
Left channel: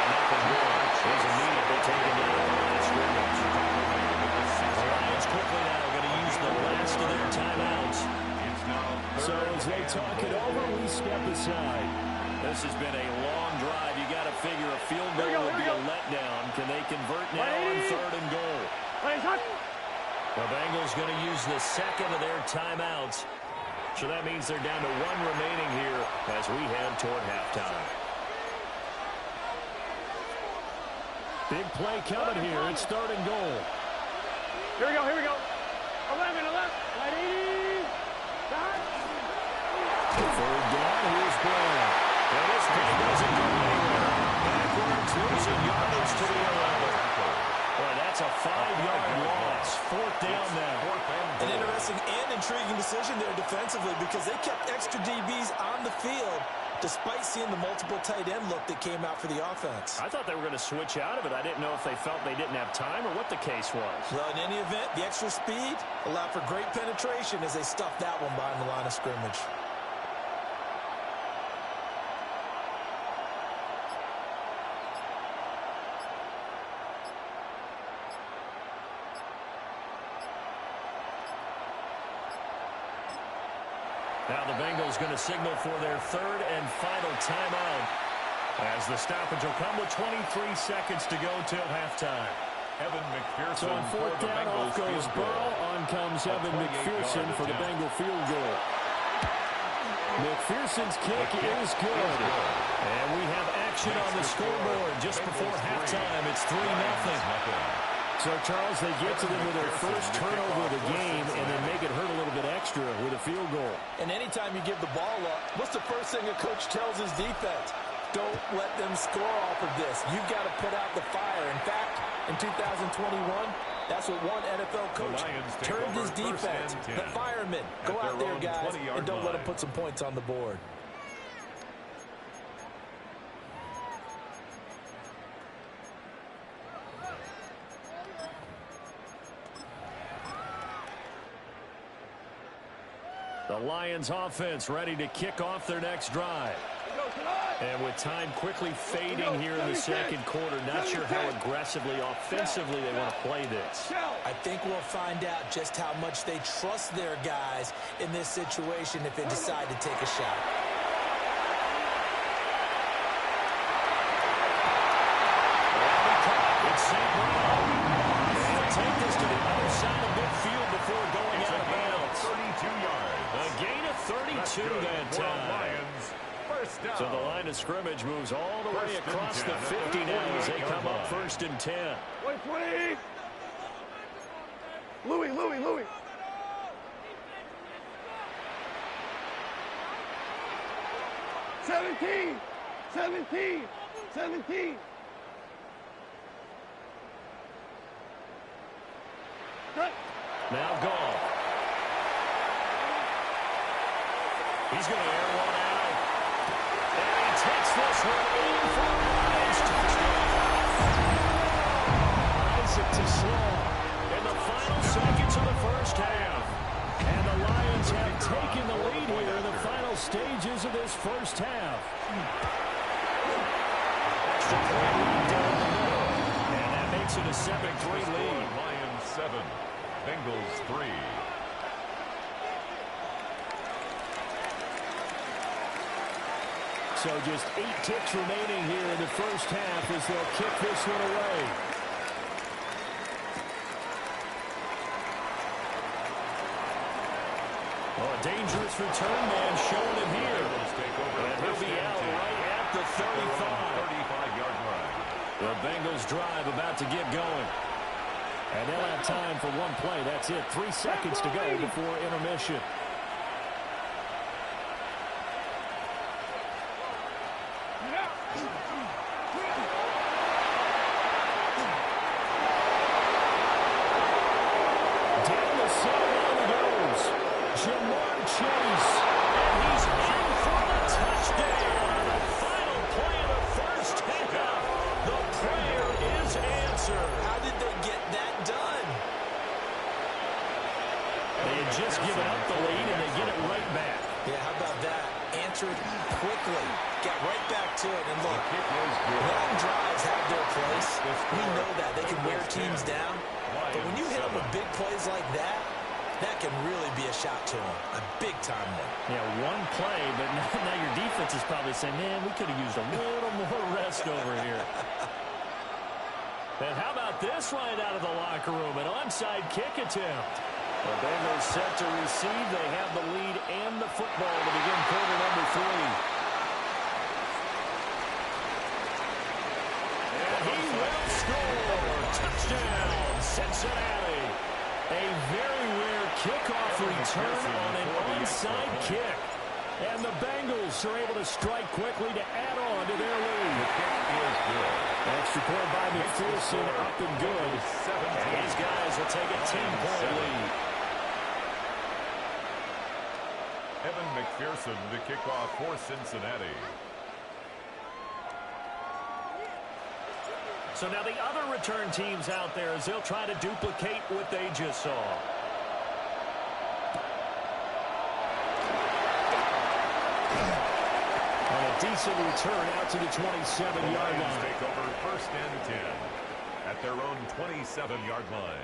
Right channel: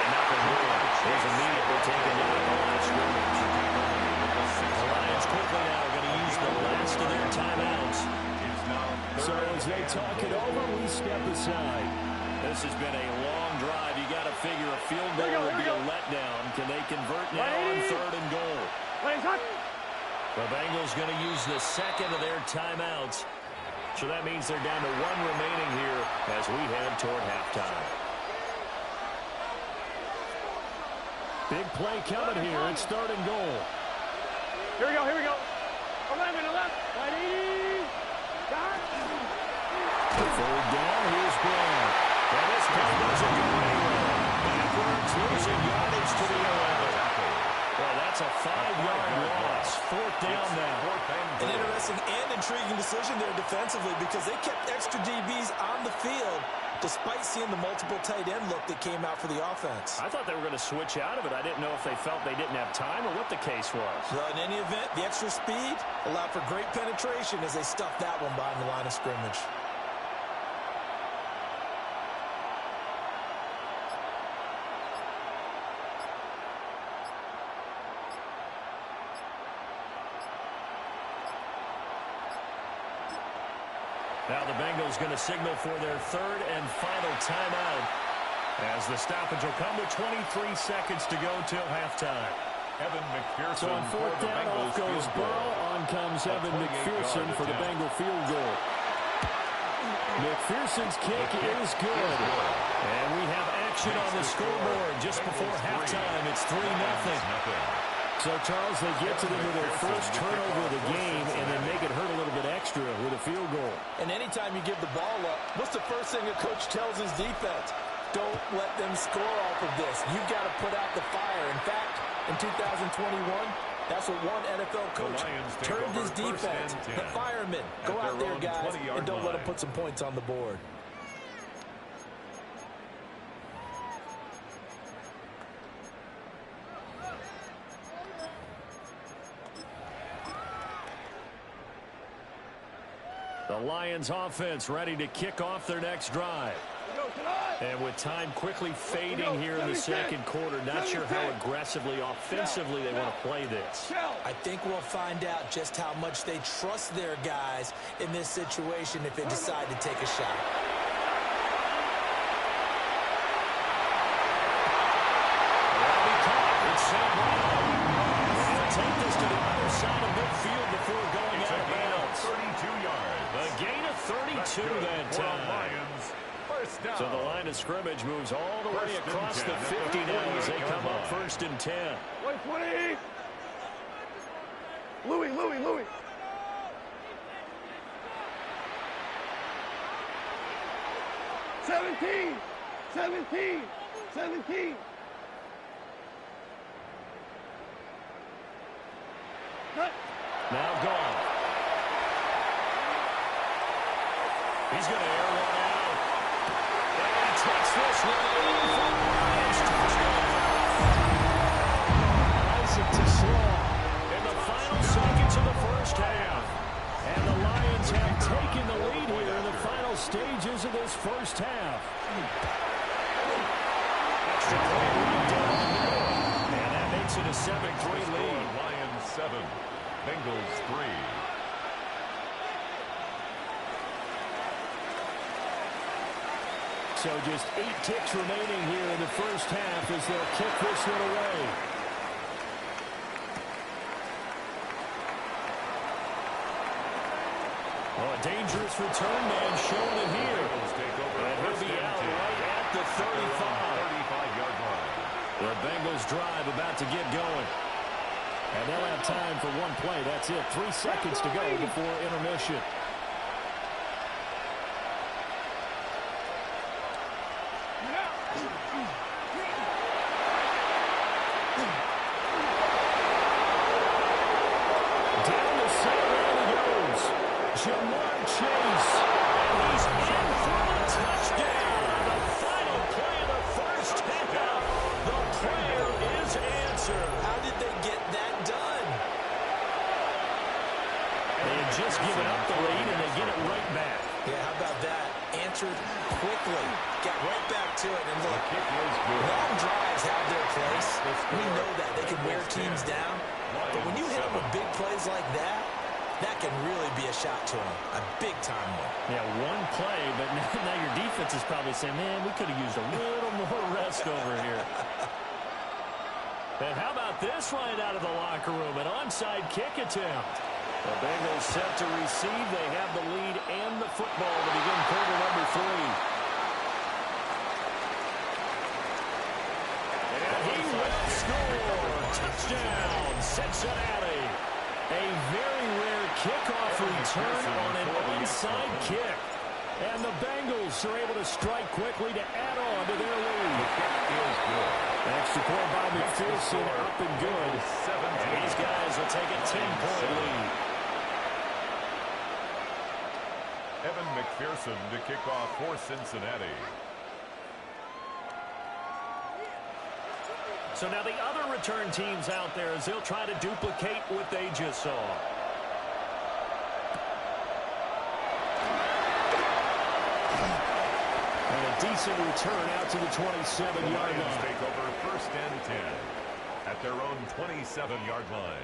nothing more. He's immediately taken down at the line of scrimmage. The Lions quickly now going to use the last of their timeouts. So as they talk it over, we step aside. This has been a long drive. You got to figure a field goal would be a letdown. Can they convert now on 3rd and goal? The Bengals going to use the 2nd of their timeouts. So that means they're down to 1 remaining here as we head toward halftime. Big play coming here. It's 3rd and goal. Here we go. 11. 180. 3rd down. Here's Brown. And this play doesn't go anywhere. Backwards, losing yardage to the 11. Boy, that's a 5-yard loss. 4th down now. An interesting and intriguing decision there defensively because they kept extra DBs on the field despite seeing the multiple tight end look that came out for the offense. I thought they were going to switch out of it. I didn't know if they felt they didn't have time or what the case was. Well, in any event, the extra speed allowed for great penetration as they stuffed that one behind the line of scrimmage. Now the Bengals going to signal for their third and final timeout as the stoppage will come with 23 seconds to go till halftime. Evan McPherson. So on fourth down, off goes Burrow. On comes Evan McPherson for the Bengal field goal. McPherson's kick is good. And we have action on the scoreboard just before halftime. It's 3-0. So, Charles, they get to them with their first turnover of the game and then make it hurt a little bit extra with a field goal. And anytime you give the ball up, what's the first thing a coach tells his defense? Don't let them score off of this. You've got to put out the fire. In fact, in 2021, that's what one NFL coach turned his defense. The firemen, go out there, guys, and don't let them put some points on the board. The Lions offense ready to kick off their next drive. And with time quickly fading here in the second quarter, not sure how aggressively, offensively they want to play this. I think we'll find out just how much they trust their guys in this situation if they decide to take a shot. Well, he caught. It's St. Brown. He'll take this to the other side of midfield before going out of bounds. 32 yards. A gain of 32 that time. Lions. First down. So the line of scrimmage moves all the way across the 50 now as they come up first and 10. Wait, 20. Louis. 17. Cut. Now gone. He's going to air one out. And he takes this one in for the Lions touchdown. Isaac to Slaw in the final seconds of the first half. And the Lions have taken the lead here in the final stages of this first half. Extra point right down the middle. And that makes it a 7-3 lead. Lions 7, Bengals 3. So just 8 ticks remaining here in the first half as they'll kick this one away. Oh, a dangerous return man showing it here. And he'll be out right at the 35-yard line. The Bengals drive about to get going. And they'll have time for one play. That's it. 3 seconds to go before intermission. Down the sideline he goes. Jamar Chase. And he's in for the touchdown on the final play of the first half. The prayer is answered. How did they get that done? They had just given up the lead, and they get it right back. Yeah, how about that? Answered quickly. Got right back to it. And look, long drives have their place. We know that. They can wear teams down. But when you hit them with big plays like that, that can really be a shot to them. A big-time one. Yeah, one play, but now your defense is probably saying, man, we could have used a little more rest over here. And how about this right out of the locker room? An onside kick attempt. The Bengals set to receive. They have the lead and the football to begin quarter number 3. And he will score. Touchdown, Cincinnati. A very rare kickoff return on an onside kick. And the Bengals are able to strike quickly to add on to their lead. The kick is good. Extra point by McPherson, up and good. And these guys will take a 10-point lead. Evan McPherson to kick off for Cincinnati. So now the other return teams out there as they'll try to duplicate what they just saw. And a decent return out to the 27-yard line. Take over 1st and 10 at their own 27-yard line.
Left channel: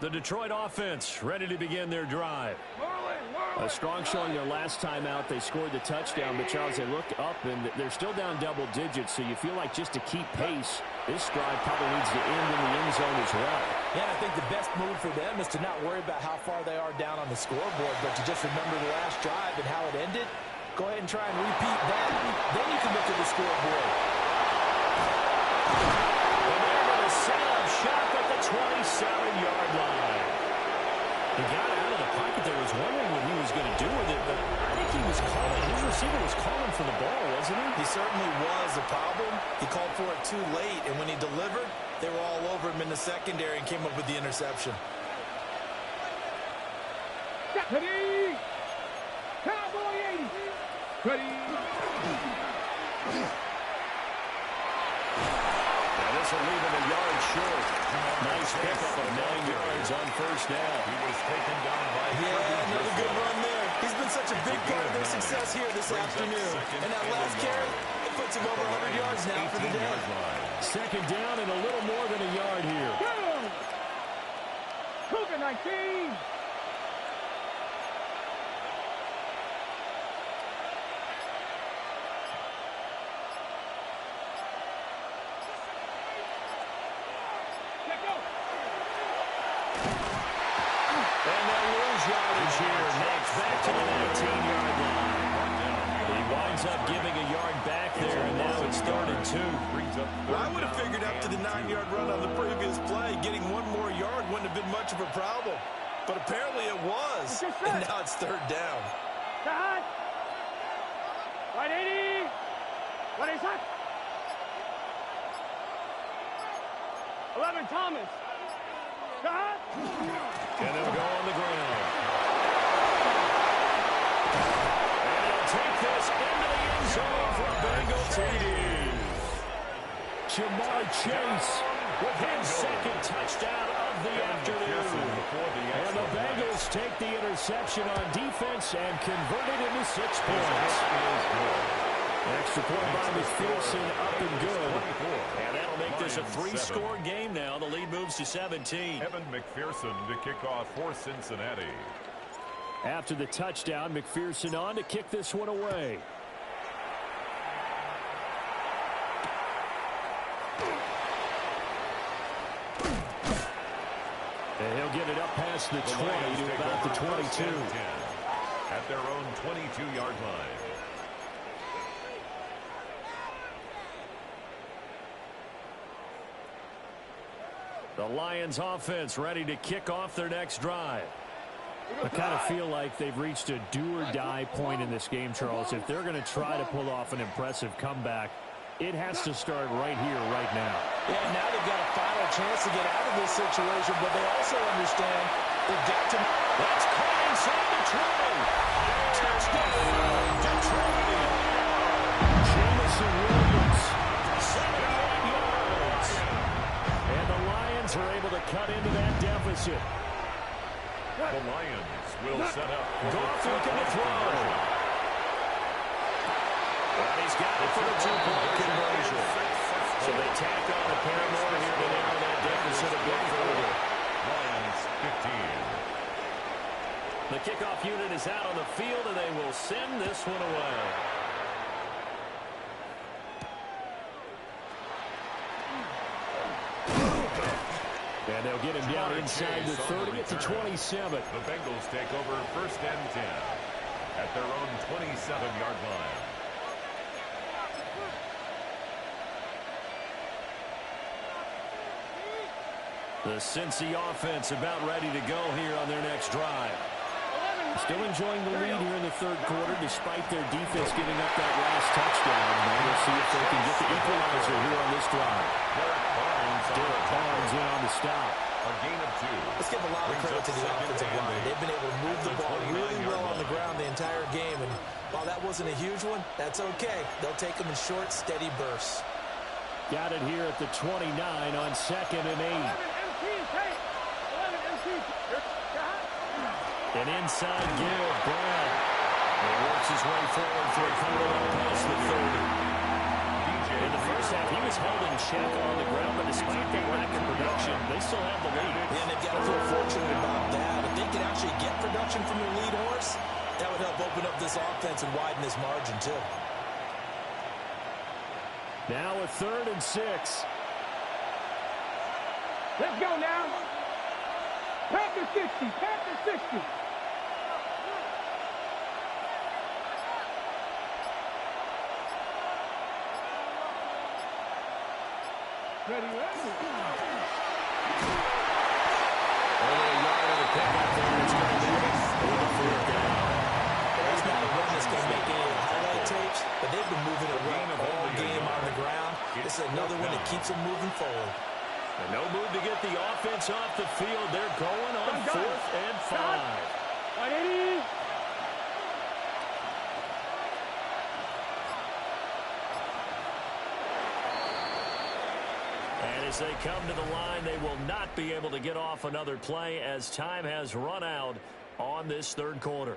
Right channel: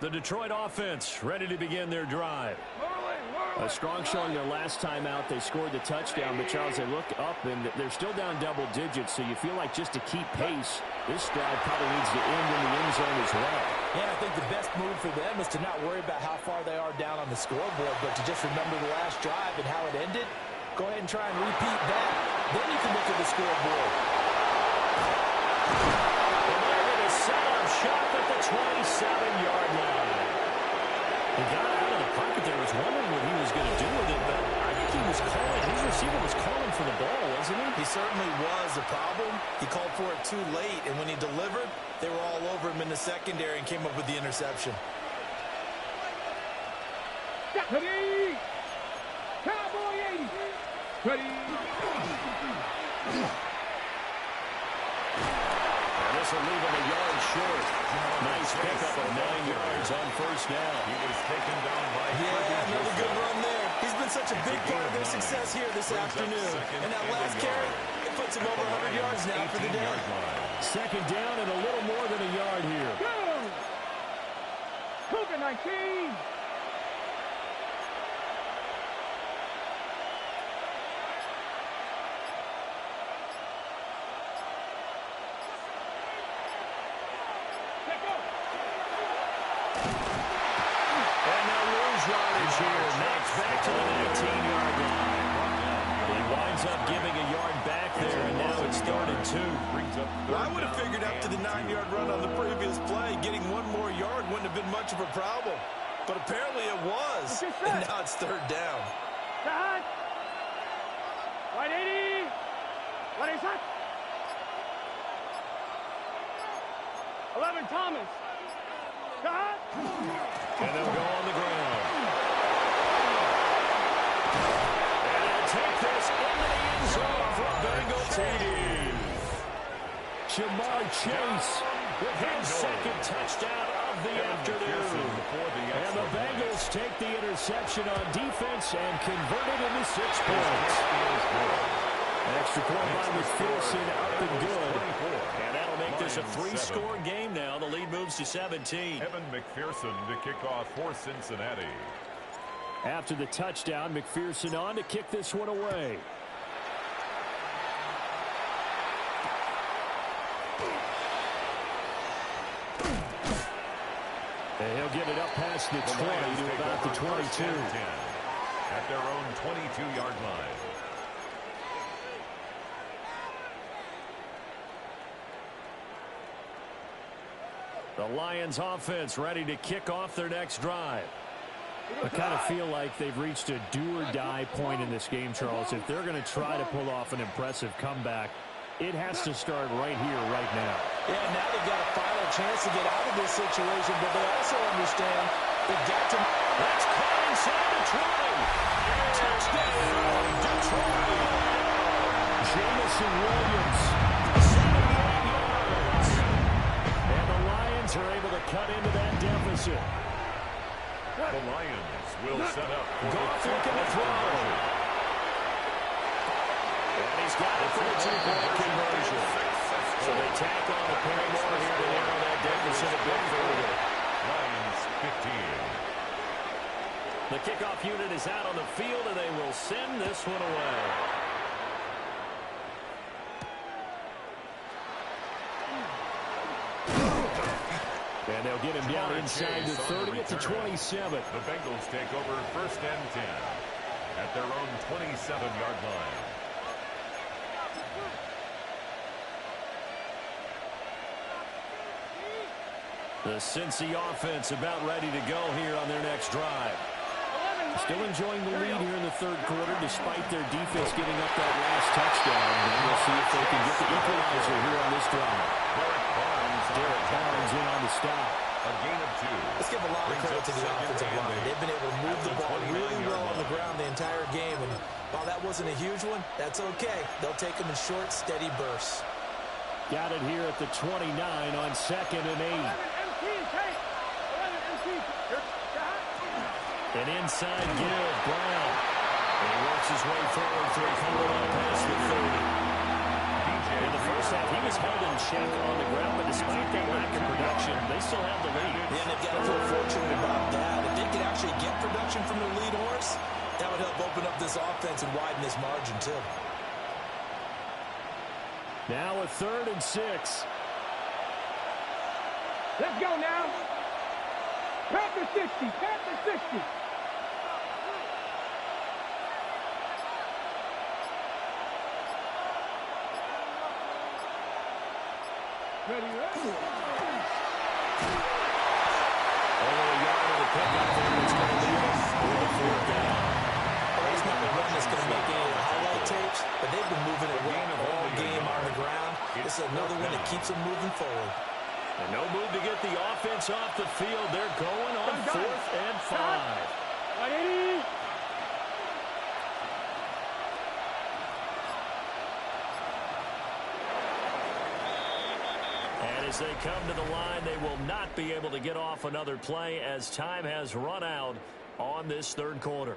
The Detroit offense ready to begin their drive. A strong showing their last time out. They scored the touchdown, but Charles, they look up and they're still down double digits, so you feel like just to keep pace, this drive probably needs to end in the end zone as well. Yeah, and I think the best move for them is to not worry about how far they are down on the scoreboard, but to just remember the last drive and how it ended. Go ahead and try and repeat that. Then you can look at the scoreboard. And they're going to set up shop at the 27-yard line. He got out of the pocket there. Was wondering what he was going to do with it, but I think he was calling. His receiver was calling for the ball, wasn't he? He certainly was. The problem, he called for it too late, and when he delivered, they were all over him in the secondary and came up with the interception. Ready? Cowboy 80. Ready? And this will leave him a yard short. Nice pickup of 9 yards on 1st down. He was taken down by another good run there. He's been such a big part of their success here this afternoon. And that last carry, it puts him over 100 yards now for the day. 2nd down and a little more than a yard here. Go! Cougar 19. And they'll lose yardage here. Next back to the 19-yard line. He winds up giving a yard back there, and now it's 3rd and 2. I would have figured up to the 9-yard run on the previous play. Getting one more yard wouldn't have been much of a problem. But apparently it was. And now it's 3rd down. Cut. Right 80. Right is hot. 11 Thomas. Cut. And they'll go on the ground. And he'll take this into the end zone for a Bengal TD. Jamar Chase with his 2nd touchdown of the afternoon. And the Bengals take the interception on defense and convert it into 6 points. Extra point by McPherson, up and good. And that'll make this a 3-score game now. The lead moves to 17. Evan McPherson to kick off for Cincinnati. After the touchdown, McPherson on to kick this one away. And he'll get it up past the 20 to about the 22. At their own 22-yard line. The Lions offense ready to kick off their next drive. I kind of feel like they've reached a do-or-die point in this game, Charles. If they're going to try to pull off an impressive comeback, it has to start right here, right now. Yeah, now they've got a final chance to get out of this situation, but they also understand they've got to... That's caught inside the 20. Touchdown, Detroit. Jamison Williams, 78 yards. And the Lions are able to cut into that deficit. The Lions will set up. Goff looking to throw. And he's got it for the 2-point conversion. So they tack on a pair more here to narrow that deficit a bit further. Lions 15. The kickoff unit is out on the field, and they will send this one away. And they'll get him down inside the 30 at the 27. The Bengals take over 1st and 10 at their own 27-yard line. The Cincy offense about ready to go here on their next drive. Still enjoying the lead here in the third quarter, despite their defense giving up that last touchdown. And we'll see if they can get the equalizer here on this drive. Derek Barnes in on the stop. A gain of 2. Let's give a lot of credit to the offensive line. They've been able to move the ball really well on the ground the entire game. And while that wasn't a huge one, that's okay. They'll take them in short, steady bursts. Got it here at the 29 on 2nd and 8. 11 MT, take. 11 MT. An inside give, Brown. And he works his way forward for a come-around past the 30. In the first half, he was held in check on the ground, but despite that lack of production, they still have the lead. Yeah, and they've got to feel fortunate about that. If they could actually get production from their lead horse, that would help open up this offense and widen this margin, too. Now a 3rd and 6. Let's go now. Panther 60. Panther 60. Ready, ready. Only a yard of the pickup there. It's going to be a 4th down. Well, that's not a run that's going to make any of the highlight tapes, but they've been moving it well all game on the ground. This is another one that keeps them moving forward. And no move to get the offense off the field. They're going on 4th and 5. 180. And as they come to the line, they will not be able to get off another play as time has run out on this third quarter.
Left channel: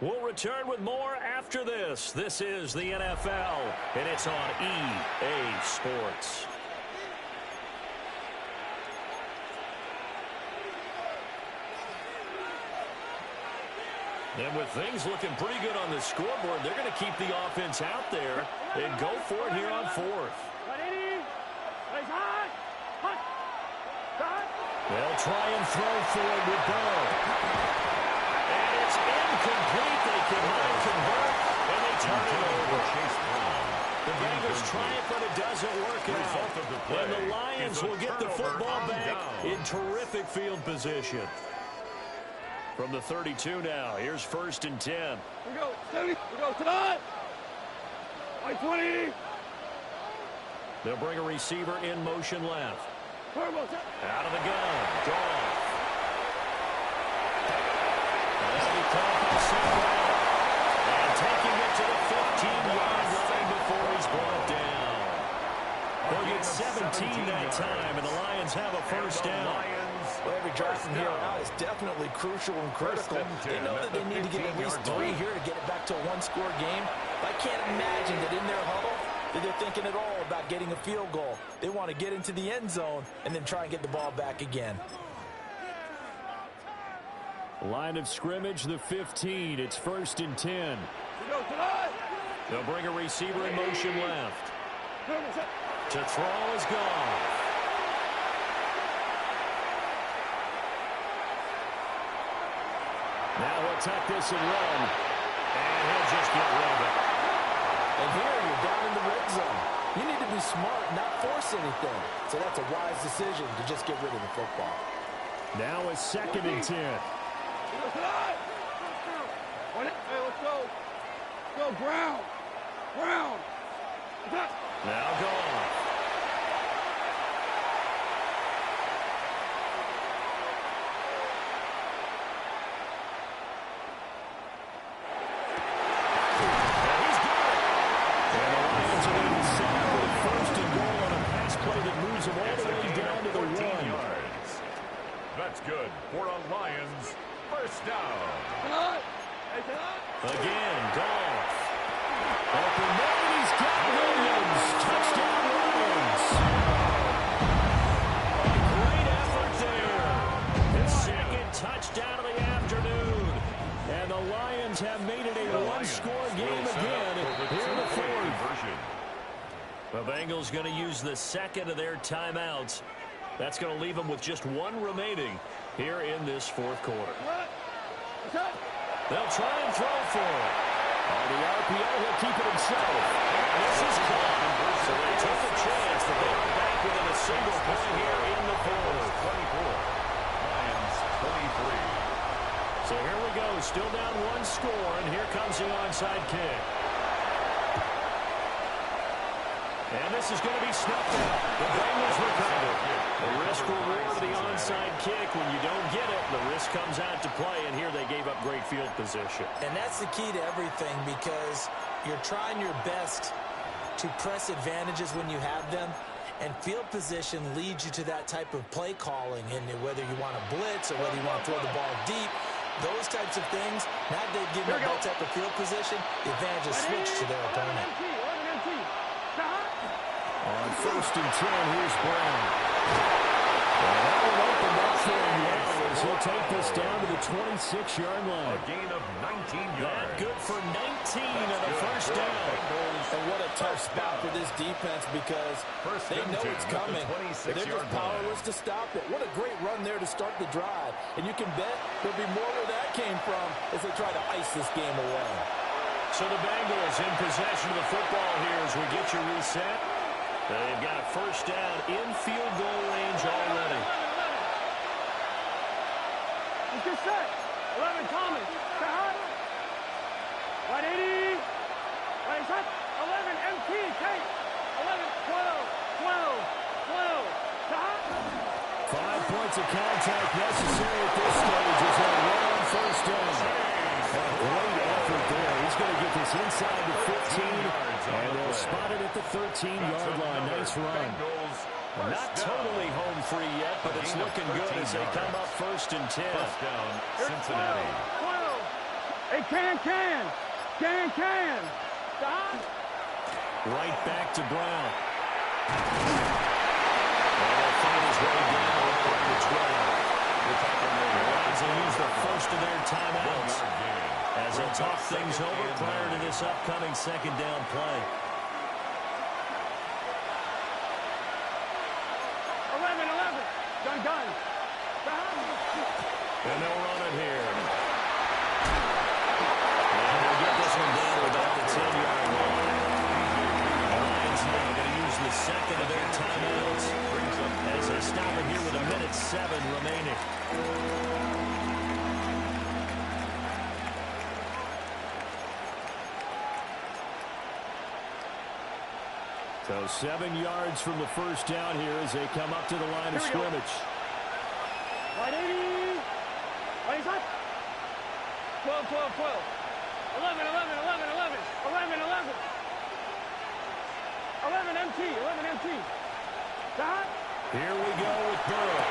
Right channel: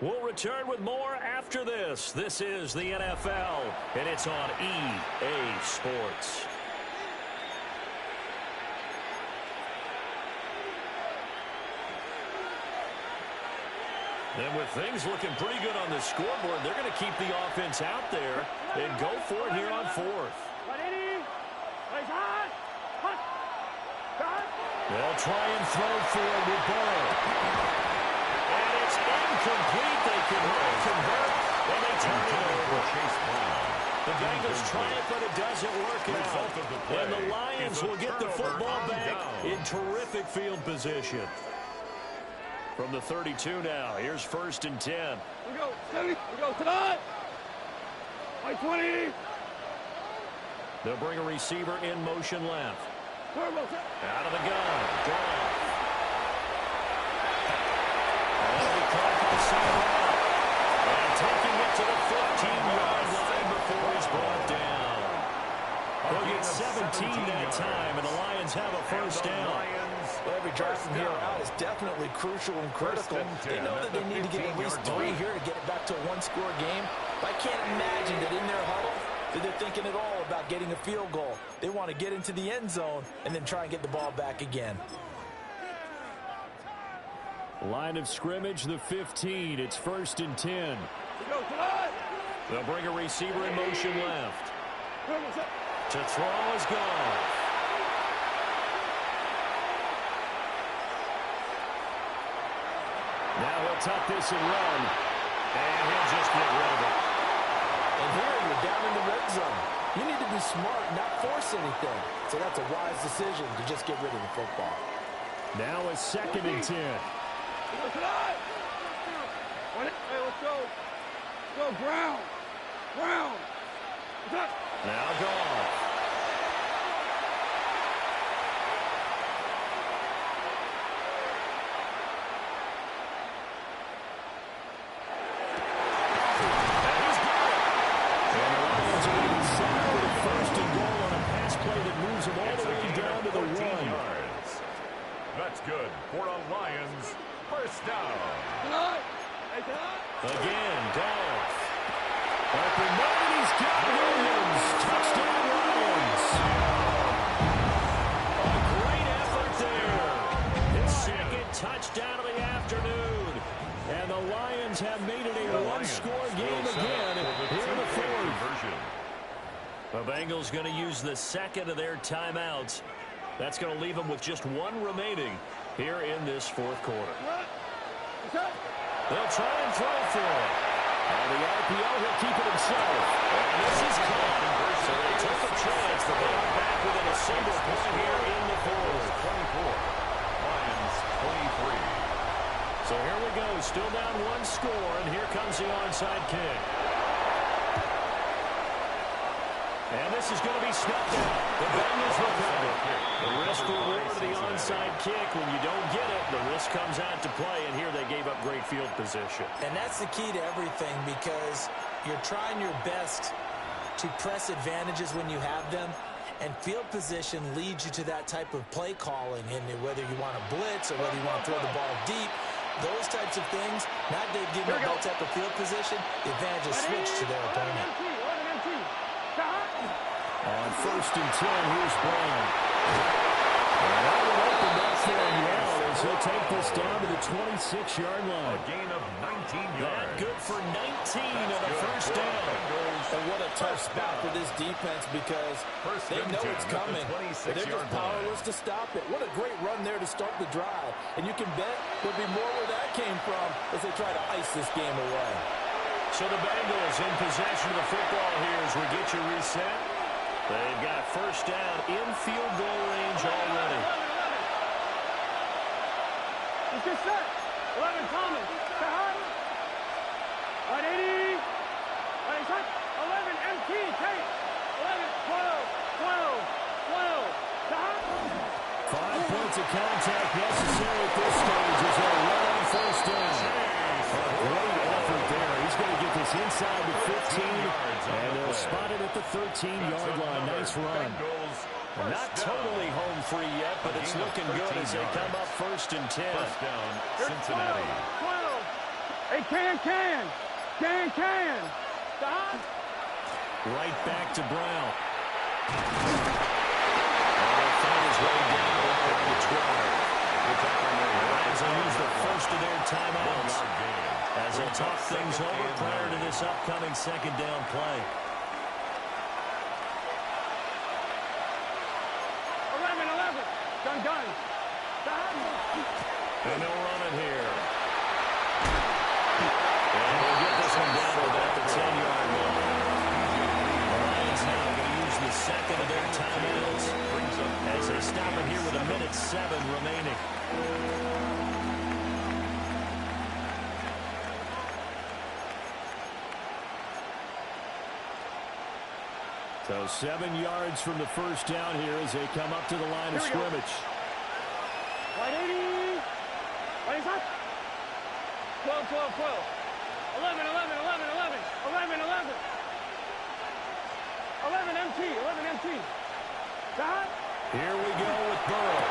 We'll return with more after this. This is the NFL, and it's on EA Sports. And with things looking pretty good on the scoreboard, they're going to keep the offense out there and go for it here on 4th. 180. Raise high. Hot. Hot. They'll try and throw for it with Burrow. And it's incomplete. They cannot convert, and they turn it over. The Bengals try it, but it doesn't work out. And the Lions will get the football back in terrific field position. From the 32 now, here's 1st and 10. We go. 70. We go tonight. 20. They'll bring a receiver in motion left. Turbo. Out of the gun. Gone. And that'll be caught by Samuel. And taking it to the 15-yard line before he's brought down. They'll get 17 that time, and the Lions have a 1st down. Well, every drive from here out is definitely crucial and critical. They know that they need to get at least 3 here to get it back to a one-score game. But I can't imagine that in their huddle that they're thinking at all about getting a field goal. They want to get into the end zone and then try and get the ball back again. Line of scrimmage, the 15. It's 1st and 10. We go tonight. They'll bring a receiver in motion left. To throw is gone. Now he'll tuck this and run. And he'll just get rid of it. And here you're down in the red zone. You need to be smart, not force anything. So that's a wise decision to just get rid of the football. Now a 2nd and 10. Hey, let's go. Go, Brown. Brown. Now gone. And he's got it. And the Lions are going to be set with a 1st and goal on a pass play that moves them all the way down to the 1. Yards. That's good for a Lions 1st down. Tonight. Hey, tonight. Again, Goff. Open man, he's got Williams. Touchdown, Lions. A great effort there. His 2nd touchdown of the afternoon. And the Lions have made it a one-score game again here in the 4th. The Bengals going to use the 2nd of their timeouts. That's going to leave them with just 1 remaining here in this 4th quarter. They'll try and throw for it. On the RPO, he'll keep it himself. And this is caught. So they took a chance, but they are back within a single point here in the 4th. 24. Lions 23. So here we go, still down one score, and here comes the onside kick. And this is going to be snuffed out. The Bengals recover. The risk-reward of the onside kick. When you don't get it, the risk comes out to play, and here they gave up great field position. And that's the key to everything, because you're trying your best to press advantages when you have them, and field position leads you to that type of play calling, and whether you want to blitz or whether you want to throw the ball deep, those types of things, now they've given up that type of field position, the advantage is switched to their opponent. On 1st and 10, here's Brown. And that one opened up for him well as he'll take this down to the 26-yard line. A gain of 19 yards. That good for 19 and a first down. And what a tough spot for this defense, because they know it's coming, but they're just powerless to stop it. What a great run there to start the drive. And you can bet there'll be more where that came from as they try to ice this game away. So the Bengals in possession of the football here as we get you reset. They've got first down in field goal range already. Let's get set. 11, Thomas. Right 80. Right shot. 11, MT. Take. 11, 12, 12, 12. 5 points of contact necessary at this stage as they'll run on first down. A great effort there. He's going to get this inside the 15, and they'll spot it at the 13-yard line. Nice run. Not totally home free yet, but it's looking good as they come up 1st and 10. First down, Cincinnati. 12. Hey, can. Stop. Right back to Brown. And he'll find his way down to 12. The Lions will use the first of their timeouts as they talk things over prior to this upcoming second down play. 11. Gun. And they'll run it here. And they'll get this one down to about the 10-yard line. The Lions now going to use the second of their timeouts as they stop it here with 1:07 remaining. So 7 yards from the first down here as they come up to the line of scrimmage. Right 80. Right shot. 12. 11. 11 MT. Shot. Here we go with Burrow.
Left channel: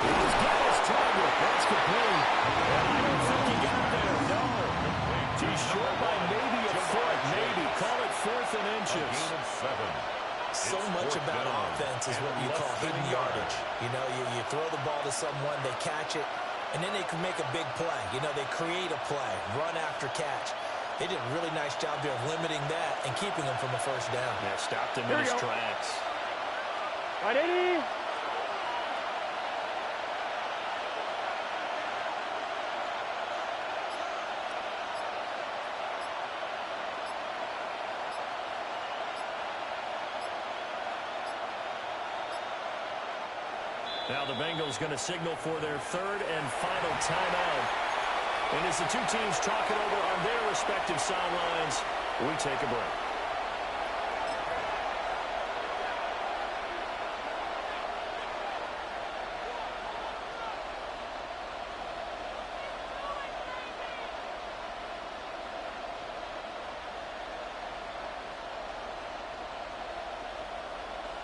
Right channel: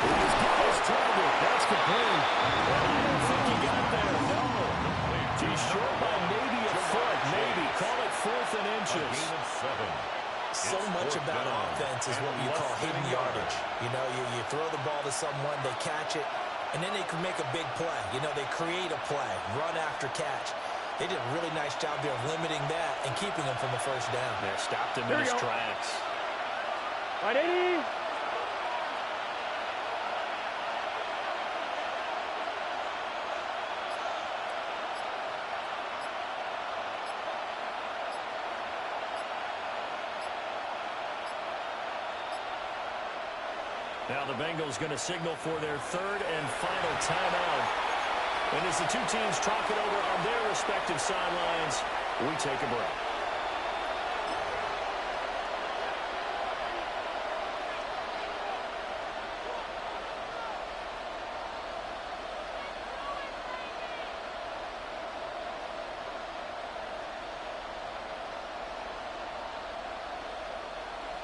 He's got his target. That's complete. And I don't think he got there. No. He's short by maybe a foot. Maybe. Call it 4th and inches. A gain of 7. So much about offense is what you call hidden yardage. You know, you throw the ball to someone, they catch it, and then they can make a big play. You know, they create a play, run after catch. They did a really nice job there of limiting that and keeping him from a first down. Yeah, stopped him in his tracks. Right 80. Now the Bengals going to signal for their third and final timeout. And as the two teams talk it over on their respective sidelines, we take a break.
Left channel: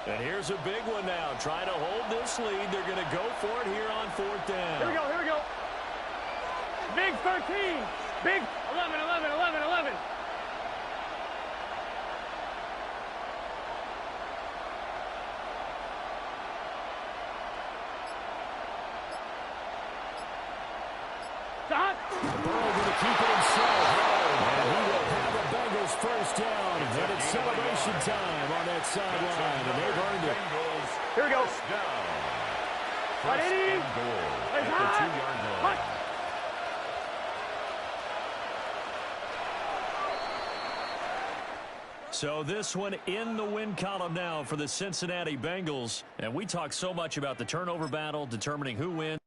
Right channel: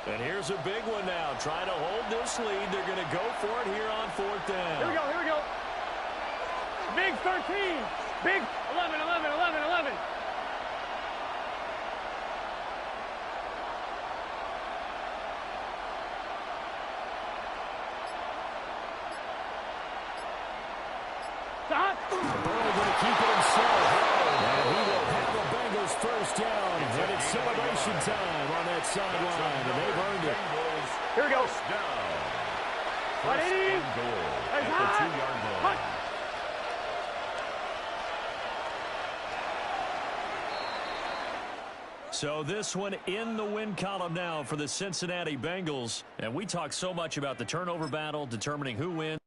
And here's a big one now. Trying to hold this lead. They're going to go for it here on 4th down. Here we go. Big 13. Big 11. Stop. Burrow going to keep it himself. And he will have a Bengals first down. And it's celebration time on that sideline. And they've earned it. Here we go. Down. Right 80. And goal at the 2-yard line. So this one in the win column now for the Cincinnati Bengals. And we talk so much about the turnover battle, determining who wins.